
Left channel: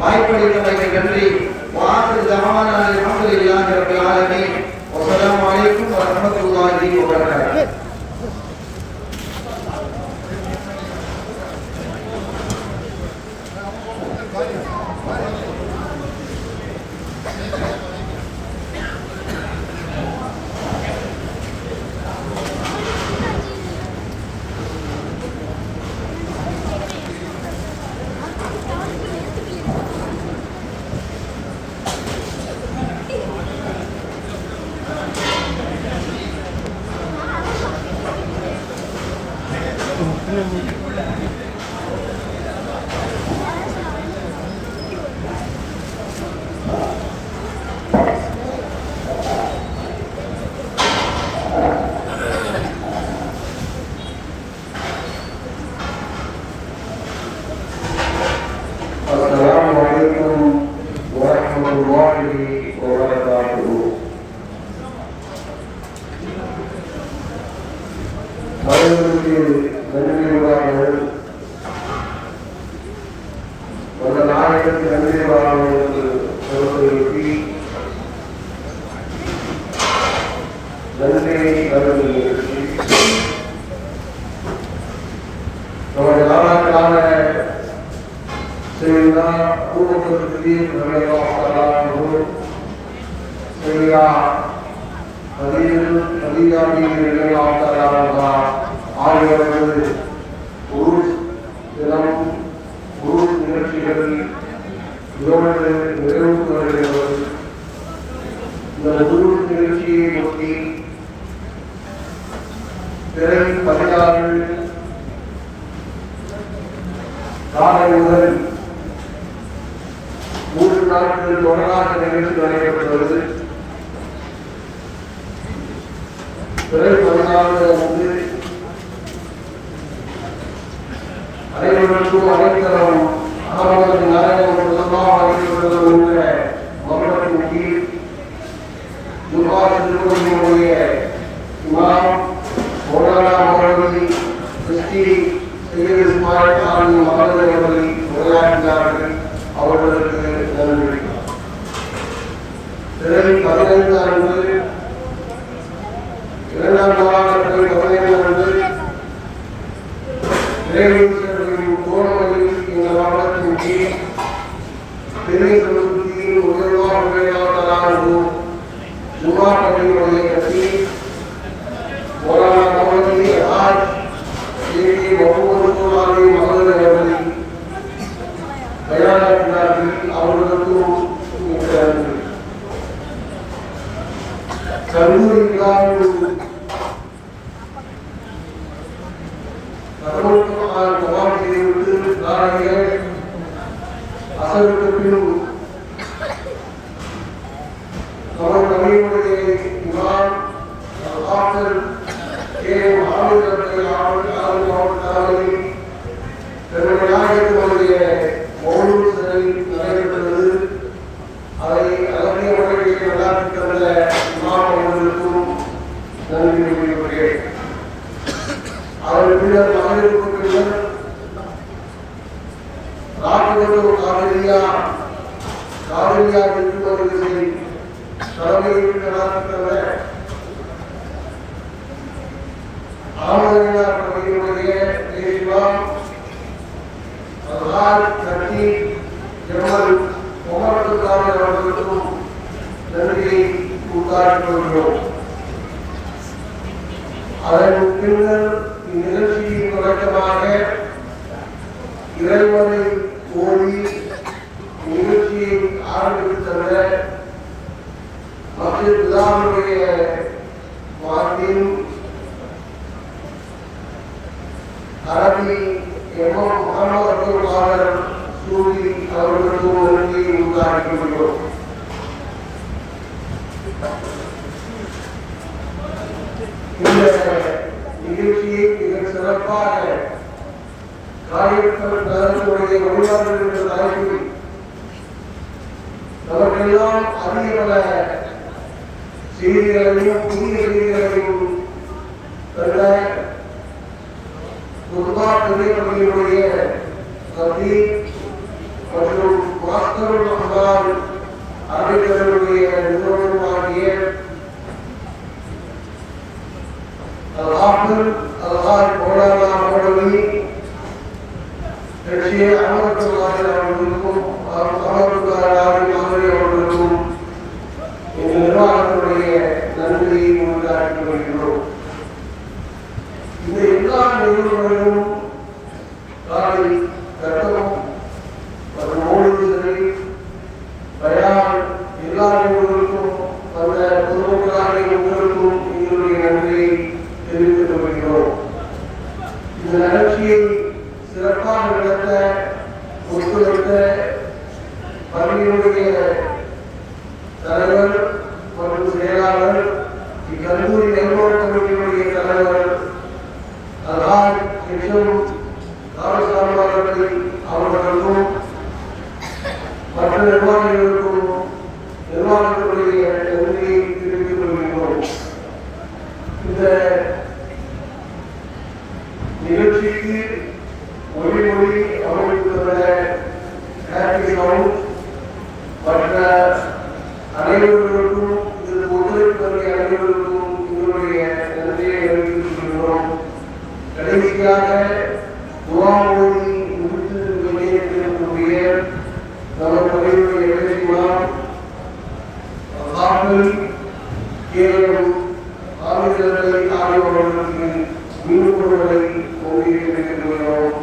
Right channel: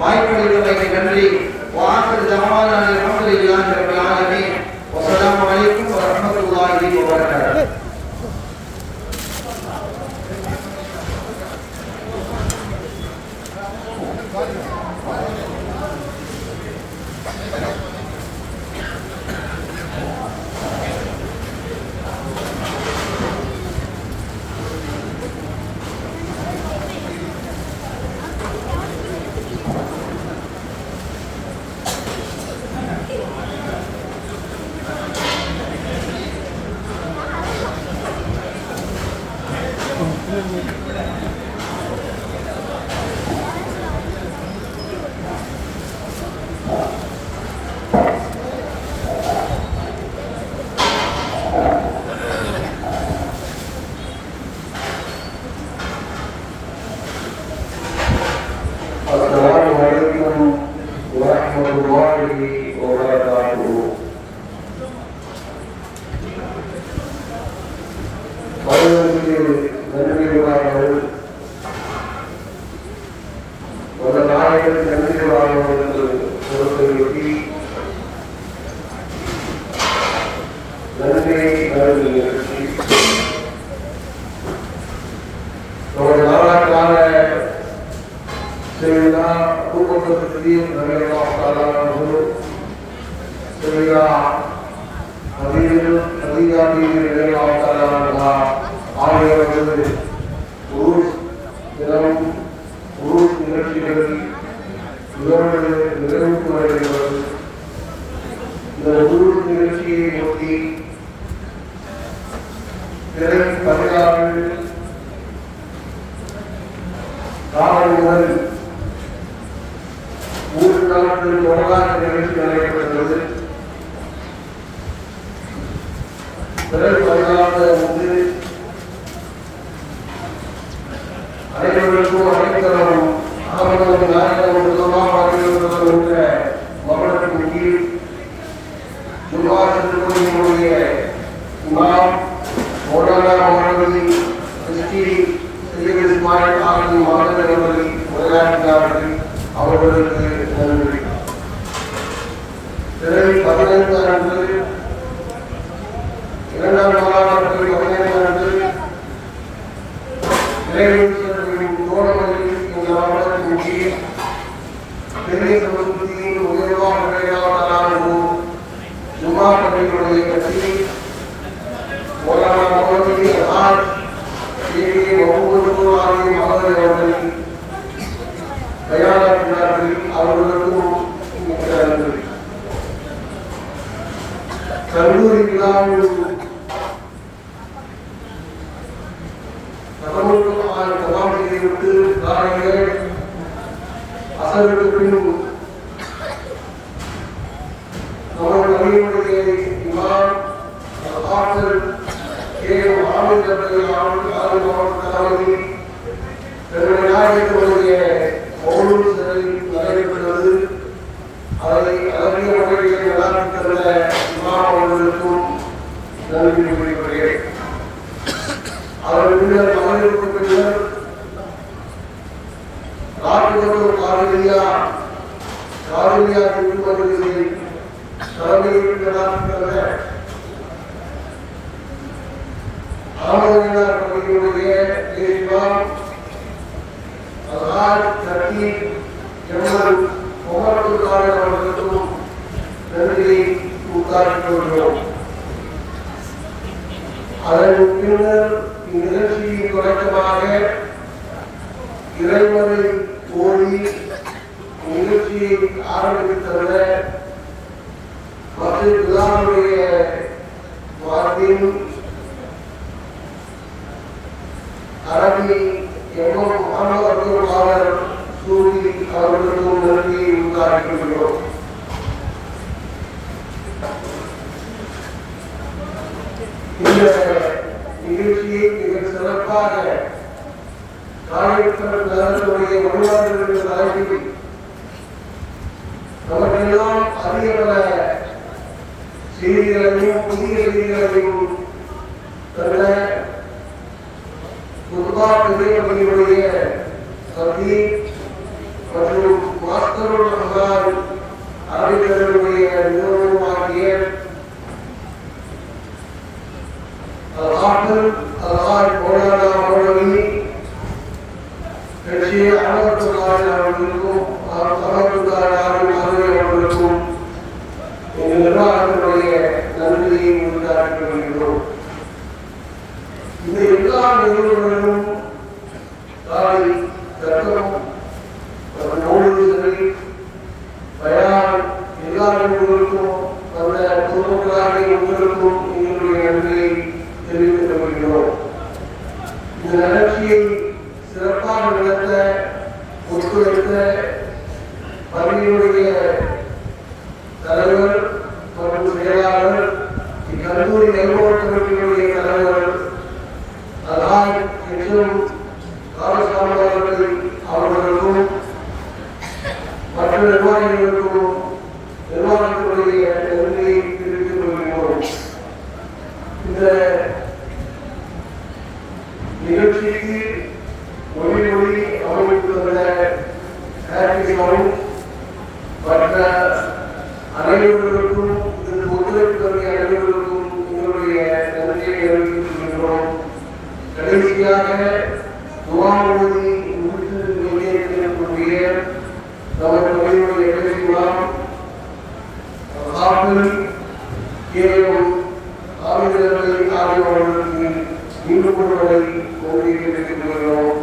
வாய்ப்பளித்தமைக்கு நன்றி. வாஹிர் தஅவானா அல்ஹம்துலில்லாஹி ரப்பில் ஆலமீன். வஸ்ஸலாமு அலைக்கும் வரஹ்மத்துல்லாஹி வபரகாத்துஹு. Assalamu alaikum warahmatullahi wabarakatuh. அவர்களுக்கு நன்றியுள்ளார்கள். ஒரு நாளையில் நன்றியுள்ளார்கள் பொறுப்பேற்றி நன்றியை நிறுத்தி நமது நாளாக்கான سيدنا أبو بكر الصديق رضي الله تعالى عنه سيدنا خديجة رضي الله تعالى عنها ஆகியவர்கள் உருஸ் தினம் உருஸ் நிகழ்ச்சிகள் இதோடு நிறைவுற்று வருகிறது. இந்த உருஸ் நிகழ்ச்சியை ஒட்டி பிறை 16 காலை முதல் 3 நாட்கள் தொடராக நிகழ்ச்சி நடைபெற்றது. பிறை 16 அன்று அனைவருக்கும் அனைத்தரும் அகமது நாயகம் முதலாக உள்ள மரணத்தின் கீழ் முகாசினுடைய இமாம் மௌலானா மௌலவி எஸ்டி சையத் இஸ்மாயில் கான் மகன் அவர்கள் உரையாற்றினார்கள். அவர்களுக்கு நன்றி. பிறை 15 அன்று 2ஆம் நாளான பிறை 15 அன்று இறைவனின் தோழமையில் இந்த நாடகத்தின் கீழ் பெரிய சமூகத்தின் உயர்வாக உரையாடலானது ஜுமா பள்ளியுடைய கட்சி மௌலானா மௌலவி அசாத் ஏகே வகுப்புகளாலே மகள் அவர்களை தயாராகிறார்கள். அவர்களுக்கும் கல்லூரி விழாவில் கவாசிகளுக்கு நாளைகள் அசர்களுக்கு அவர்கள் அணியுடைய இமாம் ஆற்றல் பெருமையாகிய மௌலூத் சிறையில் நடைபெறுவது அதை அழகிய முறையில் விளையாட்டுள்ள இமாம் அவர்களுக்கும் நன்றி கூறிக்கொள்கிறேன். அவர்கள் மகளிருக்கு பின்னர் காவிரியா திருப்பதிகளை தலைமையில் நடாத்துகிற ஆளுநர் உதாரணம் கொள்கிறோம். அதன் பின்னர் இந்நிகழ்ச்சியின் தொடக்கமாக இறைவனை கோரி நிகழ்ச்சியை ஆரம்பித்தன மற்ற பிதாவுடைய வார்த்தையும் அரபி எம்எம் முகமது சூரி அவர்களுக்கும் நன்றியை உதாரிக்கப்படுகிறோம். இந்த நிகழ்ச்சியை மிக சிறப்பாக காரியத்தமிழ் நகரத்தினுடைய வழிபாடுகள் என்ற தலைப்பில் நமக்கெல்லாம் அறிய பல செய்திகளையும் புதிய செய்திகளையும் தந்த பள்ளியுடைய கல்வி மற்றும் மாஸ்டர் அறிவியலுடைய நிறுவனமாகிய அவர்களுக்கும் நிர்வாகத்தினுடைய நன்றியை உண்டாக்கிக் கொள்கிறோம். இந்த எல்லா நிறுவனங்களும் காலை கட்டணம் மற்றும் நோய்களை பயான் எல்லா நிறுவனங்களுக்கும் அந்த பொதுமக்களாக உங்களுக்கும் எங்களுடைய நன்றியை தெரிவித்துக் கொள்கிறோம். இந்த நிகழ்ச்சியை சிறப்பாக நடத்த ஒத்துழைத்த பள்ளியினுடைய தலைவர் மற்றும் செயலாளர், இக்கல்லூரி நிர்வாக கமிட்டியினுடைய தலைவர் அவர்களுக்கும் மற்ற நிர்வாகிகளுக்கும் நிர்வாகத்தினுடைய நன்றியை தெரிவித்துக் கொள்கிறோம். இந்த நிகழ்ச்சிக்கு ஒளி அமைத்துள்ள மற்ற அனைவர்களுக்கும் இந்த ஒத்துழைப்புடைய அனைவருக்கும் எங்களுடைய நன்றியை அறிவித்துக் கொள்கிறோம். கடைசியாக துவாமொழி முடித்து வெளியேற்றக்கூடிய நமது பள்ளியுடைய இளைஞர் கேவலம் ஆளுநர்களை ஆய்வாளர்களுக்கு மீண்டும் கொள்வதை கோரிக்கைகிறோம்.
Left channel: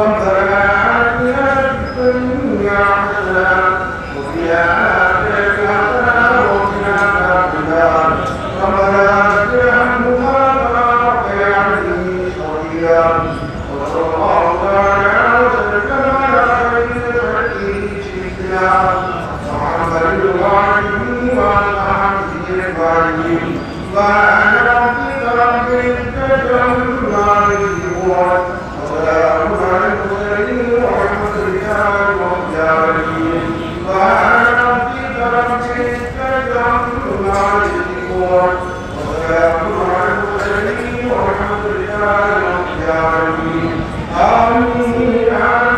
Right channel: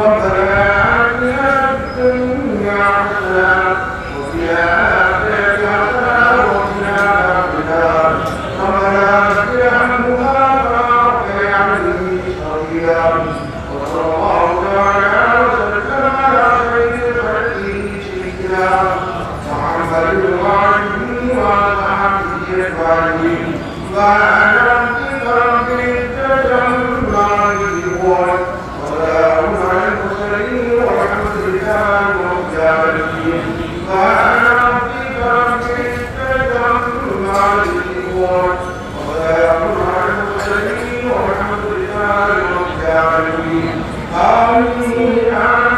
ربنا ஆமீன்